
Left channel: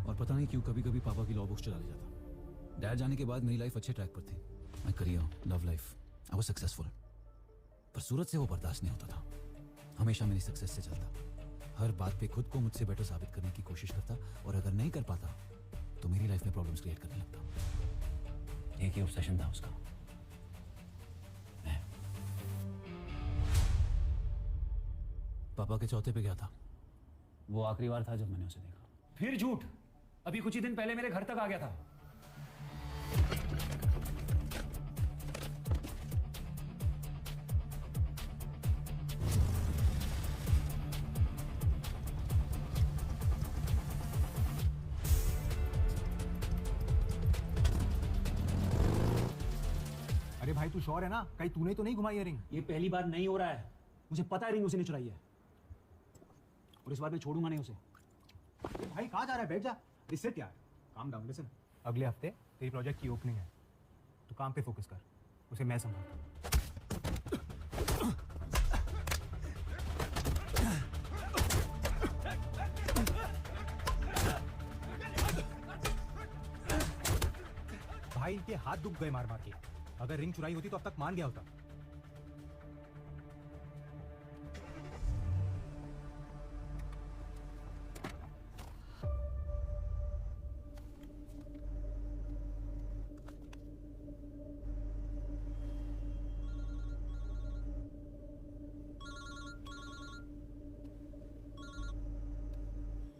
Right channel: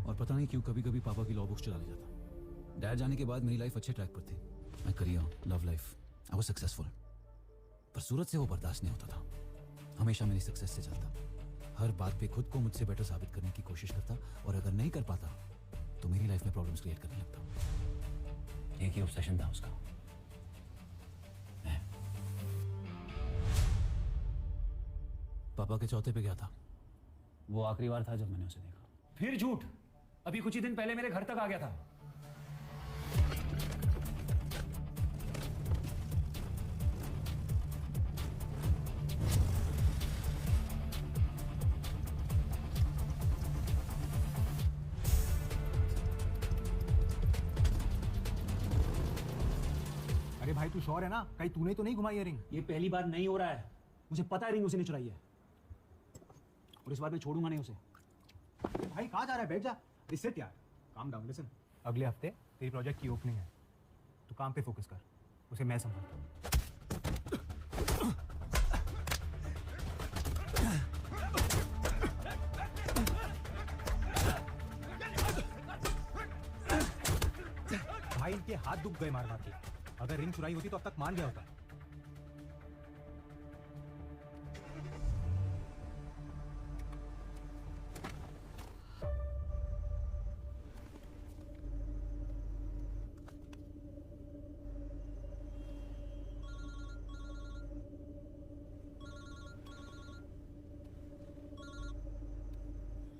और पता नहीं क्यों कभी कभी पापा की लॉ बुक्स चुरा ले जाता। यहाँ जाने के बाद मेरी लाइफ अच्छे ट्रैक पर थी। मैं career, love life, I was successful. पर सूरज से वो बर्दाश्त नहीं होता था। हमेशा मेरी सक्सेस से चलता, हर बात पे खुद को मुझसे बेटर साबित करने की कोशिश करता और अगर नहीं कर पाता तो मेरी लाइफ में प्रॉब्लम्स क्रिएट करने लगता। एक ही ऑब्सेशन था उसका। पापा के चौथे पे गया था। वो आखिरी बार था जब मैंने उसे देखा। फिर झूठ, अभी कुछ ही दिन पहले मेरे घर तक आ गया था। अरे भाई तू श्योर है ना, कहीं तूने तो नहीं घुमाई है रिंग? ये पहली बार नहीं हो रहा है। मुझे पता है रिंग उसी ने चुराई है और इस बार मैं छोड़ूंगा नहीं उसे। भाई कहाँ जा रहा है? बैठ जा। इससे क्या? Calm down. लिसन, अगले हफ्ते तेरी प्रोजेक्ट की ओपनिंग है, तो काम पे फोकस कर। उसे मैं संभालता हूँ। भाई इनके हाथ दुख गए मार मार के। अगर रिंग चुराई होती तो अब तक मान गया होता।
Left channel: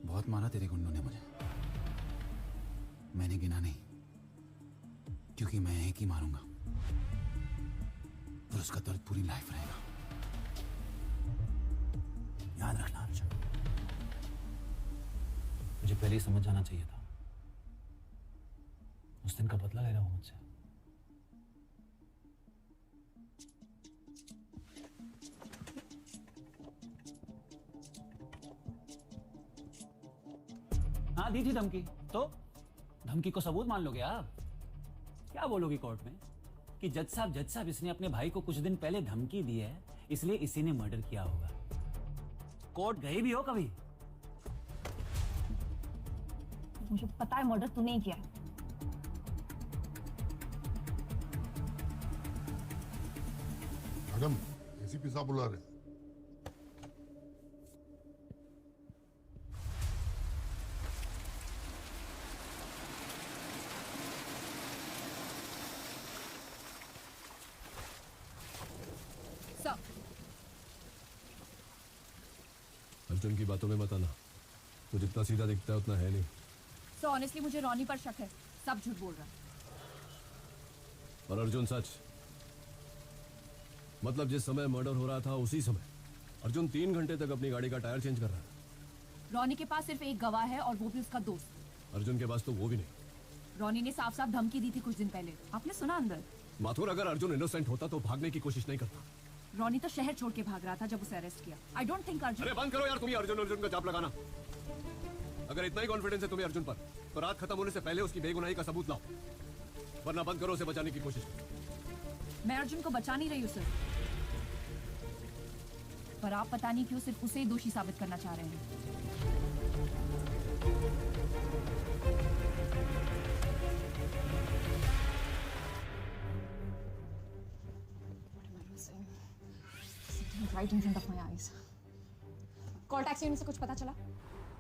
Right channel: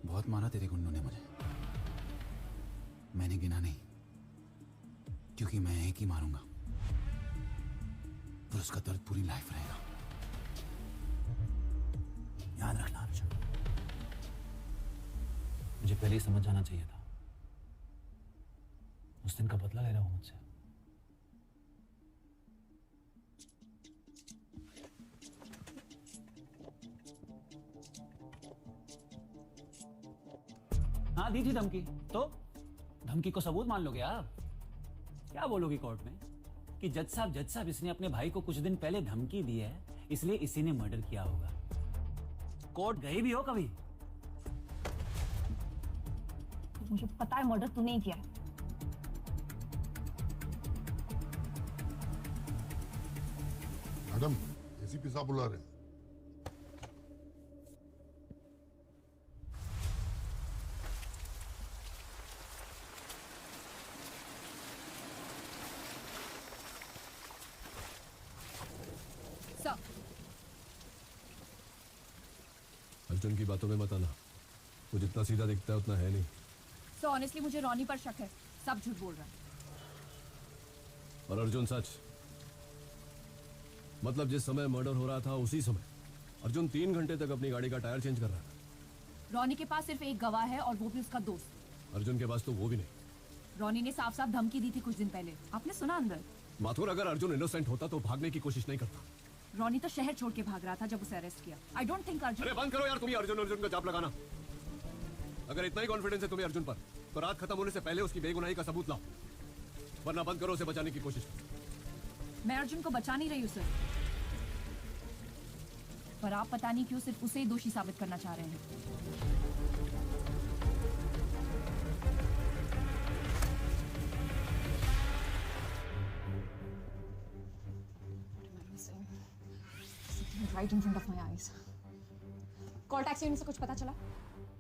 बहुत मारा तेरे गुंडों ने मुझे। मैंने गिना नहीं, क्योंकि मैं एक ही मारूंगा तो उसका दर्द पूरी लाइफ रहेगा। याद रखना अर्जुन, मुझे पहले ही समझ जाना चाहिए था। उस दिन का बदला ले रहा हूं मुझसे। हाँ दी थी धमकी, तो धमकी को सबूत मान लोगे आप? क्या बोलोगी कोर्ट में कि जज साहब इसने अपने भाई को कुछ दिन पहले धमकी दी है, इसलिए इसी ने मर्डर किया होगा। कोर्ट गए भी हो कभी? मुझे पता है मर्डर तूने ही किया। मैडम, एसीपी साहब बुला रहे हैं। अर्जुन की बातों में मत आना। तू जितना सीधा दिखता है उतना है नहीं। तो ऑनेस्टली मुझे रोनी पर शक है, सब झूठ बोल रहा हूँ। और अर्जुन सच? मतलब जिस समय मर्डर हो रहा था उसी समय अर्जुन 3 घंटे तक अपनी गाड़ी का टायर चेंज कर रहा है। रोनी के पास सिर्फ एक गवाह है और वो भी उसका दोस्त। अर्जुन के पास तो वो भी नहीं। रोनी ने साफ साफ धमकी दी थी कुछ दिन पहले, आपने सुना अंदर? माथुर, अगर अर्जुन इनोसेंट होता तो भागने की कोशिश नहीं करता। रोनी तो शहर छोड़ के भाग रहा था जब उसे अरेस्ट किया। I don't think Arjun. अरे बंद करो यार, तुम्हें अर्जुन का जाप लगाना। अगर इतना ही कॉन्फिडेंस है तुम्हें अर्जुन पर, तो रात खत्म होने से पहले उसकी बेगुनाही का सबूत लाओ, वरना बंद करो उसे बचाने की कोशिश। मैं अर्जुन को बचा नहीं रही उसे, पर आप पता नहीं क्यों सिर्फ उसे ही दोषी साबित करना चाह रहे हैं। Right in front of my eyes. Call taxi unit से कुछ पता चला?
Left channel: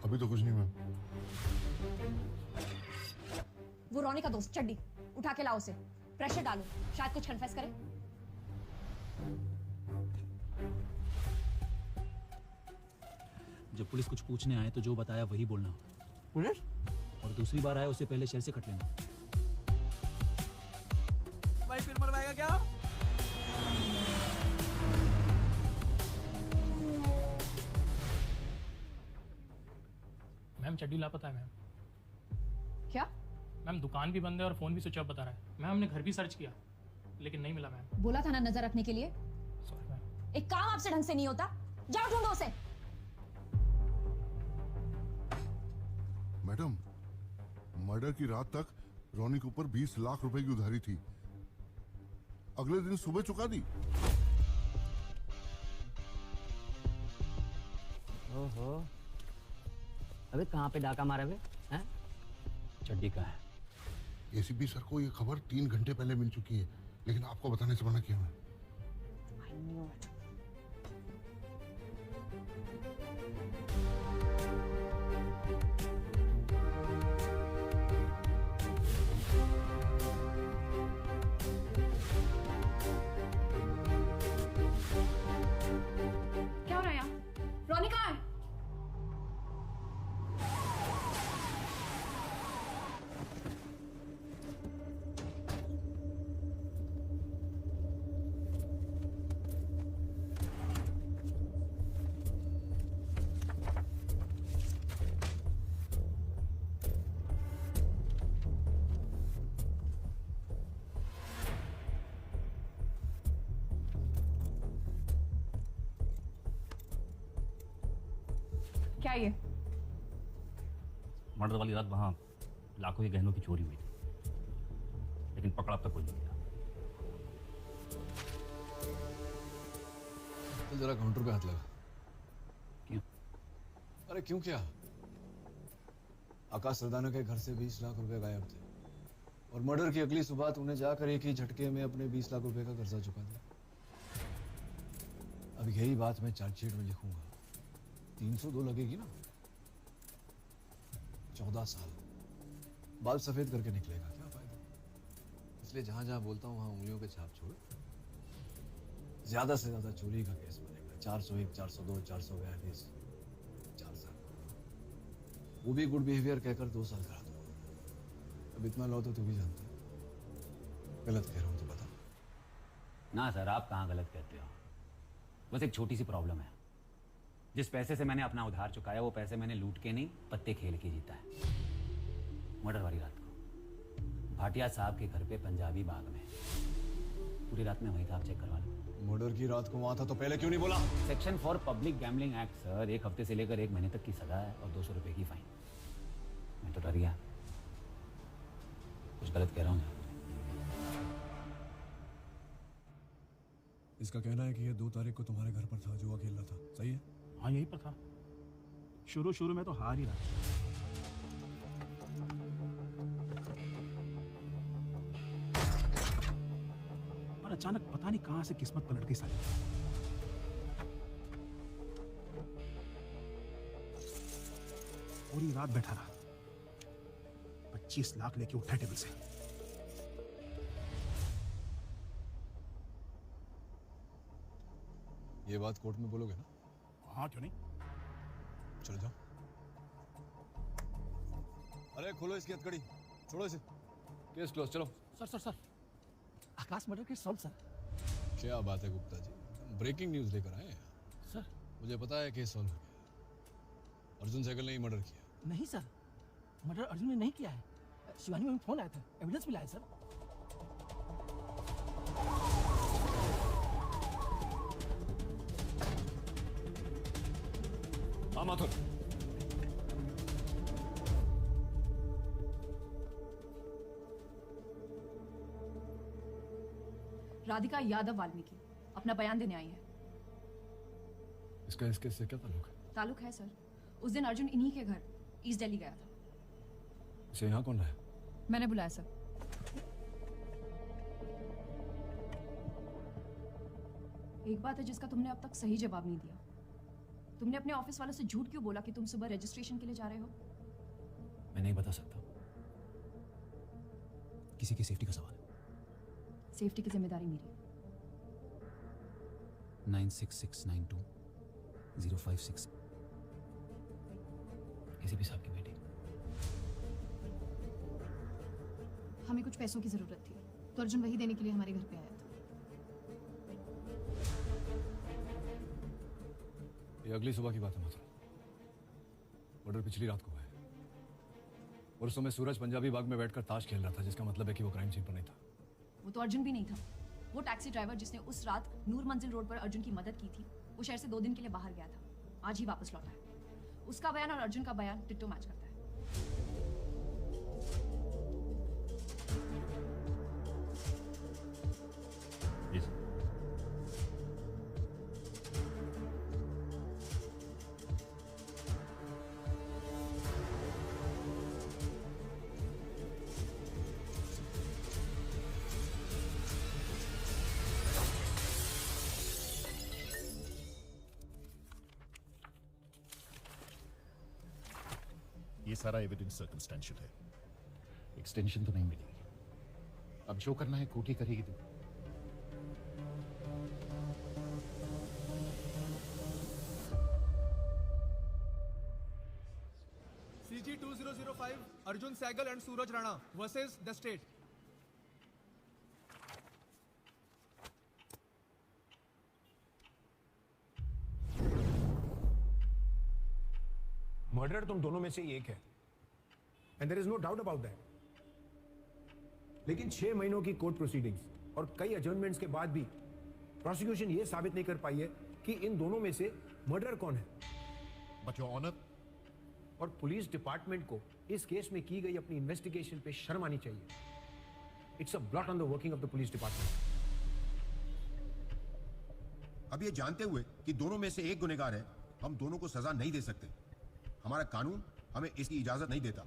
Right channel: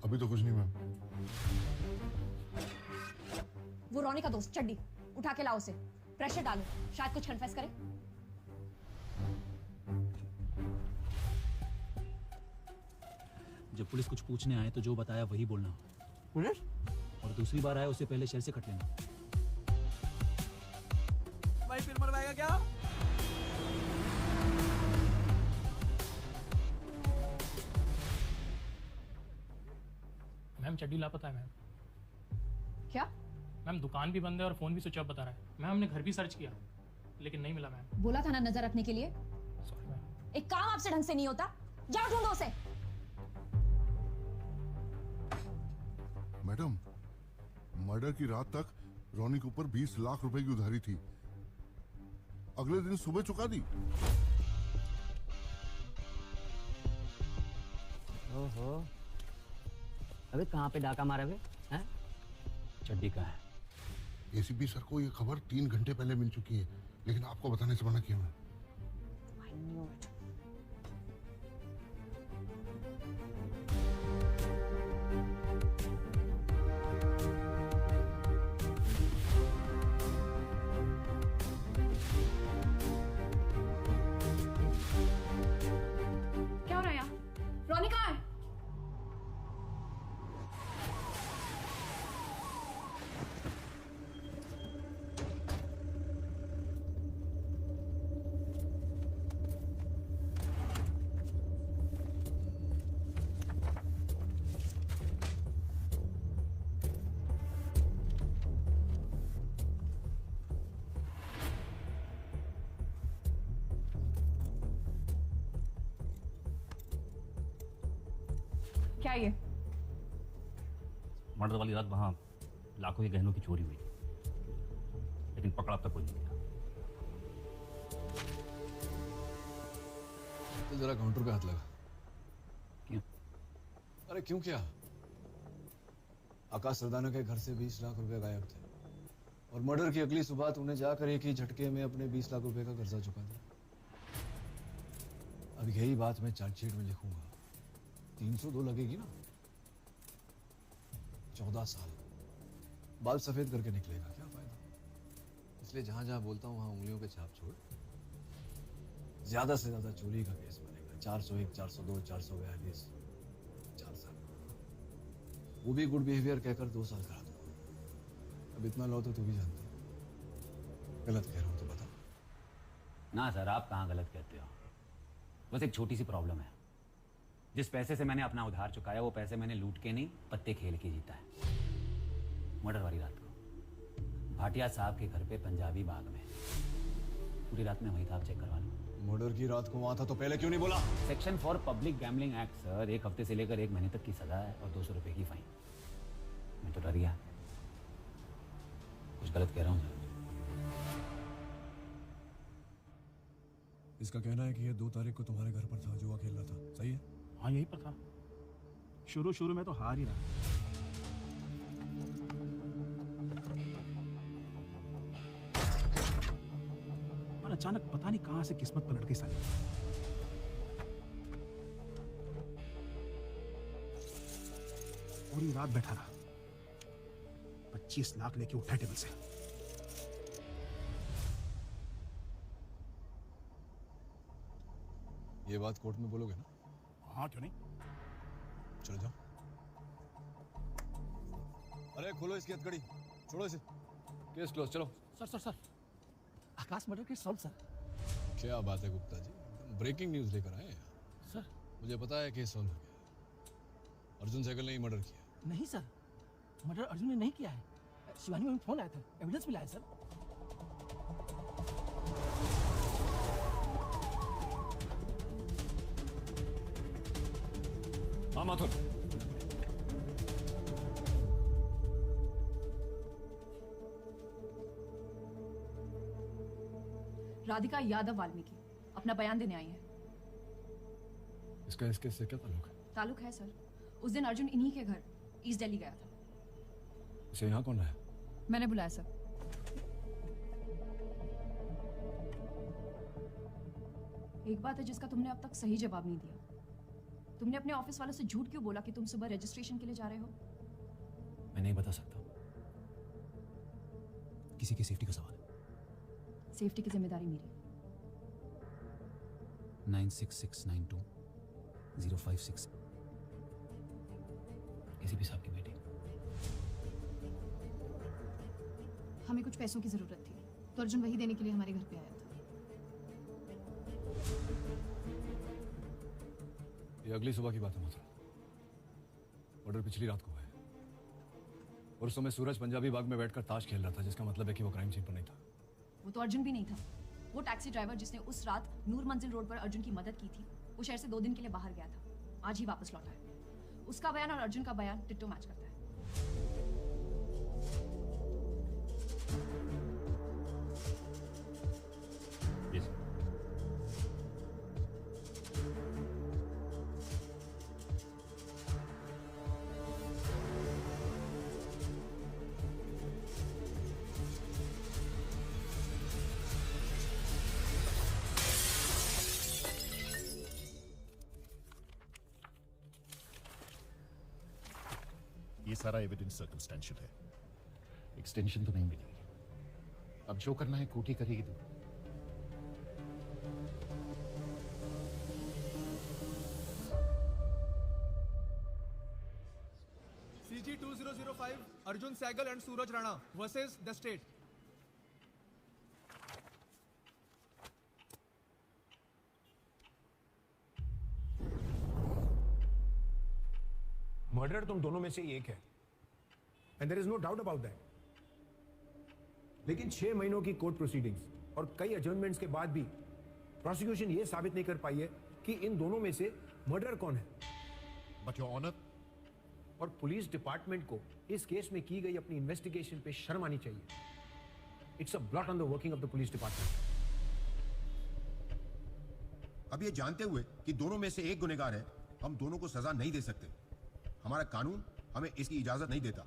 अभी तो कुछ नहीं मैम। वो रोनी का दोस्त चड्डी, उठा के लाओ उसे। प्रेशर डालो, शायद कुछ कन्फेस करे। पुलिस कुछ पूछने आए तो जो बताया वही बोलना। पुलिस? और दूसरी बार आए उससे पहले शेर से कट लेना। भाई फिर मरवाएगा क्या? मैम चड्डी लापता है मैम। क्या? मैम दुकान भी बंद है और फोन भी स्विच ऑफ बता रहा है। मैम हमने घर भी सर्च किया लेकिन नहीं मिला मैम। बोला था ना नजर रखने के लिए। Sorry ma'am. एक काम आपसे ढंग से नहीं होता, जा ढूंढो उसे। मैडम, मर्डर की रात तक रोनी के ऊपर 20 लाख रुपए की उधारी थी, अगले दिन सुबह चुका दी। ओहो, अबे कहाँ पे डाका मारे हुए? चड्डी का एसीपी सर को ये खबर 3 घंटे पहले मिल चुकी है, लेकिन आपको बताने से मना क्यों है? क्या हो रहा है यहाँ? राधिका! क्या ये? मर्डर वाली रात वहाँ लाखों के गहनों की चोरी हुई लेकिन पकड़ा तक कोई नहीं था। तुम जरा काउंटर पे हाथ लगा। क्यों? अरे क्यों क्या? आकाश सरदाना के घर से 20 लाख रुपए गायब थे और मर्डर की अगली सुबह तूने जाकर एक ही झटके में अपने 20 लाख रुपए का कर्जा चुका दिया। अब यही बात मैं चार्जशीट में लिखूंगा। 300 तो लगेगी ना? 14 साल बाल सफेद करके निकलेगा, क्या फायदा? इसलिए जहां जहां बोलता हूं वहां उंगलियों के छाप छोड़। ज्यादा से ज्यादा चोरी का केस बनेगा। 401, 402, 400 केस 4 साल, वो भी गुड बिहेवियर कहकर 2 साल करा दूंगा। अब इतना लो तो भी जानते हो गलत कह रहा हूं तो बताओ। ना सर, आप कहाँ गलत कहते हो। बस एक छोटी सी प्रॉब्लम है। जिस पैसे से मैंने अपना उधार चुकाया वो पैसे मैंने लूट के नहीं पत्ते खेल के लेता है। मर्डर वाली रात को भाटिया साहब के घर पे पंजाबी बाग में पूरी रात में वहीं का चेक करवा लूँ। मर्डर की रात को वहां था तो पहले क्यों नहीं बोला? Section for public gambling act sir. 1 हफ्ते से लेकर 1 महीने तक की सजा है और 200 रुपए की फाइन। मैं तो डर गया, कुछ गलत कह रहा हूँ। इसका कहना है कि ये 2 तारीख को तुम्हारे घर पर था, जुआ खेल रहा था, सही है? हाँ यहीं पर था। शुरू में तो हार ही रहा। और अचानक पता नहीं कहां से किस्मत पलट के साली। पूरी रात बैठा रहा, 25 लाख लेके उठा टेबल से। ये बात कोर्ट में बोलोगे ना? हाँ क्यों नहीं? चलो जाओ। अरे खोलो इसकी हथकड़ी, छोड़ो इसे। केस क्लोज, चलो। सर आकाश मर्डर के सॉल्व सर। क्या बात है गुप्ता जी, ब्रेकिंग न्यूज लेकर आए। सर मुझे पता है केस सॉल्व हो गया। अर्जुन सहगल ने ही मर्डर किया। नहीं सर, मर्डर अर्जुन ने नहीं किया है। शिवानी में फोन आया था, एविडेंस मिला है सर। हाँ माता। राधिका यादव वाल्मीकि अपना बयान देने आई है। इसका इसके से क्या ताल्लुक है? ताल्लुक है सर। उस दिन अर्जुन इन्हीं के घर ईस्ट दिल्ली गया था। सो यहाँ कौन है? मैंने बुलाया सर। एक बात है जिसका तुमने अब तक सही जवाब नहीं दिया। तुमने अपने ऑफिस वालों से झूठ क्यों बोला कि तुम सुबह रजिस्ट्रेशन के लिए जा रहे हो? मैं नहीं बता सकता, किसी की सेफ्टी का सवाल है। सेफ्टी की जिम्मेदारी मेरी। 96692 056 पैसों की जरूरत थी तो अर्जुन वही देने के लिए हमारे घर पे आया था। ये अगली सुबह की बात है मुझे। मर्डर पिछली रात को हुआ है और उस समय सूरज पंजाबी बाग में बैठकर ताश खेल रहा था, जिसका मतलब है कि वो क्राइम सीन पर नहीं था। वो तो अर्जुन भी नहीं था। वो टैक्सी ड्राइवर जिसने उस रात नूर मंजिल रोड पर अर्जुन की मदद की थी, वो शहर से 2 दिन के लिए बाहर गया था, आज ही वापस लौटा है। उसका बयान और अर्जुन का बयान टिट्टो मैच करता है। ये सारा एविडेंस सर्कमस्टेंशियल है, एक्सटेंशन तो नहीं मिलेगी। अब जो करना है कोर्ट ही करेगी। तू CG 2005 Arjun Sehgal and Suraj Rana versus the state. Murder तुम दोनों में से एक है, and there is no doubt about that. लेकिन 6 महीनों की कोर्ट प्रोसीडिंग्स और कई एडजर्नमेंट्स के बाद भी प्रोसिक्यूशन ये साबित नहीं कर पाई है कि इन दोनों में से मर्डर कौन है। बट योर ऑनर, और पुलिस डिपार्टमेंट को इस केस में की गई अपनी इन्वेस्टिगेशन पे शर्म आनी चाहिए। It's a blot on the working of the police department. अब ये जानते हुए कि दोनों में से एक गुनहगार है, हम दोनों को सजा नहीं दे सकते। हमारा कानून हमें इसकी इजाजत नहीं देता।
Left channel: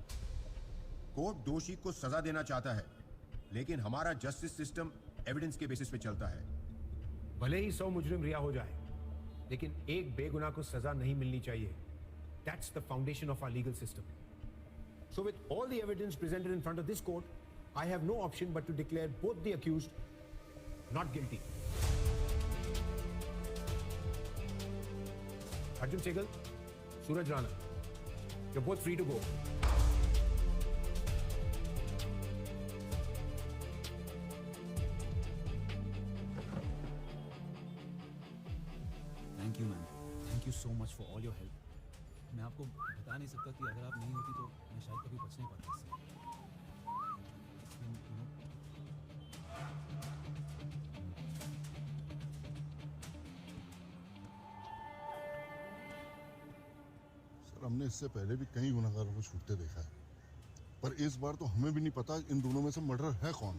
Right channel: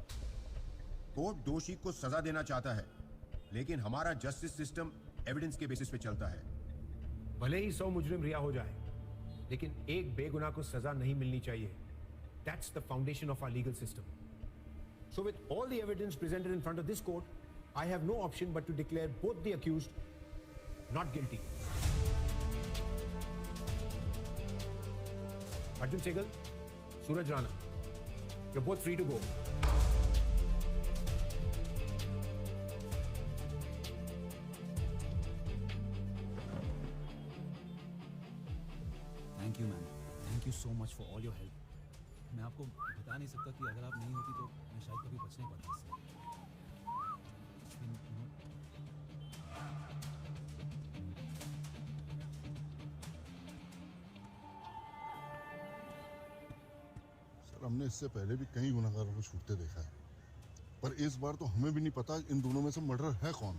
कोर्ट दोषी को सजा देना चाहता है, लेकिन हमारा जस्टिस सिस्टम एविडेंस के बेसिस पे चलता है। भले ही 100 मुजरिम रिहा हो जाए, लेकिन एक बेगुनाह को सजा नहीं मिलनी चाहिए। That's the foundation of our legal system. So with all the evidence presented in front of this court, I have no option but to declare both the accused not guilty. Arjun Sehgal, Suraj Rana, you're both free to go. Thank you ma'am, thank you so much for all your help. मैं आपको बता नहीं सकता कि अगर आप नहीं होती तो मैं शायद कभी बच नहीं पाता इससे। सर, हमने इससे पहले भी कई गुनहगारों को छूटते देखा है, पर इस बार तो हमें भी नहीं पता इन दोनों में से मर्डर है कौन।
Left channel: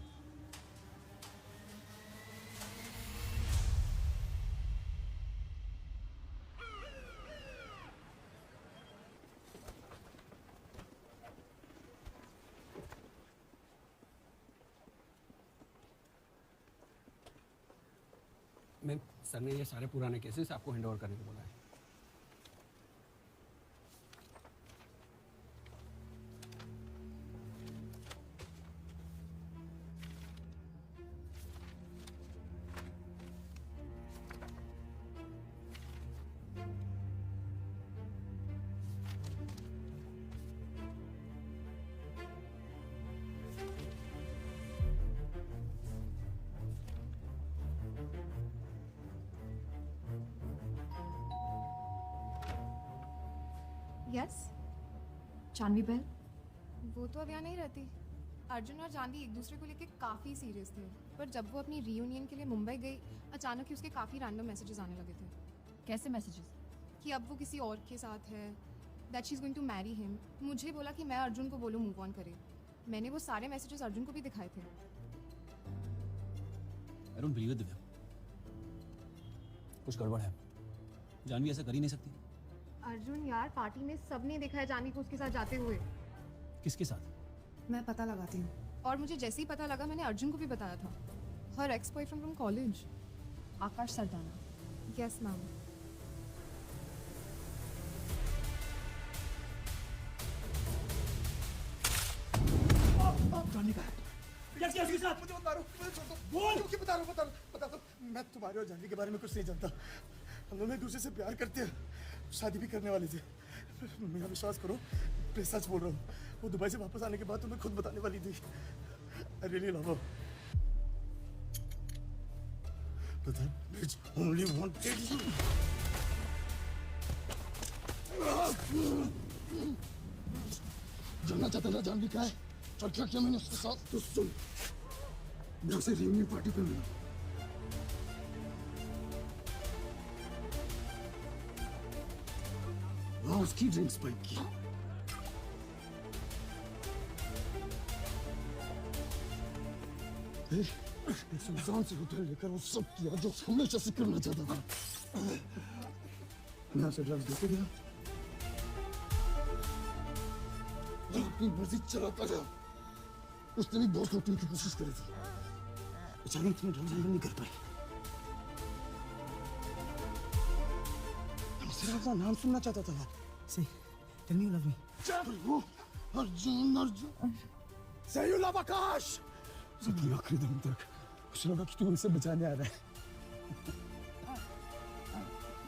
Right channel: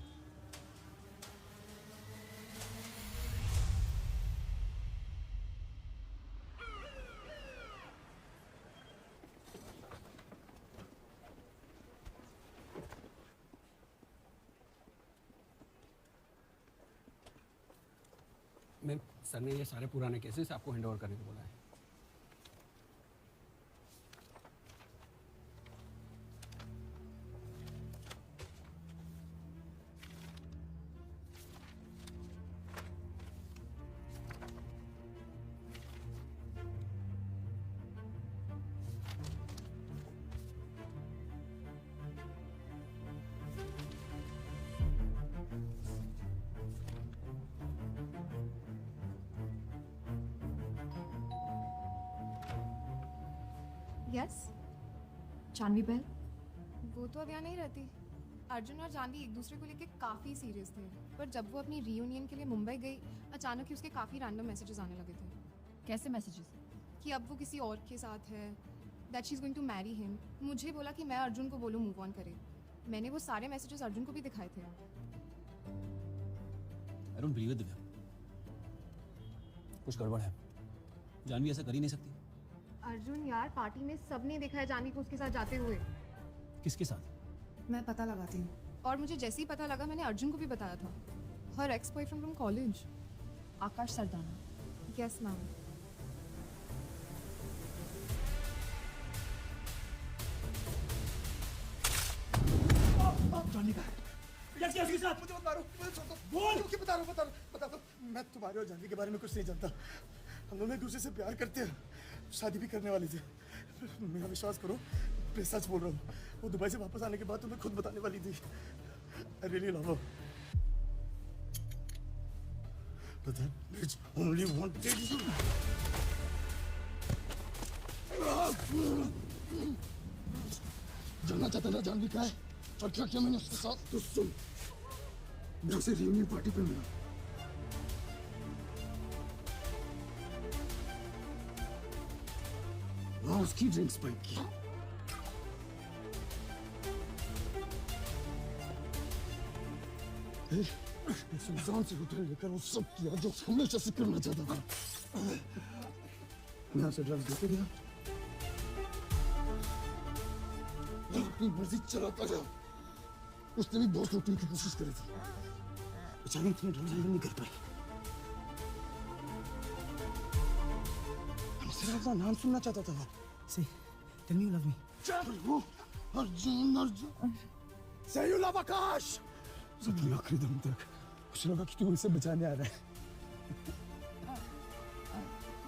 सर ने ये सारे पुराने केसेस आपको हैंड ओवर करने को बोला है। Yes, Janvi bail. वो तो अब यहाँ नहीं रहती। अर्जुन और जानवी एक दूसरे को लेकर काफ़ी सीरियस थे, पर जब वो अपनी रियूनियन के लिए मुंबई गई, अचानक ही उसके काफ़ी रैंडम मैसेजेस आने लगे थे। कैसे मैसेजेस? कि अब वो किसी और के साथ है, that she is going to marry him. मुझे बोला कि मैं अर्जुन को बोलूँ मूव ऑन करे। मैंने वो सारे मैसेजेस अर्जुन को भी दिखाए थे। I don't believe it, Divya. कुछ गड़बड़ है। जानवी ऐसा कर ही नहीं सकती। अर्जुन यार, पार्टी में सबने देखा है जानवी को उसके साथ जाते हुए। किसके साथ? मैं पता लगाती हूँ। और मुझे जैसे ही पता लगा मैंने अर्जुन को भी बताया था। हर ex boyfriend from college, Akash Sardana. Yes ma'am. मैं तुम्हारे और जानवी के बारे में कुछ नहीं जानता। हम दोनों एक दूसरे से प्यार करते हैं, शादी भी करने वाली थी। मेरा विश्वास करो, मैं सच बोल रहा हूँ। वो दुबई से वापस आने के बाद तुम्हें खुद बताने वाली थी। I really love her. But that bitch only wanted जानना चाहता ना जान भी क्या है और क्या क्या मैंने मेरे से रियूनियन पार्टी पे मिली हाँ उसकी ड्रिंक्स स्पाइक की इंसान से होटल लेकर वो सब किया जो हमेशा से करना चाहता था यहाँ से ड्रग्स देते गया अपनी मर्जी चलाता जा उसने भी बहुत लूटने की कोशिश करी थी बेचारा अपने ढंग नहीं कर पाया अपना नाम सुनना चाहता था Say, can you love me? Arjun Arjun Say you love Akash जितने आखिरी दम तक उसने लगा कि तू उनसे बचाने आ रहा है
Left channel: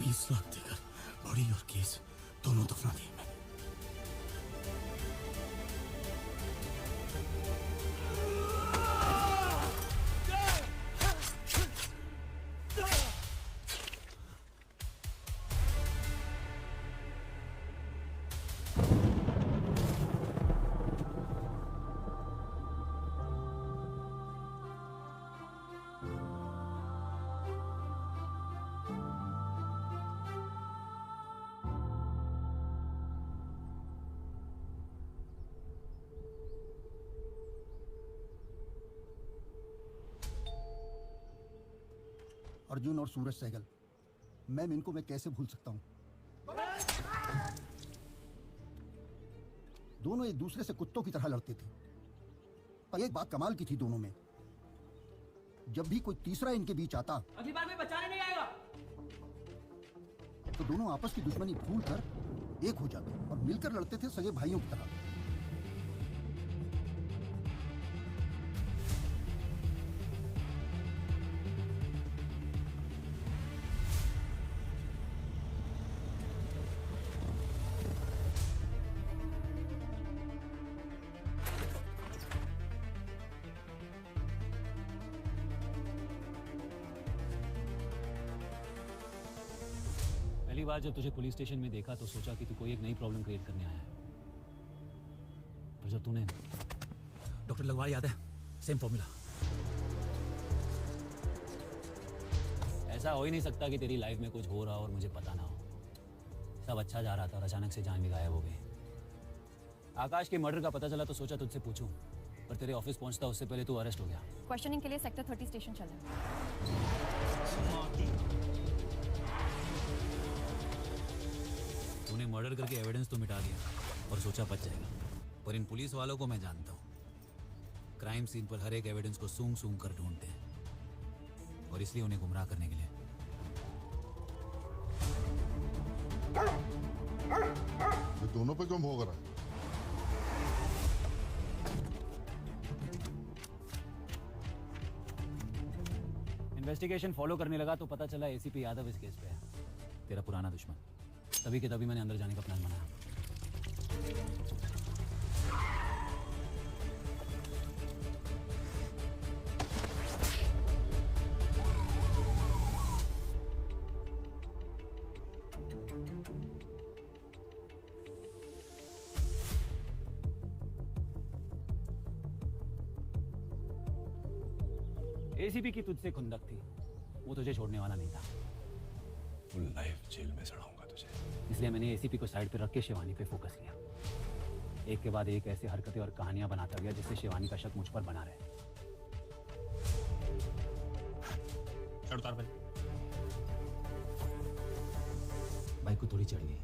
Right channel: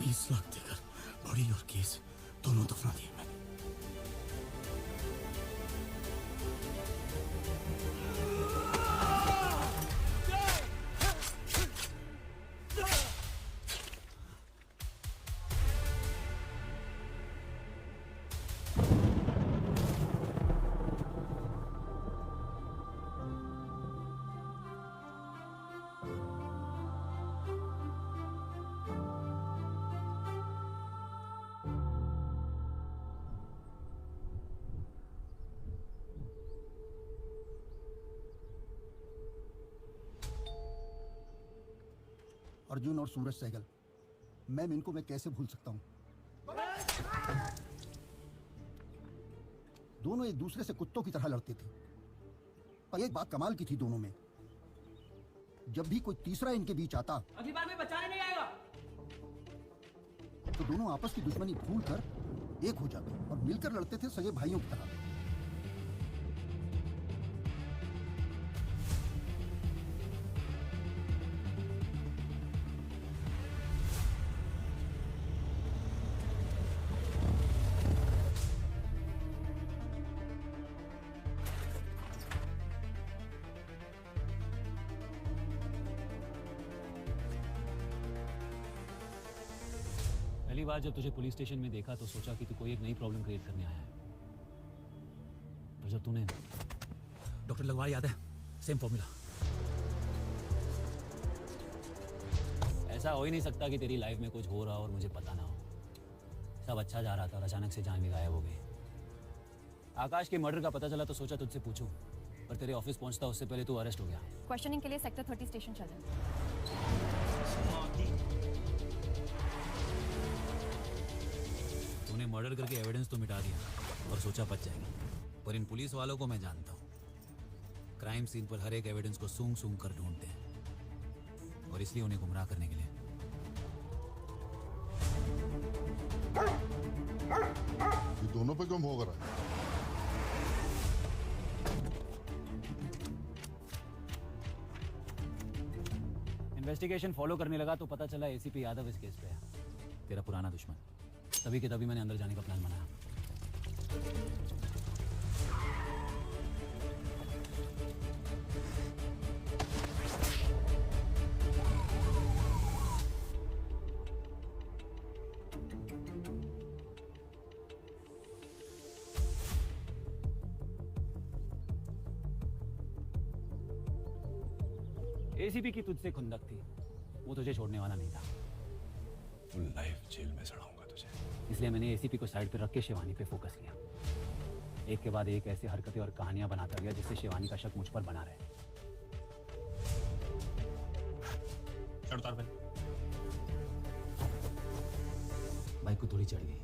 20 लाख देगा बड़ी और केस दोनों दफा दिए मैंने अर्जुन और सूरज सहगल मैम इनको मैं कैसे भूल सकता हूँ दोनों एक दूसरे से कुत्तों की तरह लड़ते थे पर एक बात कमाल की थी दोनों में जब भी कोई तीसरा इनके बीच आता अगली बार मैं बचाने नहीं आएगा तो दोनों आपस की दुश्मनी भूल कर एक हो जाते और मिलकर लड़ते थे सगे भाइयों की तरह पहली बार जब तुझे पुलिस स्टेशन में देखा तो सोचा कि तू कोई एक नई प्रॉब्लम क्रिएट करने आया है तो जब तूने डॉक्टर लगवाया याद है सेम फॉर्मूला ऐसा हो ही नहीं सकता कि तेरी लाइफ में कुछ हो रहा हो और मुझे पता ना हो सब अच्छा जा रहा था और अचानक से जान भी गायब हो गई आकाश के मर्डर का पता चला तो सोचा तुझसे पूछूं पर तेरे ऑफिस पहुंचता उससे पहले तू अरेस्ट हो गया क्वेश्चनिंग के लिए सेक्टर 30 स्टेशन चले तूने मर्डर करके एविडेंस तो मिटा दिया और सोचा बच जाएगा पर इन पुलिस वालों को मैं जानता हूँ क्राइम सीन पर हर एक एविडेंस को सूंघ सूंघ कर ढूंढते हैं और इसलिए उन्हें गुमराह करने के लिए ये दोनों पे कम हो गया इन्वेस्टिगेशन फॉलो करने लगा तो पता चला एसीपी यादव इस केस पे है तेरा पुराना दुश्मन तभी के तभी मैंने अंदर जाने का प्लान बनाया एसीपी की तुझसे खुंदक थी वो तुझे छोड़ने वाला नहीं था जेल में चढ़ाऊंगा तुझे इसलिए मैंने एसीपी को साइड पे रख के शिवानी पे फोकस किया एक के बाद एक ऐसी हरकतें और कहानियां बनाता गया जिससे शिवानी का शक मुझ पर बना रहे बाइक को थोड़ी चढ़ ली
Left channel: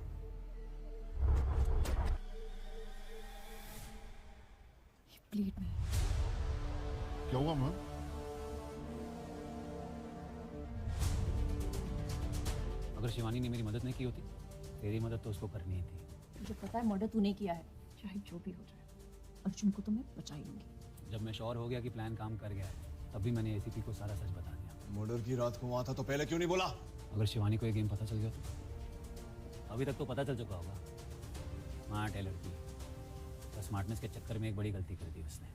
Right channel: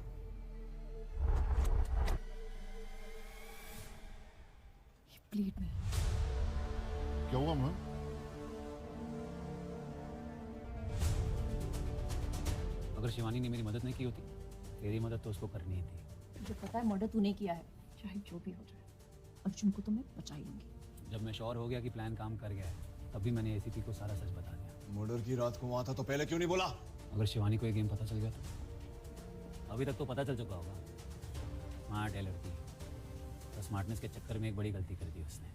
प्लीट में क्या हुआ मां अगर शिवानी ने मेरी मदद नहीं की होती तेरी मदद तो उसको करनी ही थी मुझे पता है मर्डर तूने किया है चाहे जो भी हो जाए अर्जुन को तो मैं बचा ही लूंगी जब मैं श्योर हो गया कि प्लान काम कर गया है तब भी मैंने एसीपी को सारा सच बता दिया मर्डर की रात को वहां था तो पहले क्यों नहीं बोला अगर शिवानी को ये गेम पता चल गया तो अभी तक तो पता चल चुका होगा स्मार्ट है लड़की तो स्मार्टनेस के चक्कर में एक बड़ी गलती कर दी उसने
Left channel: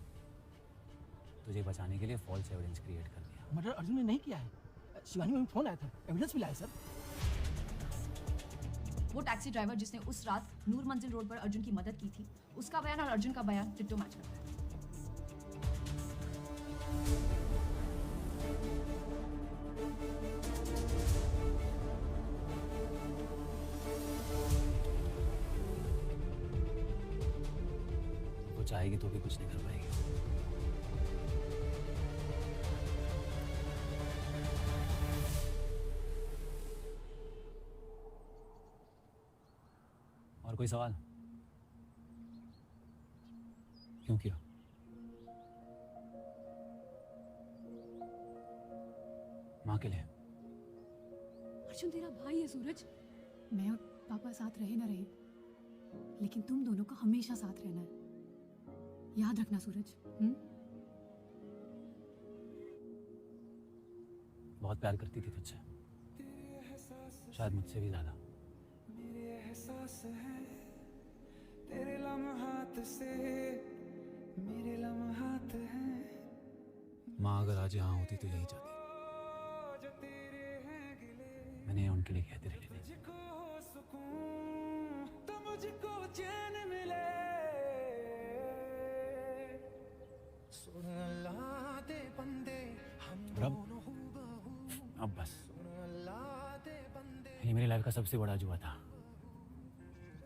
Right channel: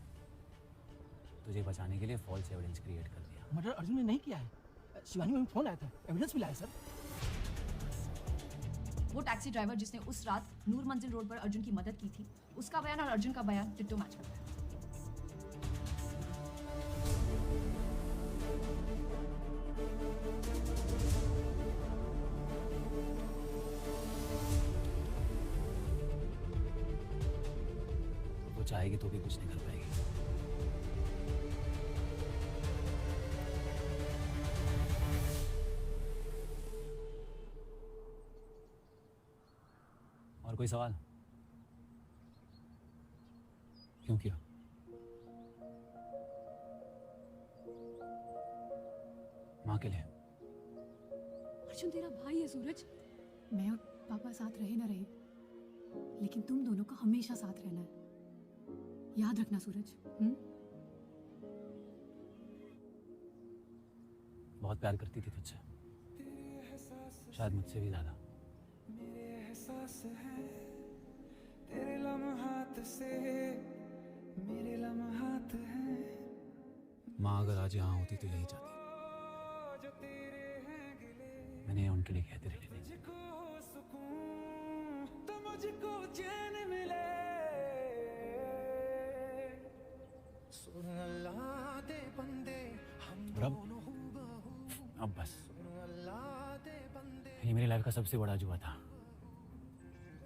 तुझे बचाने के लिए फॉल्स एविडेंस क्रिएट कर दिया। बट अर्जुन ने नहीं किया है। शिवानी में फोन आया था, एविडेंस मिला है सर। वो टैक्सी ड्राइवर जिसने उस रात नूर मंजिल रोड पर अर्जुन की मदद की थी, उसका बयान और अर्जुन का बयान डिट्टो मैच करता है। वो चाहेगी तो भी कुछ नहीं कर पाएगी। और कोई सवाल? क्यों किया? माँ के लिए। अर्जुन तेरा भाई है सूरज। मैं और पापा साथ रहे ना रहे, लेकिन तुम दोनों को हमेशा साथ रहना है, याद रखना सूरज। बहुत प्यार करती थी तुझसे, शायद मुझसे भी ज्यादा। माँ अगर आज यहाँ होती तो यही चाहती। मैंने उनके लिए कहते रही थी। अब बस, ये मेरी लाइफ का सबसे बड़ा जुआ था।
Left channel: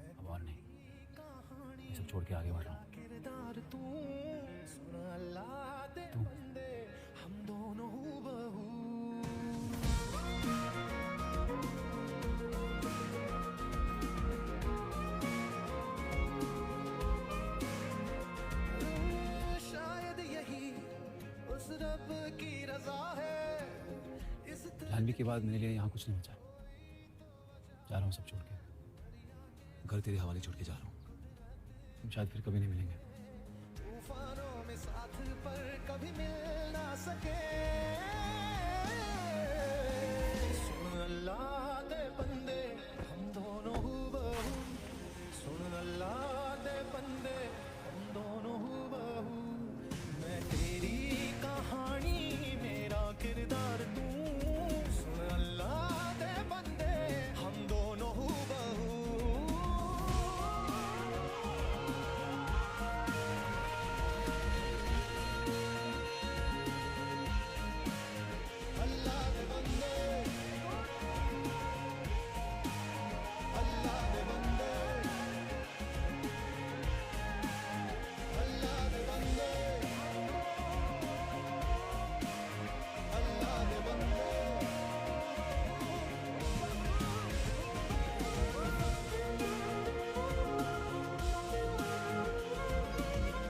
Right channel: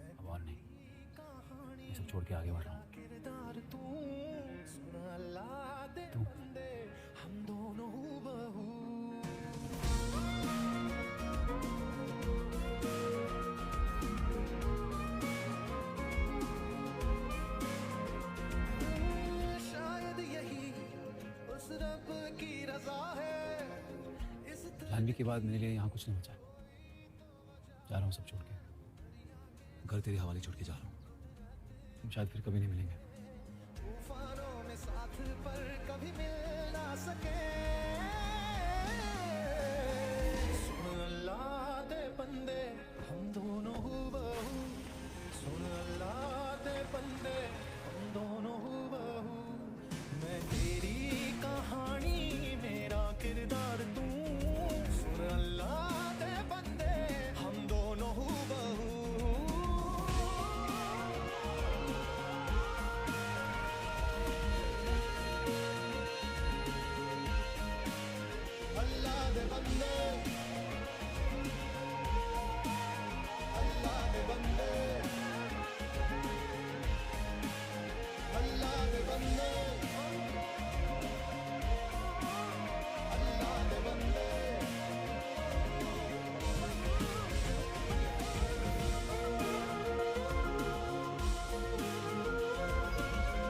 अब और नहीं, ये सब छोड़ के आगे बढ़ रहा हूँ। जानवी के बाद मेरे लिए यहाँ कुछ नहीं बचा। जा रहा हूँ सब छोड़ के, घर तेरे हवाले छोड़ के जा रहा हूँ। शायद फिर कभी नहीं मिलेंगे। अल्लाह के बंदे